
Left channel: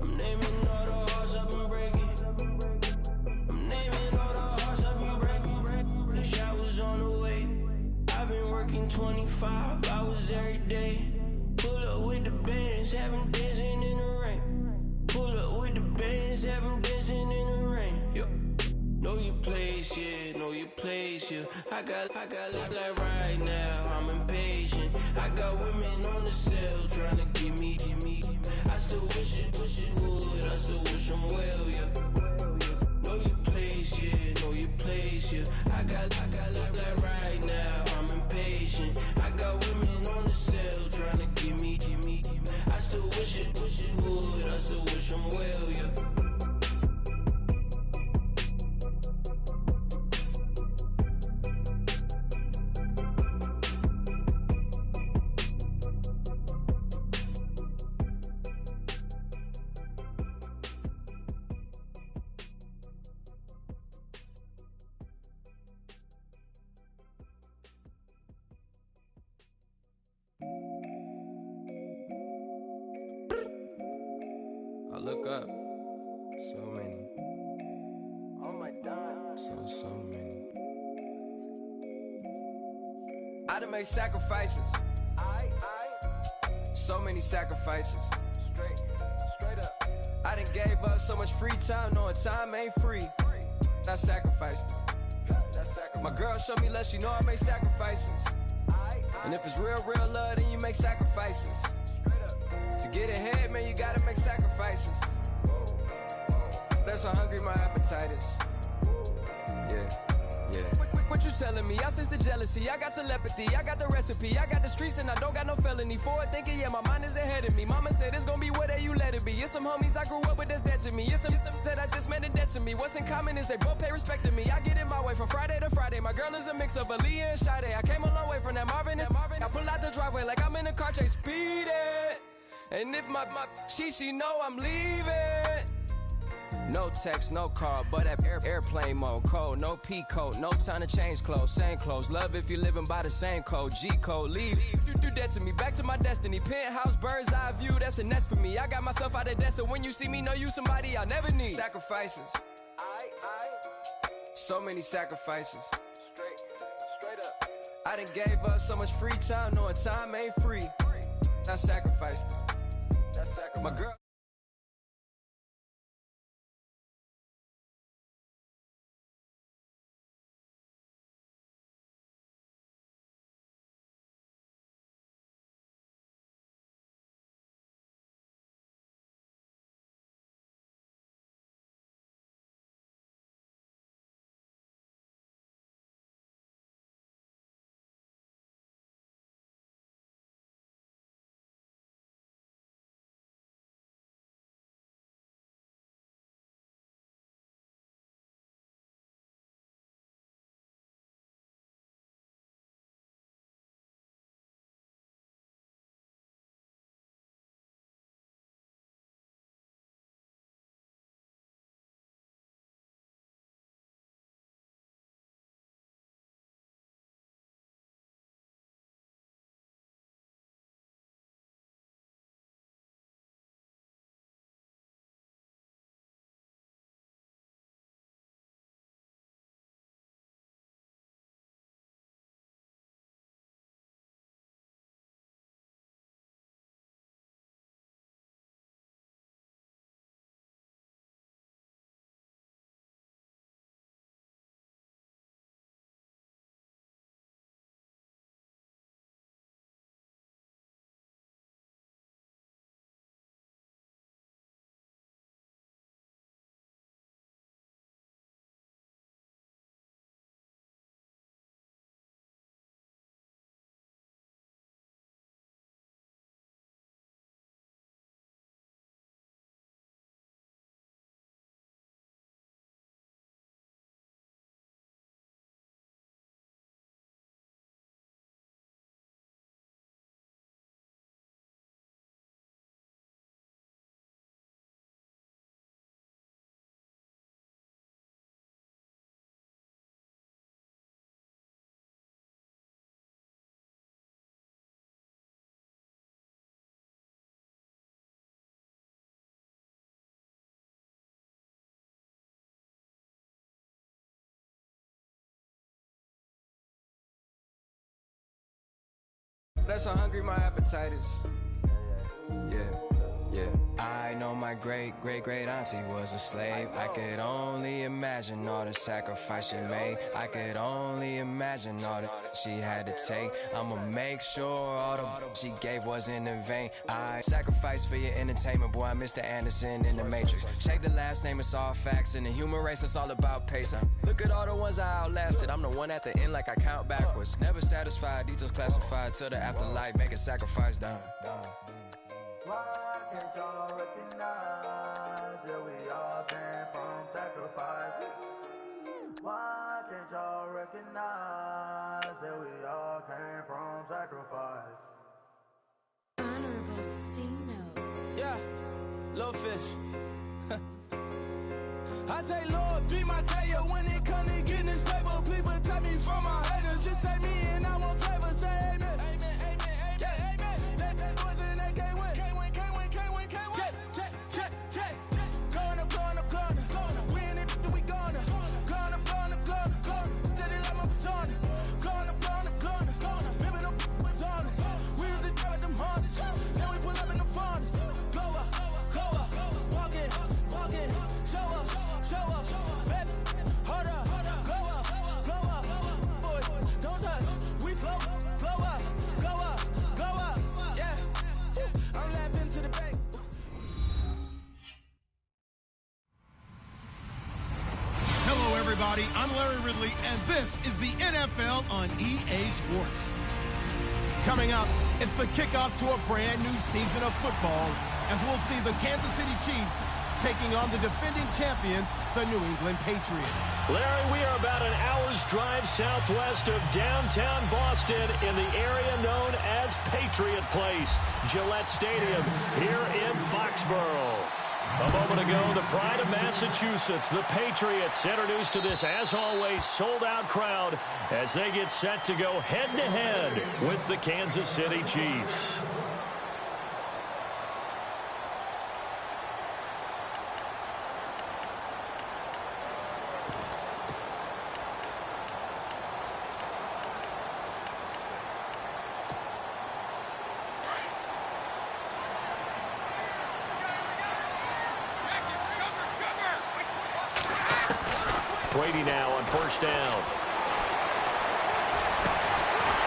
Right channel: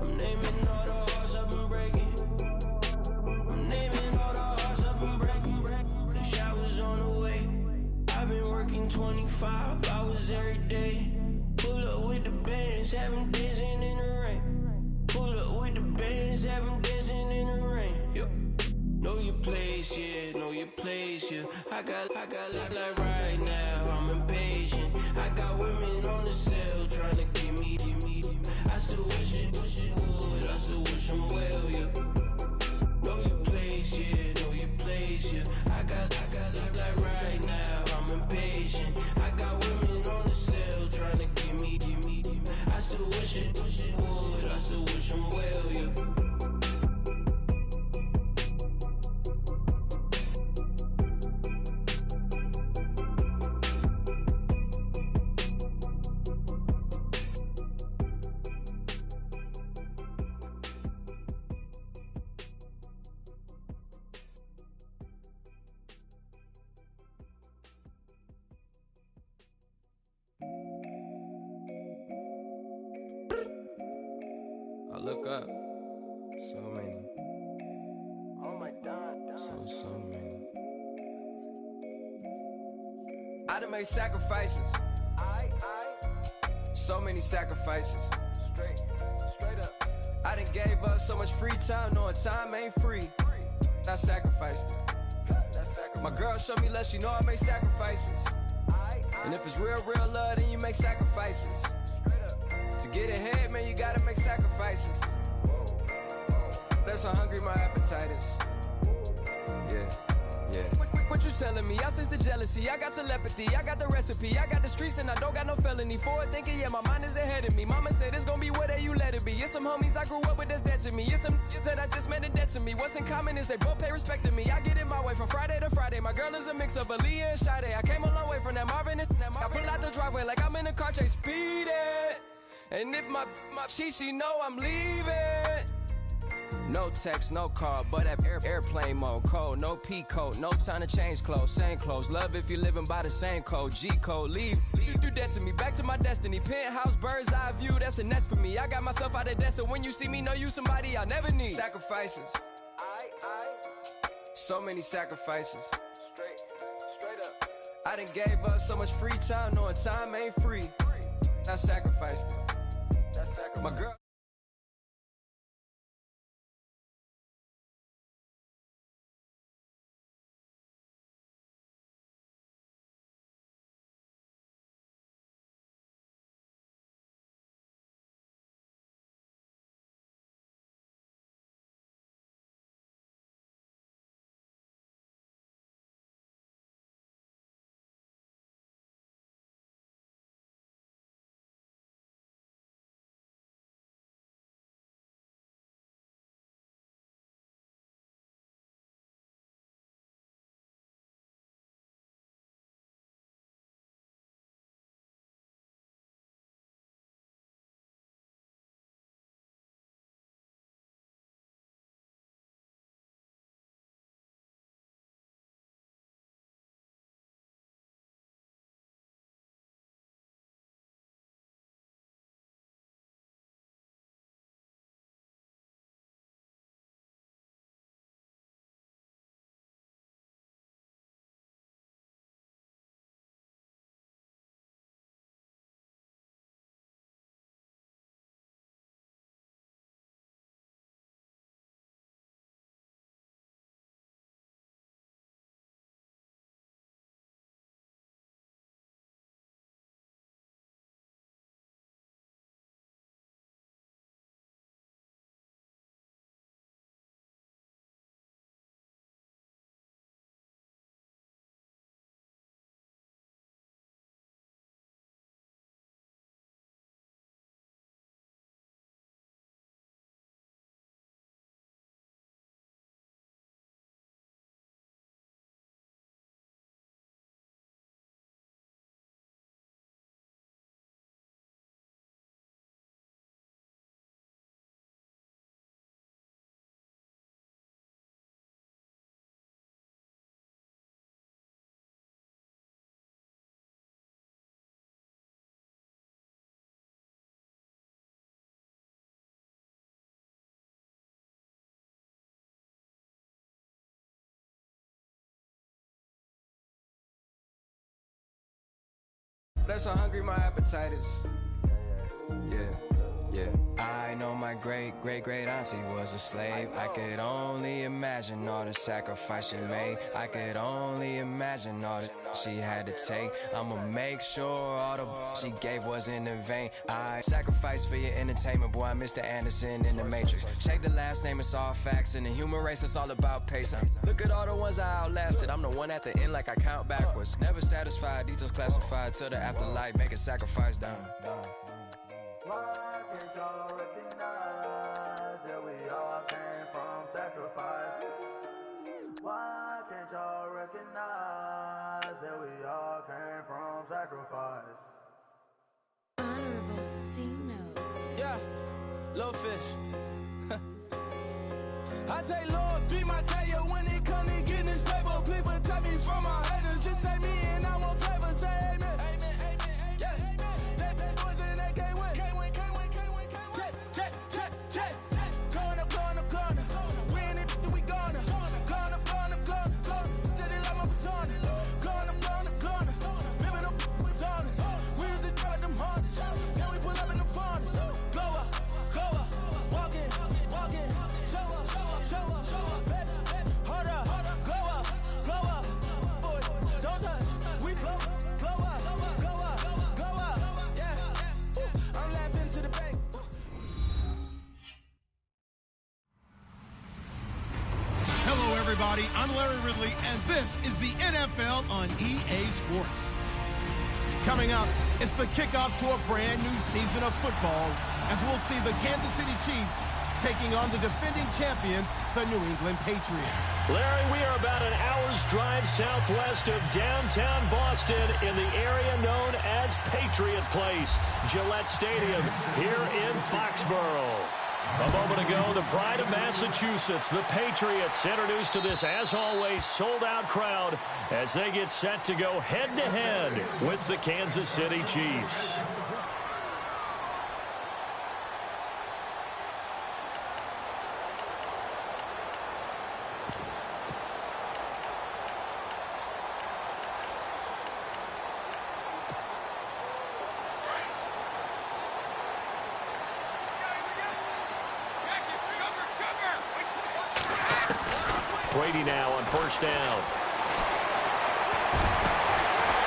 I'm naming all the hearts I've been breaking. I'm naming all the hearts I've been breaking. The showers on the way. I've been working 25 hours every day. Pull up with the bands, have them dancing in the rain. Pull up with the bands, have them dancing in the rain. Yo. Know your place, yeah, know your place, yeah. I got like right now, I'm impatient. I got women on the cell trying to give me. I still wish it would, I still wish I'm well, yeah. Know your place, yeah, know your place, yeah. I got like right now, I'm impatient. I got women on the cell trying to give me. I still wish it would, I still wish I'm well, yeah. I look up, so many. Oh my God. So many. I done made sacrifices. So many sacrifices. Straight up. I done gave up so much free time, knowing time ain't free. I sacrificed it. My girl showed me love, she know I make sacrifices. And if it's real love, then you make sacrifices. To get ahead, man, you gotta make sacrifices. That's how hungry my appetite is. Yeah. What you telling me? I sense the jealousy, I got telepathy, I got the recipe, I got the streets and I don't got no felony. Forward thinking, yeah, my mind is ahead of me. Mama said it's gonna be whatever you let it be. It's some homies I grew up with that's dead to me. It's some that I just met in debt to me. What's in common is they both pay respect to me. I get it my way from Friday to Friday. My girl is a mix of Aaliyah and Sade. I came a long way from that Marvin and I pull out the driveway like I'm in a car chase speeding. And if my she know I'm leaving. No text, no call, but at airplane mode. Code, no P code, no time to change clothes. Same clothes, love if you're living by the same code. G code, leave. You do that to me, back to my destiny. Penthouse, bird's eye view, that's a nest for me. I got myself out of debt, so when you see me, know you somebody I never need. Sacrifices. So many sacrifices. Straight up. I done gave up so much free time, knowing time ain't free. I sacrificed it. My girl. that's how hungry my appetite is. Yeah. I know my great auntie was a slave. I could only imagine all the sacrifice she made. I could only imagine all that she had to take. I'ma make sure all the she gave wasn't in vain. I sacrificed for your entertainment, boy. I'm Mr. Anderson in the Matrix. Check the last name, it's all facts. In the human race, it's all about pacing. Look at all the ones I outlasted. I'm the one at the end, like I count backwards. Never satisfied, details classified till the afterlife. Make a sacrifice down. Why can't y'all recognize that we all came from sacrifice? Why can't y'all recognize that we all came from sacrifice? Honorable C-Note. Yeah, little fish. I say, Lord, be my savior when it comes to getting this paper. Please protect me from my haters. Just say me and I won't favor. Say amen. Hello, everybody. I'm Larry Ridley, and this is the NFL on EA Sports. Coming up, it's the kickoff to a brand new season of football as we'll see the Kansas City Chiefs taking on the defending champions, the New England Patriots. Larry, we are about an hour's drive southwest of downtown Boston in the area known as Patriot Place, Gillette Stadium here in Foxborough. A moment ago, the pride of Massachusetts, the Patriots, introduced to this, as always, sold-out crowd as they get set to go head-to-head with the Kansas City Chiefs. Brady now on first down.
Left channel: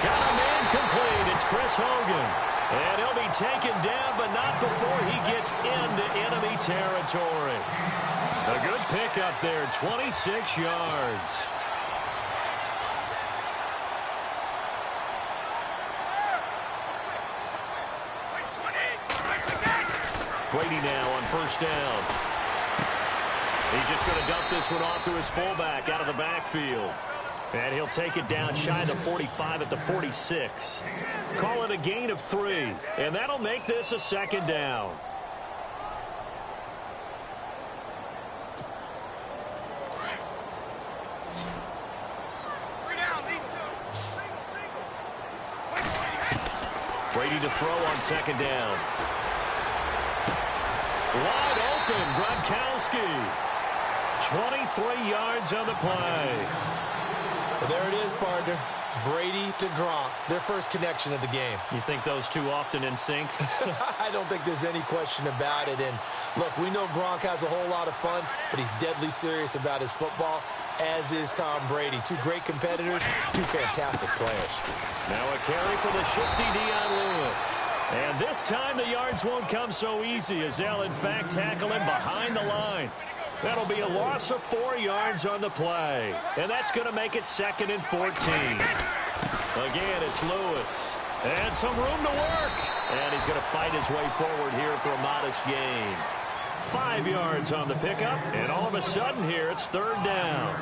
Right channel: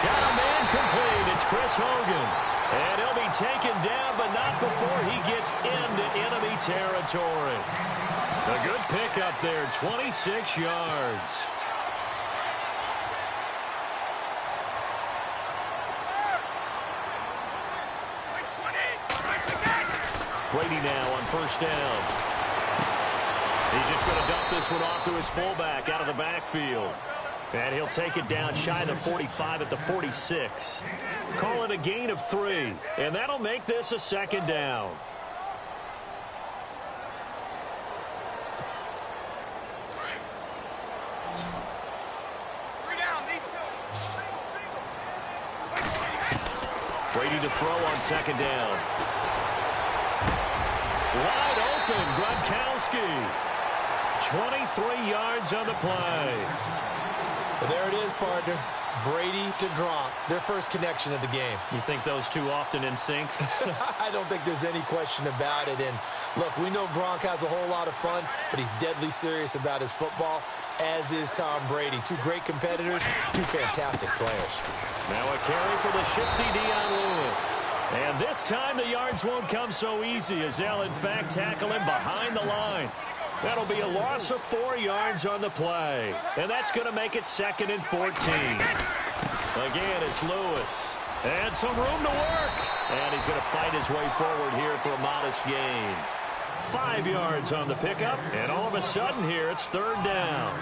Got a man complete. It's Chris Hogan. And he'll be taken down, but not before he gets into enemy territory. A good pickup there, 26 yards. Brady now on first down. He's just going to dump this one off to his fullback out of the backfield. And he'll take it down shy of the 45 at the 46. Call it a gain of 3. And that'll make this a second down. Brady to throw on second down. Wide open, Gronkowski. 23 yards on the play. Well, there it is, partner. Brady to Gronk, their first connection of the game. You think those two often in sync? I don't think there's any question about it. And, look, we know Gronk has a whole lot of fun, but he's deadly serious about his football, as is Tom Brady. Two great competitors, two fantastic players. Now a carry for the shifty Dion Lewis. And this time the yards won't come so easy as they'll, in fact, tackle him behind the line. That'll be a loss of 4 yards on the play. And that's going to make it 2nd and 14. Again, it's Lewis. And some room to work. And he's going to fight his way forward here for a modest gain. 5 yards on the pickup. And all of a sudden here, it's 3rd down.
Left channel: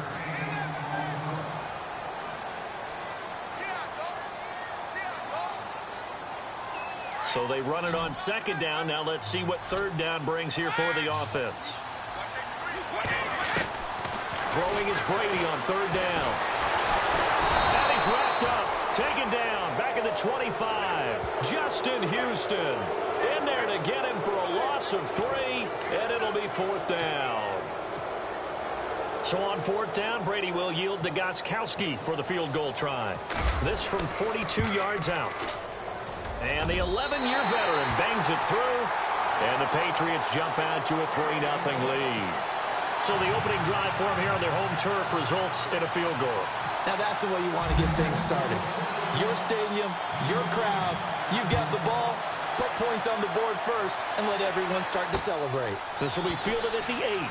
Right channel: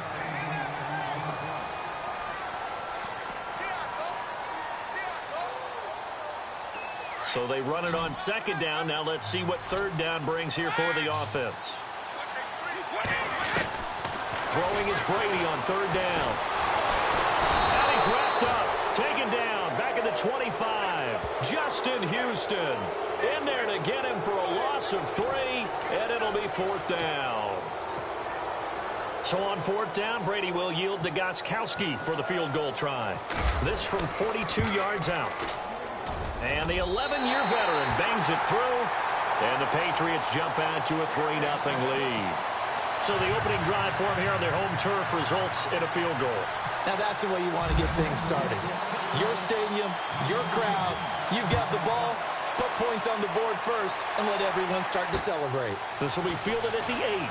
So they run it on 2nd down. Now let's see what 3rd down brings here for the offense. Throwing is Brady on 3rd down. And he's wrapped up. Taken down. Back at the 25. Justin Houston in there to get him for a loss of 3. And it'll be 4th down. So on 4th down, Brady will yield to Gostkowski for the field goal try. This from 42 yards out. And the 11-year veteran bangs it through, and the Patriots jump out to a 3-0 lead. So the opening drive for them here on their home turf results in a field goal. Now that's the way you want to get things started. Your stadium, your crowd, you've got the ball, put points on the board first, and let everyone start to celebrate. This will be fielded at the 8.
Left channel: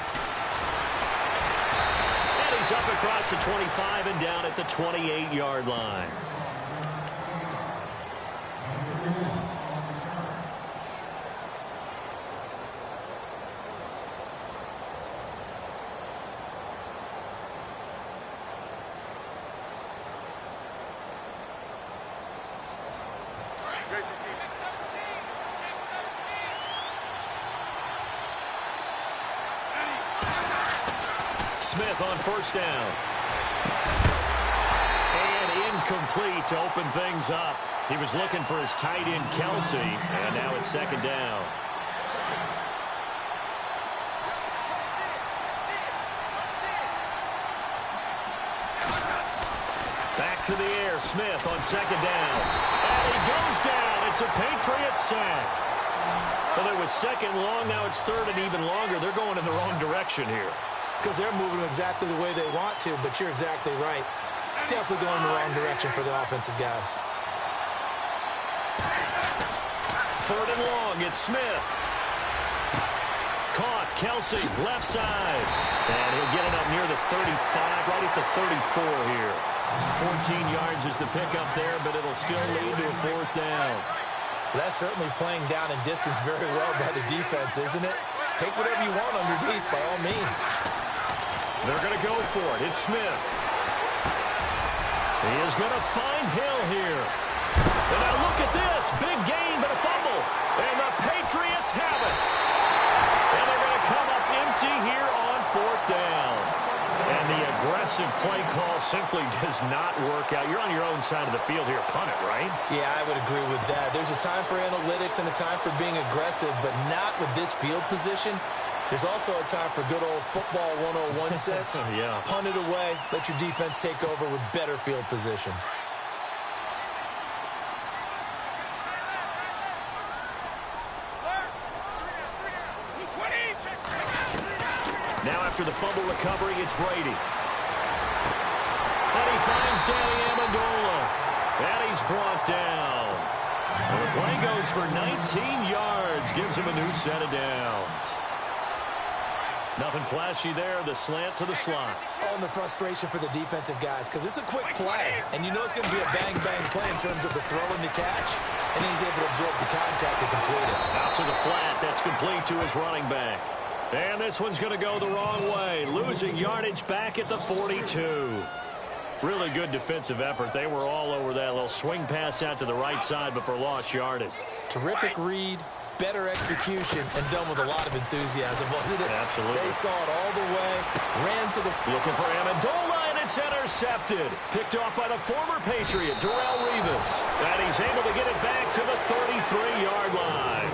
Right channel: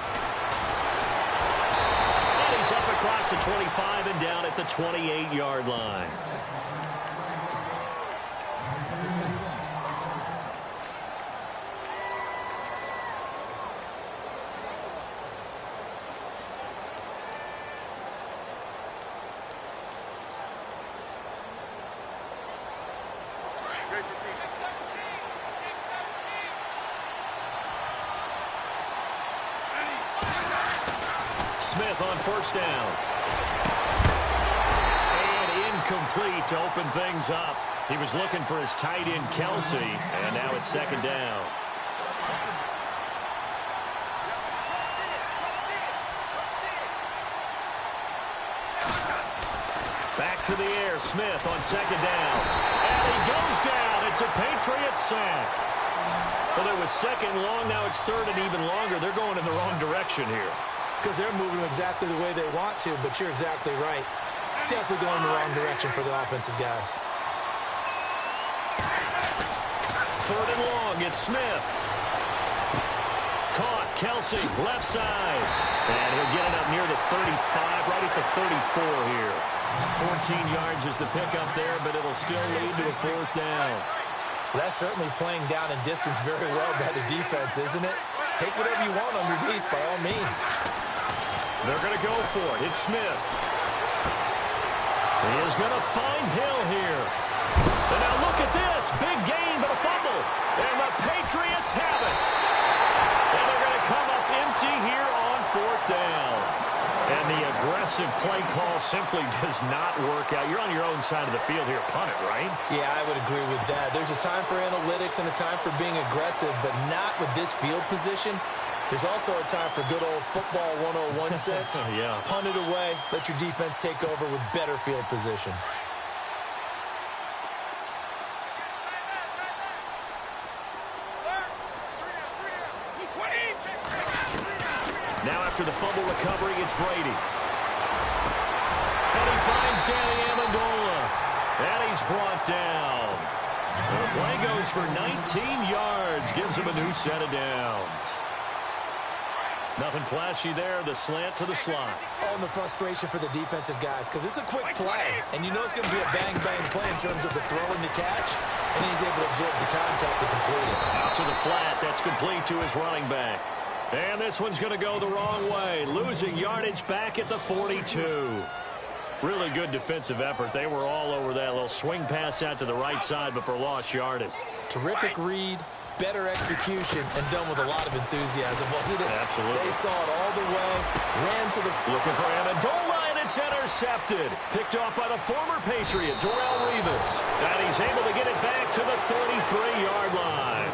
And he's up across the 25 and down at the 28-yard line. Smith on first down. And incomplete to open things up. He was looking for his tight end, Kelsey, and now it's second down. Back to the air, Smith on second down. And he goes down. It's a Patriots sack. Well, it was second long. Now it's third and even longer. They're going in the wrong direction here. Because they're moving exactly the way they want to, but you're exactly right. Definitely going in the wrong direction for the offensive guys. Third and long, it's Smith. Caught, Kelsey, left side. And he'll get it up near the 35, right at the 34 here. 14 yards is the pickup there, but it'll still lead to a fourth down. Well, that's certainly playing down in distance very well by the defense, isn't it? Take whatever you want underneath, by all means. They're going to go for it. It's Smith. He is going to find Hill here. And now look at this. Big gain, but a fumble. And the Patriots have it. And they're going to come up empty here on fourth down. And the aggressive play call simply does not work out. You're on your own side of the field here. Punt it, right? Yeah, I would agree with that. There's a time for analytics and a time for being aggressive, but not with this field position. There's also a time for good old football 101 sense. Yeah. Punt it away. Let your defense take over with better field position. Now after the fumble recovery, it's Brady. And he finds Danny Amendola. And he's brought down. And the play goes for 19 yards. Gives him a new set of downs. Nothing flashy there. The slant to the slot. Oh, and the frustration for the defensive guys, because it's a quick play. And you know it's going to be a bang-bang play in terms of the throw and the catch. And then he's able to absorb the contact to complete it. Out to the flat. That's complete to his running back. And this one's going to go the wrong way. Losing yardage back at the 42. Really good defensive effort. They were all over that little swing pass out to the right side before lost yardage. Terrific read, better execution, and done with a lot of enthusiasm, wasn't it? Absolutely. They saw it all the way, ran to the... Looking for Amendola, and it's intercepted. Picked off by the former Patriot, Darrelle Revis. And he's able to get it back to the 33-yard line.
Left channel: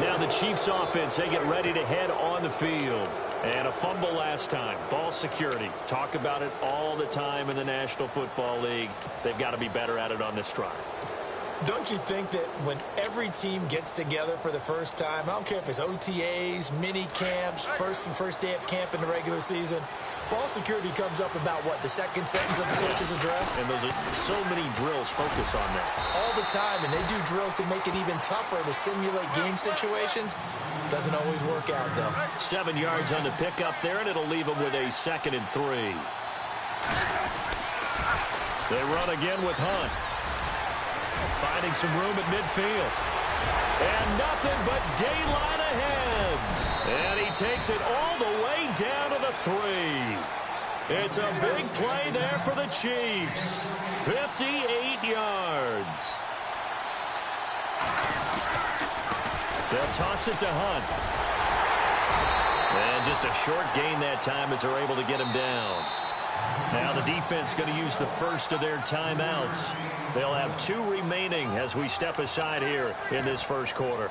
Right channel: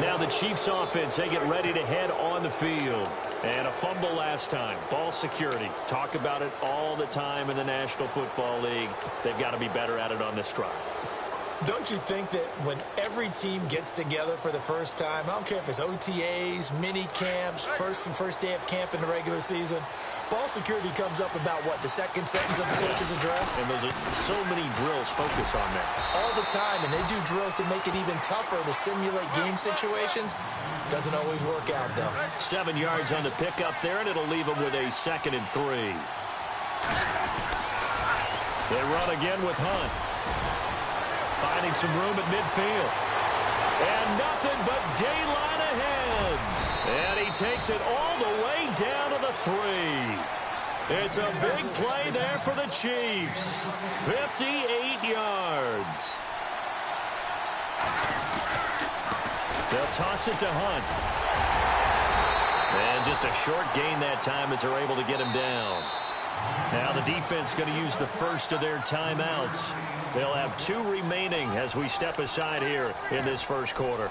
Now the Chiefs offense, they get ready to head on the field. And a fumble last time. Ball security. Talk about it all the time in the National Football League. They've got to be better at it on this drive. Don't you think that when every team gets together for the first time, I don't care if it's OTAs, mini camps, first day of camp in the regular season, ball security comes up about, what, the second sentence of the coach's address? And those are so many drills focus on that. All the time, and they do drills to make it even tougher to simulate game situations. Doesn't always work out, though. 7 yards on the pickup there, and it'll leave them with a 2nd and 3. They run again with Hunt. Finding some room at midfield. And nothing but daylight ahead. And he takes it all the way down to the 3. It's a big play there for the Chiefs. 58 yards. They'll toss it to Hunt. And just a short gain that time as they're able to get him down. Now the defense going to use the first of their timeouts. They'll have 2 remaining as we step aside here in this first quarter.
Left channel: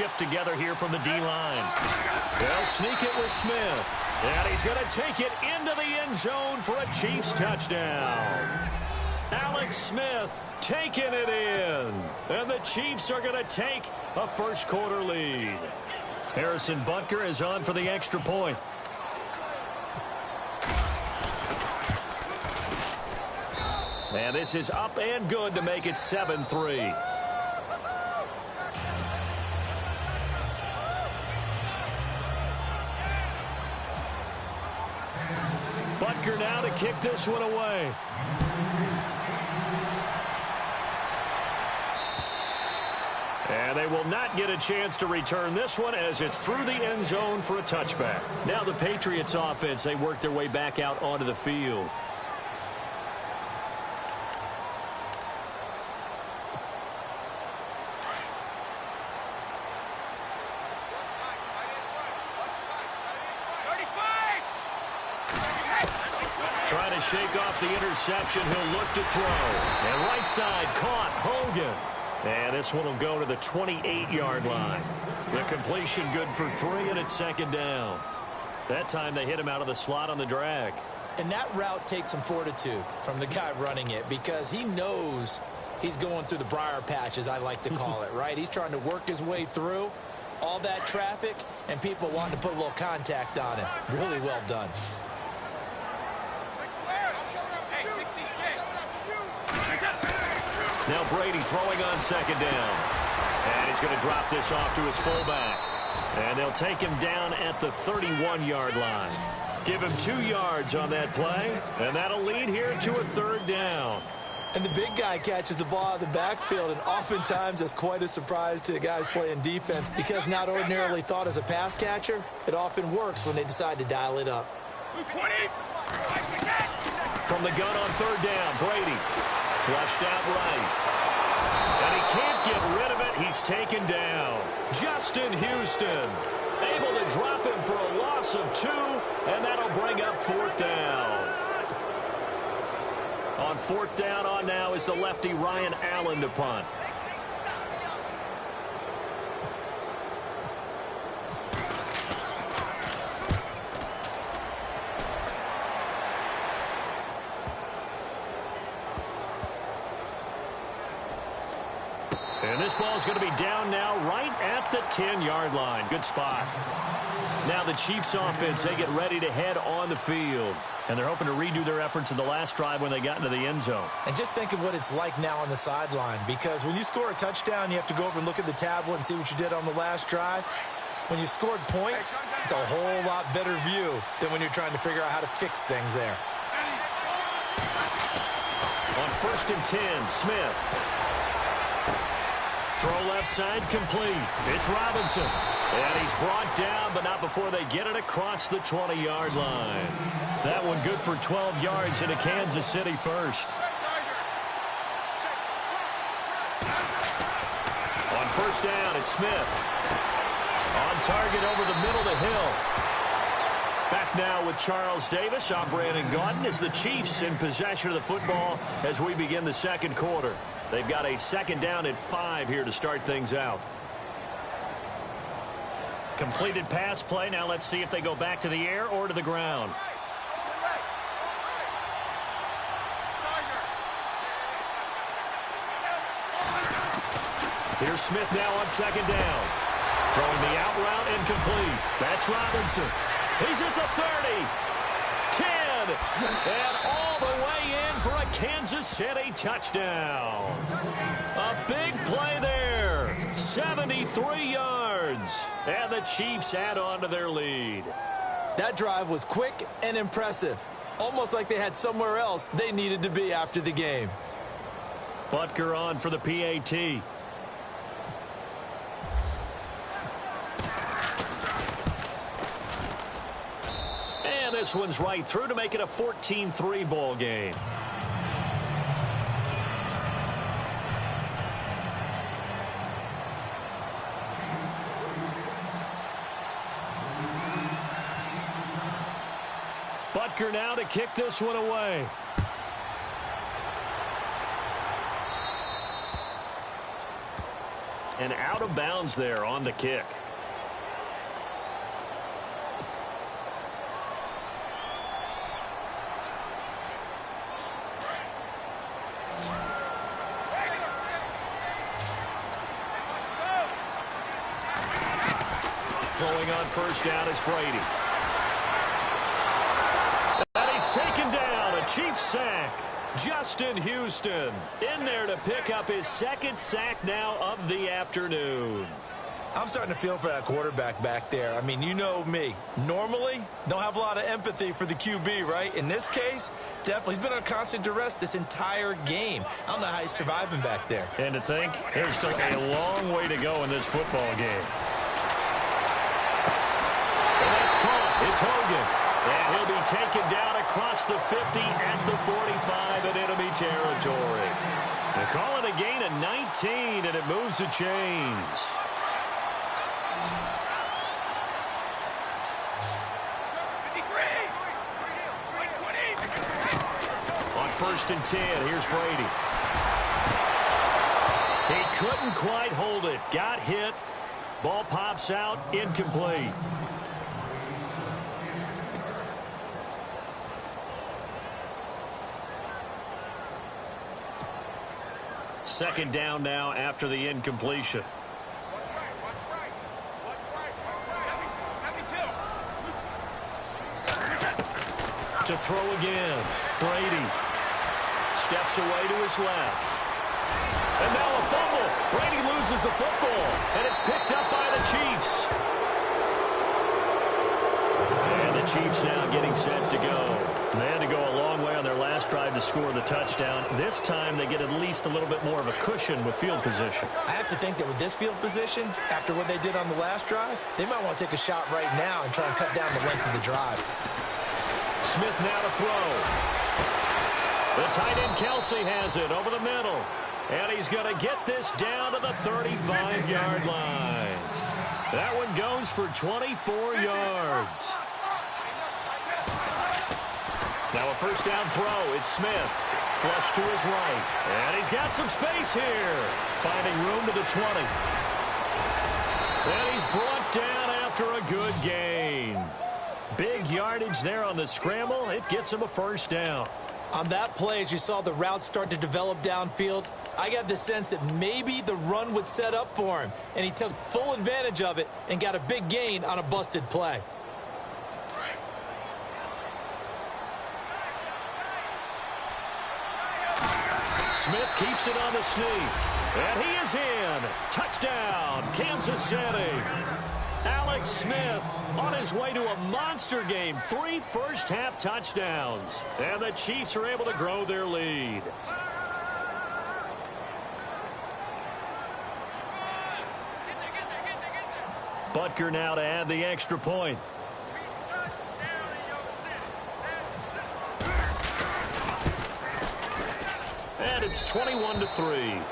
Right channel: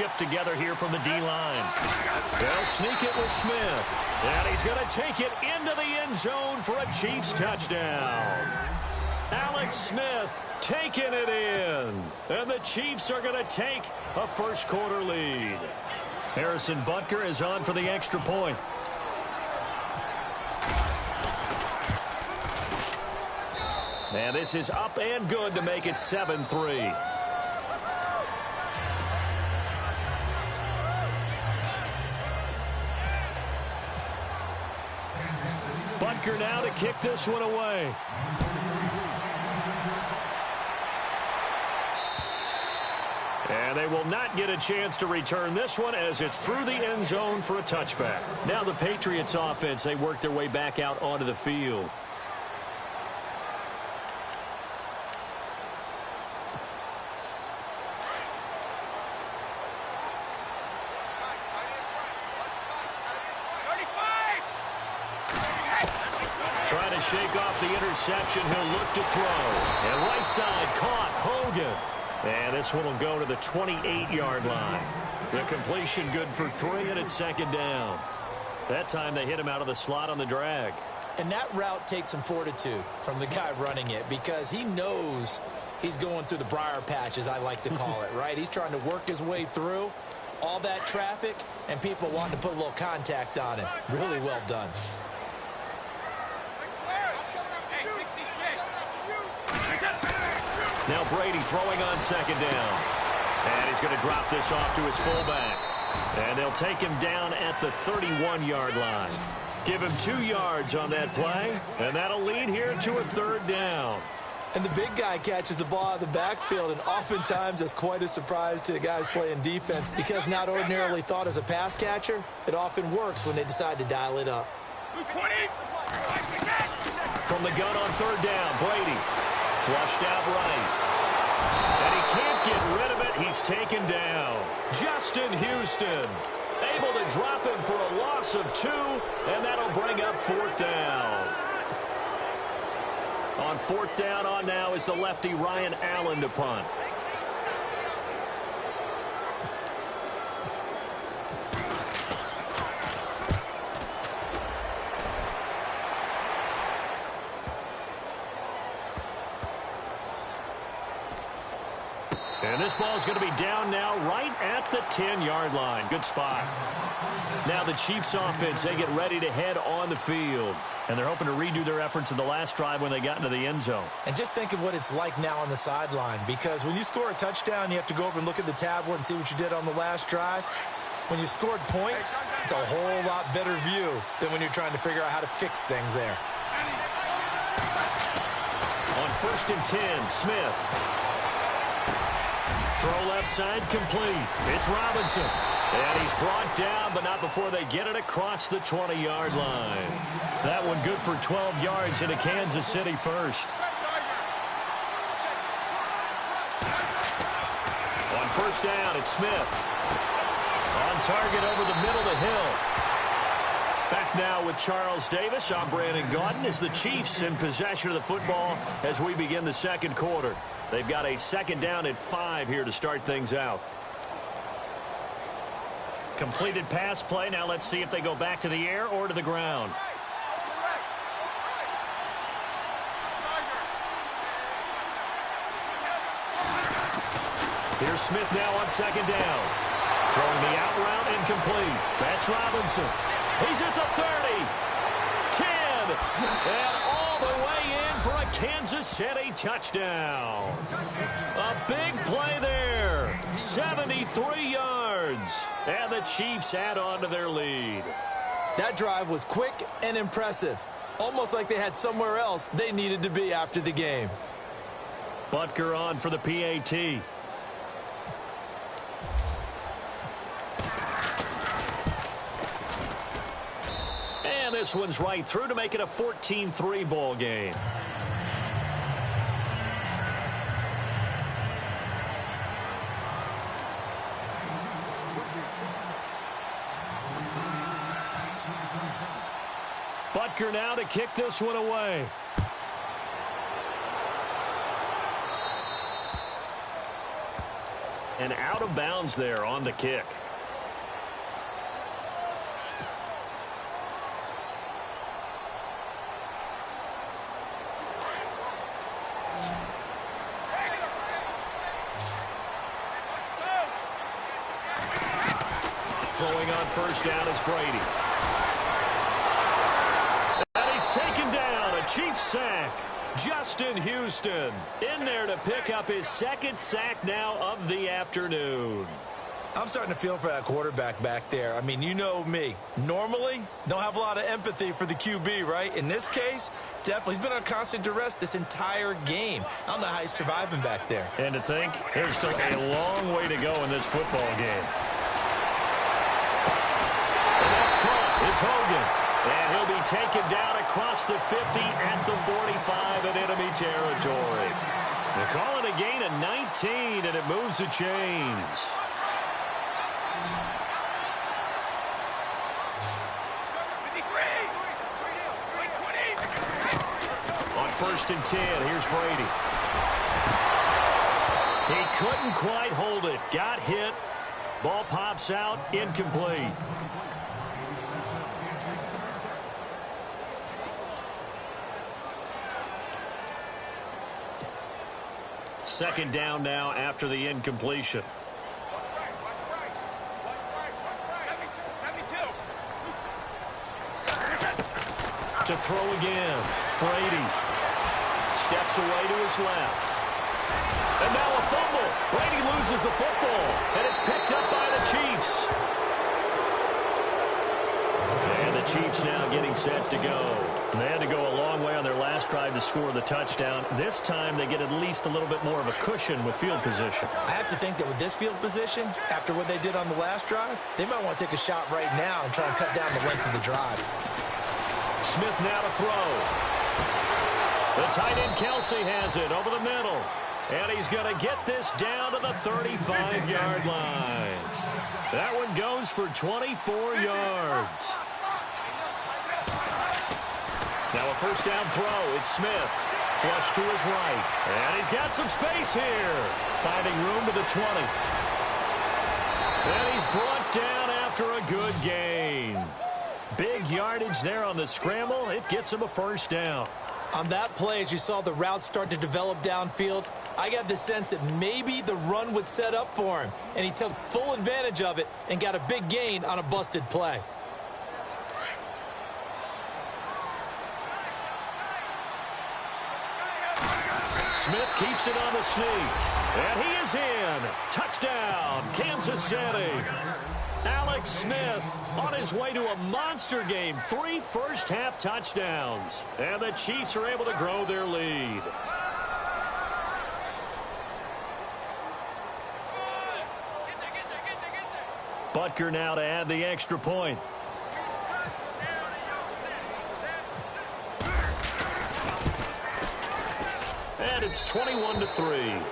shift together here from the D-line. They'll sneak it with Smith. And he's going to take it into the end zone for a Chiefs touchdown. Alex Smith taking it in. And the Chiefs are going to take a first-quarter lead. Harrison Butker is on for the extra point. And this is up and good to make it 7-3. Butker now to kick this one away. And they will not get a chance to return this one as it's through the end zone for a touchback. Now the Patriots offense, they work their way back out onto the field. Trying to shake off the interception. He'll look to throw. And right side caught. Hogan. And this one will go to the 28-yard line. The completion good for 3, and it's second down. That time they hit him out of the slot on the drag. And that route takes some fortitude from the guy running it because he knows he's going through the briar patch, as I like to call it, right? He's trying to work his way through all that traffic and people wanting to put a little contact on him. Really well done. Now Brady throwing on second down. And he's going to drop this off to his fullback. And they'll take him down at the 31-yard line. Give him 2 yards on that play. And that'll lead here to a third down. And the big guy catches the ball out of the backfield, and oftentimes it's quite a surprise to guys playing defense because not ordinarily thought as a pass catcher, it often works when they decide to dial it up. From the gun on third down, Brady flushed out right. And he can't get rid of it. He's taken down. Justin Houston able to drop him for a loss of 2, and that'll bring up fourth down. On fourth down on now is the lefty Ryan Allen to punt. And this ball is going to be down now right at the 10-yard line. Good spot. Now the Chiefs offense, they get ready to head on the field. And they're hoping to redo their efforts in the last drive when they got into the end zone. And just think of what it's like now on the sideline. Because when you score a touchdown, you have to go over and look at the tablet and see what you did on the last drive. When you scored points, it's a whole lot better view than when you're trying to figure out how to fix things there. On 1st and 10, Smith. Throw left side complete. It's Robinson. And he's brought down, but not before they get it across the 20-yard line. That one good for 12 yards into Kansas City first. On first down, it's Smith. On target over the middle to Hill. Back now with Charles Davis. I'm Brandon Gaudin as the Chiefs in possession of the football as we begin the second quarter. They've got a second down at 5 here to start things out. Completed pass play. Now let's see if they go back to the air or to the ground. Here's Smith now on second down. Throwing the out route incomplete. That's Robinson. He's at the 30. 10. And all the way in for a Kansas City touchdown. A big play there. 73 yards. And the Chiefs add on to their lead. That drive was quick and impressive. Almost like they had somewhere else they needed to be after the game. Butker on for the PAT. And this one's right through to make it a 14-3 ball game. Butker now to kick this one away. And out of bounds there on the kick. Throwing on first down is Brady. And he's taken down. A Chiefs sack. Justin Houston in there to pick up his second sack now of the afternoon. I'm starting to feel for that quarterback back there. I mean, you know me. Normally, don't have a lot of empathy for the QB, right? In this case, definitely. He's been on constant duress this entire game. I don't know how he's surviving back there. And to think, there's still a long way to go in this football game. And that's caught. It's Hogan. And he'll be taken down across the 50 at the 45 in enemy territory. They call it a gain of 19, and it moves the chains. On 1st and 10, here's Brady. He couldn't quite hold it. Got hit. Ball pops out. Incomplete. Second down now after the incompletion. To throw again. Brady steps away to his left. And now a fumble. Brady loses the football. And it's picked up by the Chiefs. And the Chiefs now getting set to go. They had to go a long way on their last drive to score the touchdown. This time they get at least a little bit more of a cushion with field position. I have to think that with this field position, after what they did on the last drive, they might want to take a shot right now and try and cut down the length of the drive. Smith now to throw. The tight end Kelsey has it over the middle. And he's going to get this down to the 35-yard line. That one goes for 24 yards. Now a first down throw. It's Smith. Flush to his right. And he's got some space here. Finding room to the 20. And he's brought down after a good gain. Big yardage there on the scramble. It gets him a first down. On that play, as you saw the route start to develop downfield, I got the sense that maybe the run would set up for him. And he took full advantage of it and got a big gain on a busted play. Smith keeps it on the sneak. And he is in. Touchdown, Kansas City. Alex Smith on his way to a monster game. 3 first-half touchdowns. And the Chiefs are able to grow their lead. Butker now to add the extra point. And it's 21-3.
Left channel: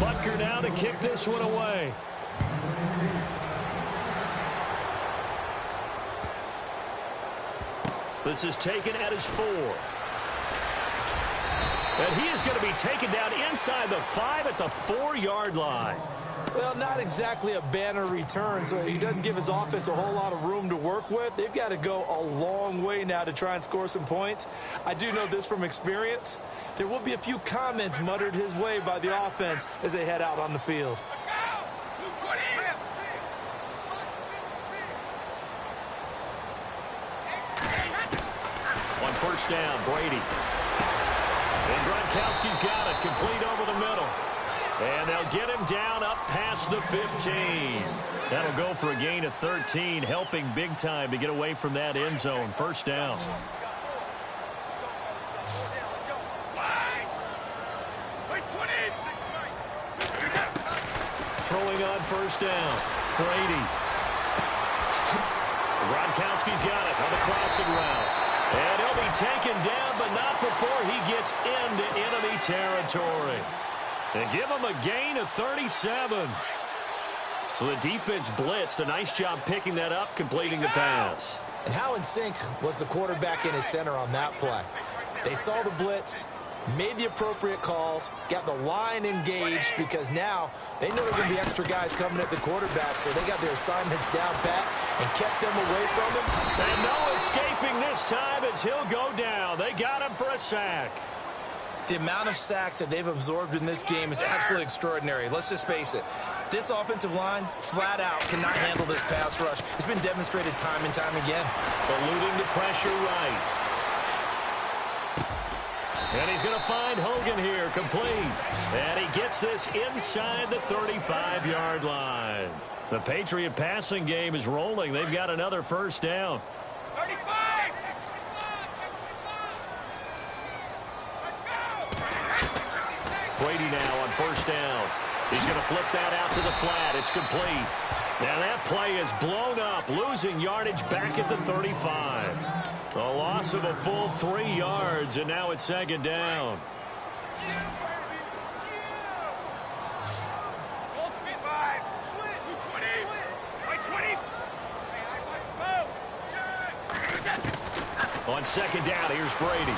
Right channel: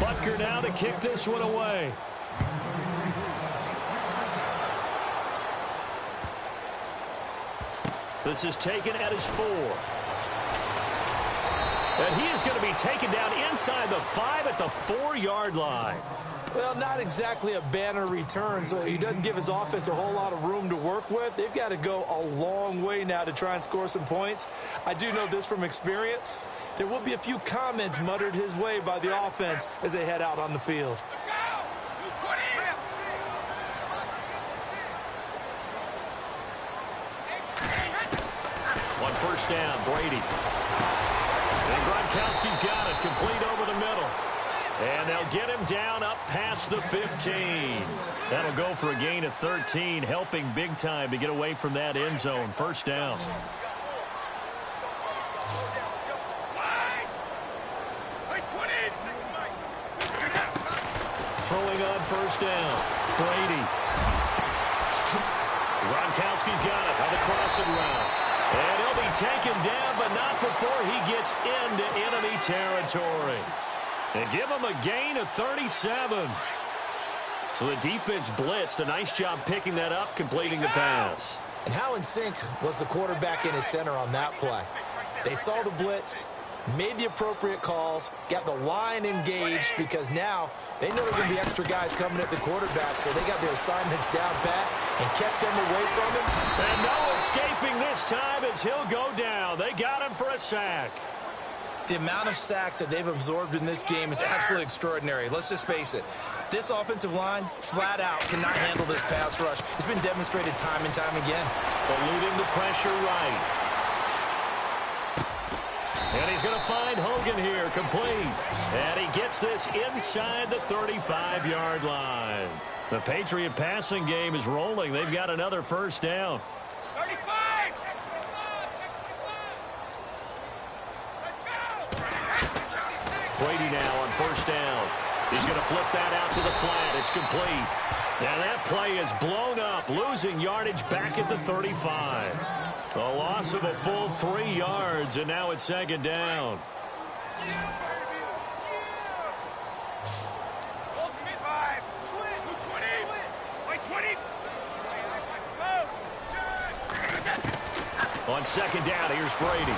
Butker now to kick this one away. This is taken at his 4. And he is going to be taken down inside the 5 at the 4-yard line. Well, not exactly a banner return, so he doesn't give his offense a whole lot of room to work with. They've got to go a long way now to try and score some points. I do know this from experience. There will be a few comments muttered his way by the offense as they head out on the field. On first down, Brady. And Gronkowski's got it, complete over the middle. And they'll get him down up past the 15. That'll go for a gain of 13, helping big time to get away from that end zone. First down. Throwing on first down, Brady. Gronkowski's got it on the crossing route. And he'll be taken down, but not before he gets into enemy territory. And give him a gain of 37. So the defense blitzed. A nice job picking that up, completing the pass. And how in sync was the quarterback in his center on that play? They saw the blitz, made the appropriate calls, got the line engaged because now they know there are going to be extra guys coming at the quarterback, so they got their assignments down pat and kept them away from him. And no escaping this time as he'll go down. They got him for a sack. The amount of sacks that they've absorbed in this game is absolutely extraordinary. Let's just face it. This offensive line, flat out, cannot handle this pass rush. It's been demonstrated time and time again. Eluding the pressure right. And he's going to find Hogan here, complete. And he gets this inside the 35-yard line. The Patriot passing game is rolling. They've got another first down. 35! Brady now on first down. He's going to flip that out to the flat. It's complete. Now that play is blown up, losing yardage back at the 35. A loss of a full 3 yards, and now it's second down. On second down, here's Brady.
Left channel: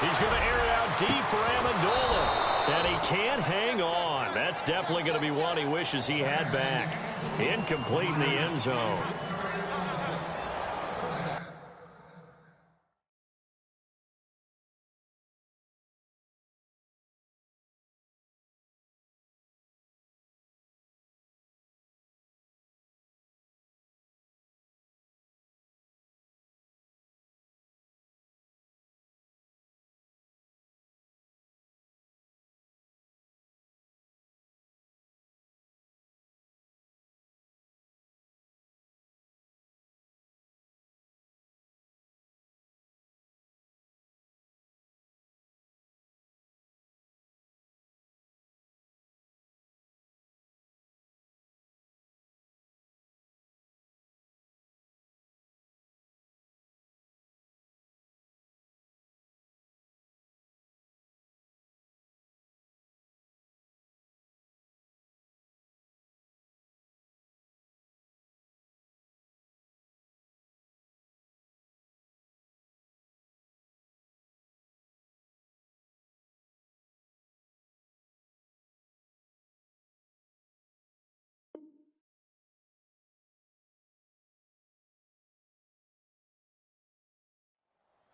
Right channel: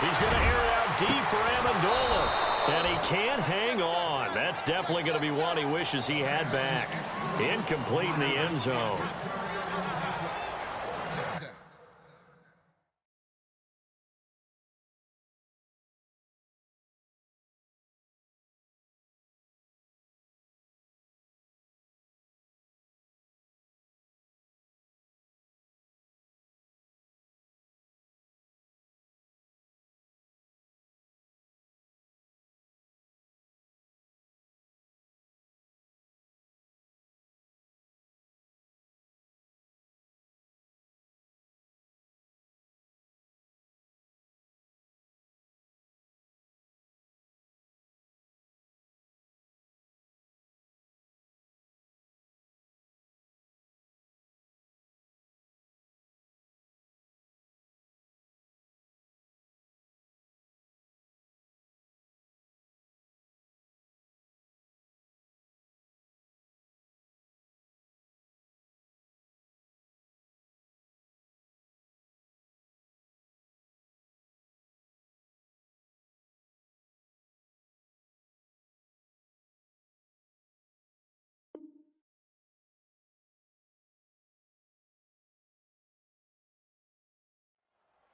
He's going to air it out deep for Amendola. And he can't hang on. That's definitely going to be one he wishes he had back. Incomplete in the end zone.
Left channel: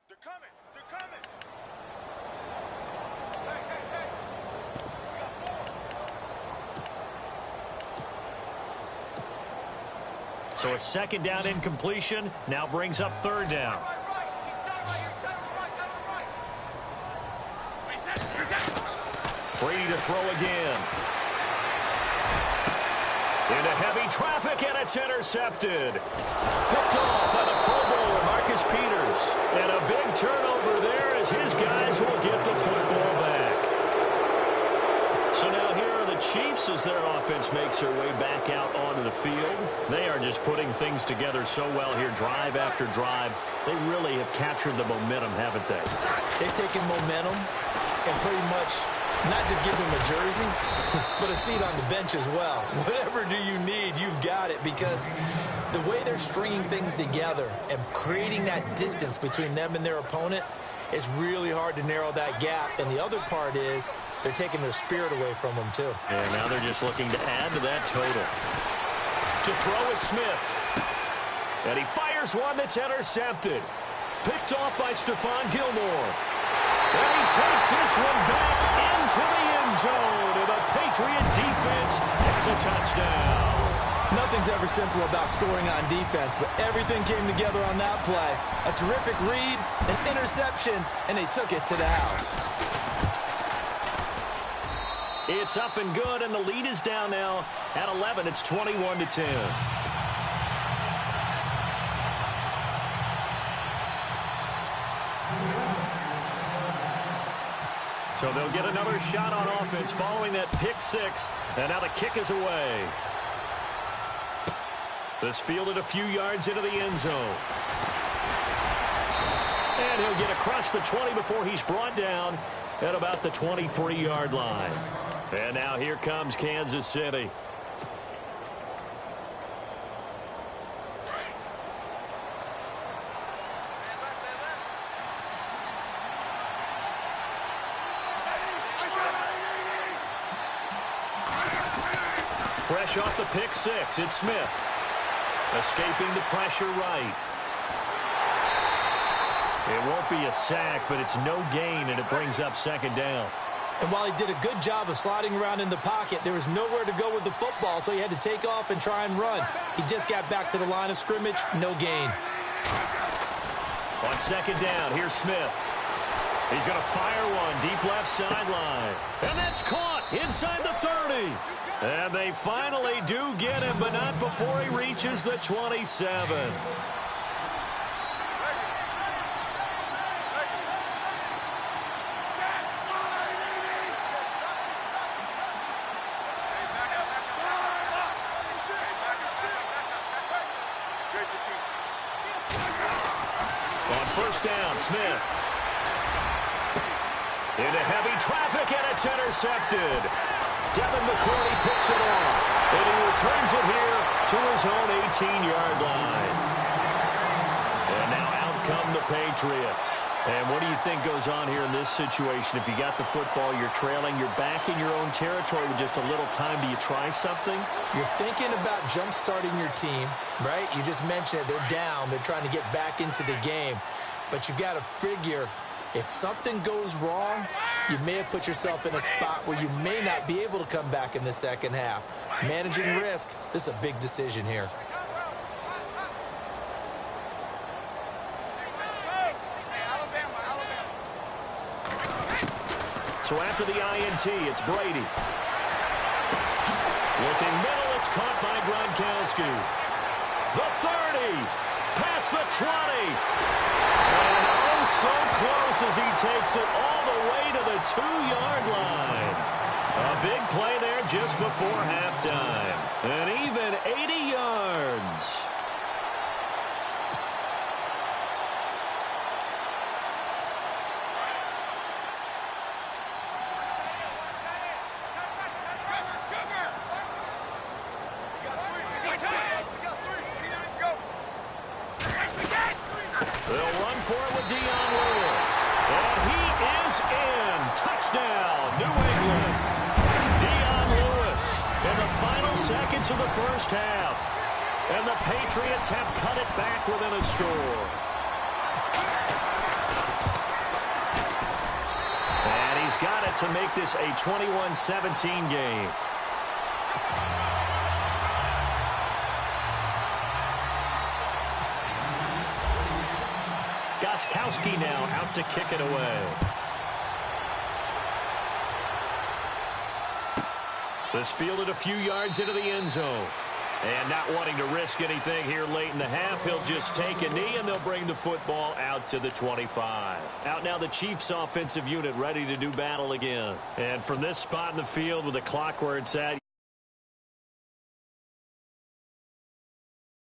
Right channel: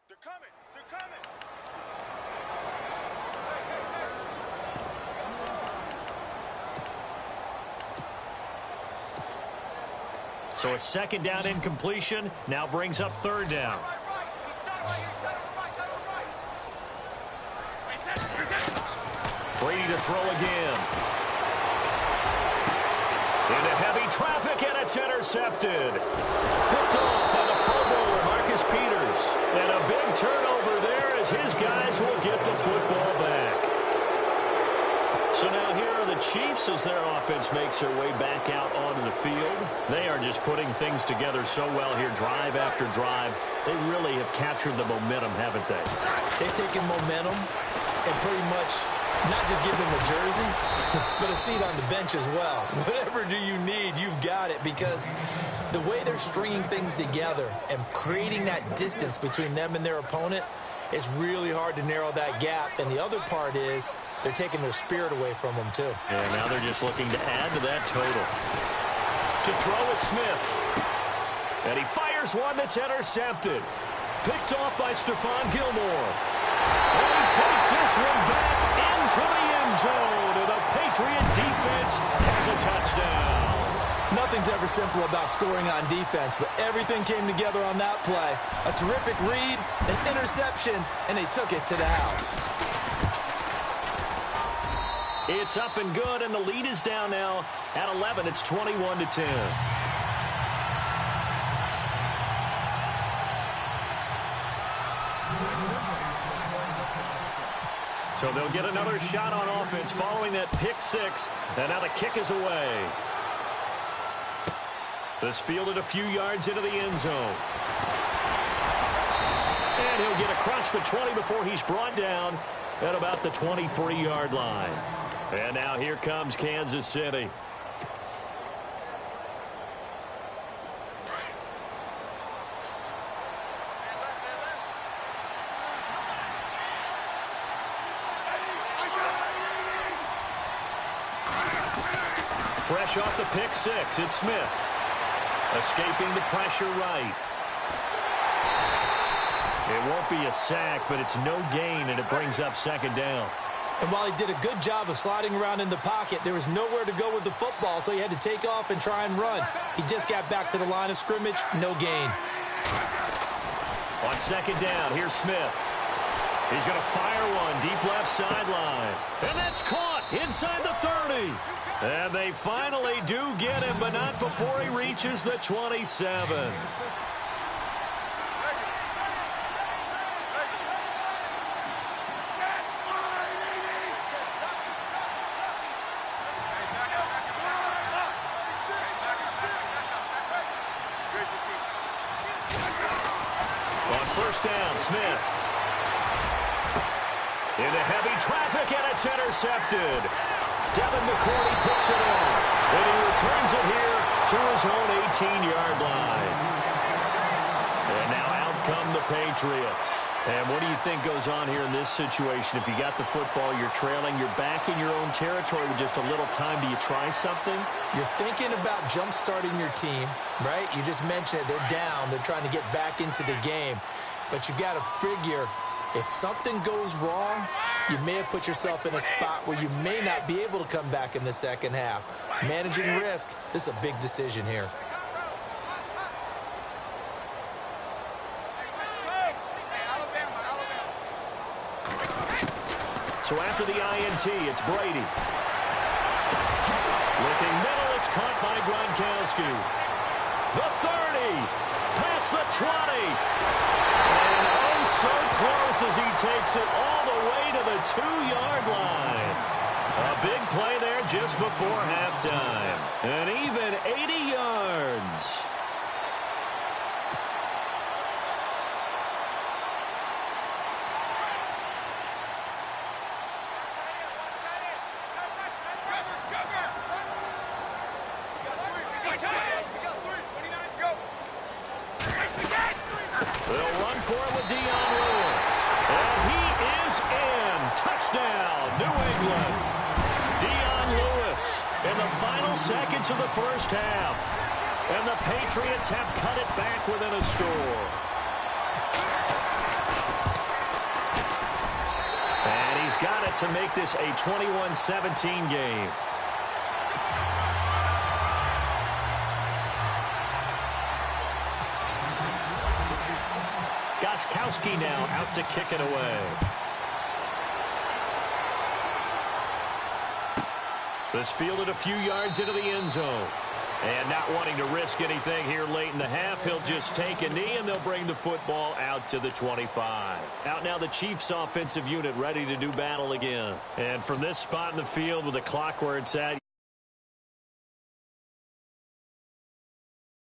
They're coming! They're coming! Hey, hey, hey! We got 4. So a second down incompletion now brings up third down. Right. He's down right here. Down right. Brady to throw again. Into heavy traffic, and it's intercepted. Picked off by the Pro Bowler, Marcus Peters. And a big turnover there as his guys will get the football back. So now here are the Chiefs as their offense makes their way back out onto the field. They are just putting things together so well here, drive after drive. They really have captured the momentum, haven't they? They've taken momentum and pretty much not just give them a jersey, but a seat on the bench as well. Whatever do you need, you've got it, because the way they're stringing things together and creating that distance between them and their opponent, it's really hard to narrow that gap. And the other part is they're taking their spirit away from them, too. And now they're just looking to add to that total. To throw is Smith. And he fires one that's intercepted. Picked off by Stephon Gilmore. And he takes this one back into the end zone. And the Patriot defense has a touchdown. Nothing's ever simple about scoring on defense, but everything came together on that play. A terrific read, an interception, and they took it to the house. It's up and good, and the lead is down now at 11. It's 21-10. So they'll get another shot on offense following that pick six, and now the kick is away. This fielded a few yards into the end zone. And he'll get across the 20 before he's brought down at about the 23-yard line. And now here comes Kansas City. Fresh off the pick six, it's Smith. Escaping the pressure right. It won't be a sack, but it's no gain, and it brings up second down. And while he did a good job of sliding around in the pocket, there was nowhere to go with the football, so he had to take off and try and run. He just got back to the line of scrimmage, no gain. On second down, here's Smith. He's going to fire one deep left sideline. And that's caught inside the 30. And they finally do get him, but not before he reaches the 27. On first down, Smith. Into heavy traffic, and it's intercepted. Devin McCourty picks it off, and he returns it here to his own 18-yard line. And now out come the Patriots. And what do you think goes on here in this situation? If you got the football, you're trailing, you're back in your own territory with just a little time. Do you try something? You're thinking about jump-starting your team, right? You just mentioned it. They're down. They're trying to get back into the game. But you got to figure, if something goes wrong, you may have put yourself in a spot where you may not be able to come back in the second half. Managing risk, this is a big decision here. So after the INT, it's Brady. Looking middle, it's caught by Gronkowski. The 30, past the 20. And oh, so close as he takes it all the way to the 2-yard line. A big play there just before halftime. And even 80 yards. They'll run for it with Dion Lewis. And he is in. Touchdown, New England. Dion Lewis in the final seconds of the first half. And the Patriots have cut it back within a score. And he's got it to make this a 21-17 game. Gostkowski now out to kick it away. This fielded a few yards into the end zone. And not wanting to risk anything here late in the half, he'll just take a knee, and they'll bring the football out to the 25. Out now the Chiefs offensive unit ready to do battle again. And from this spot in the field with the clock where it's at,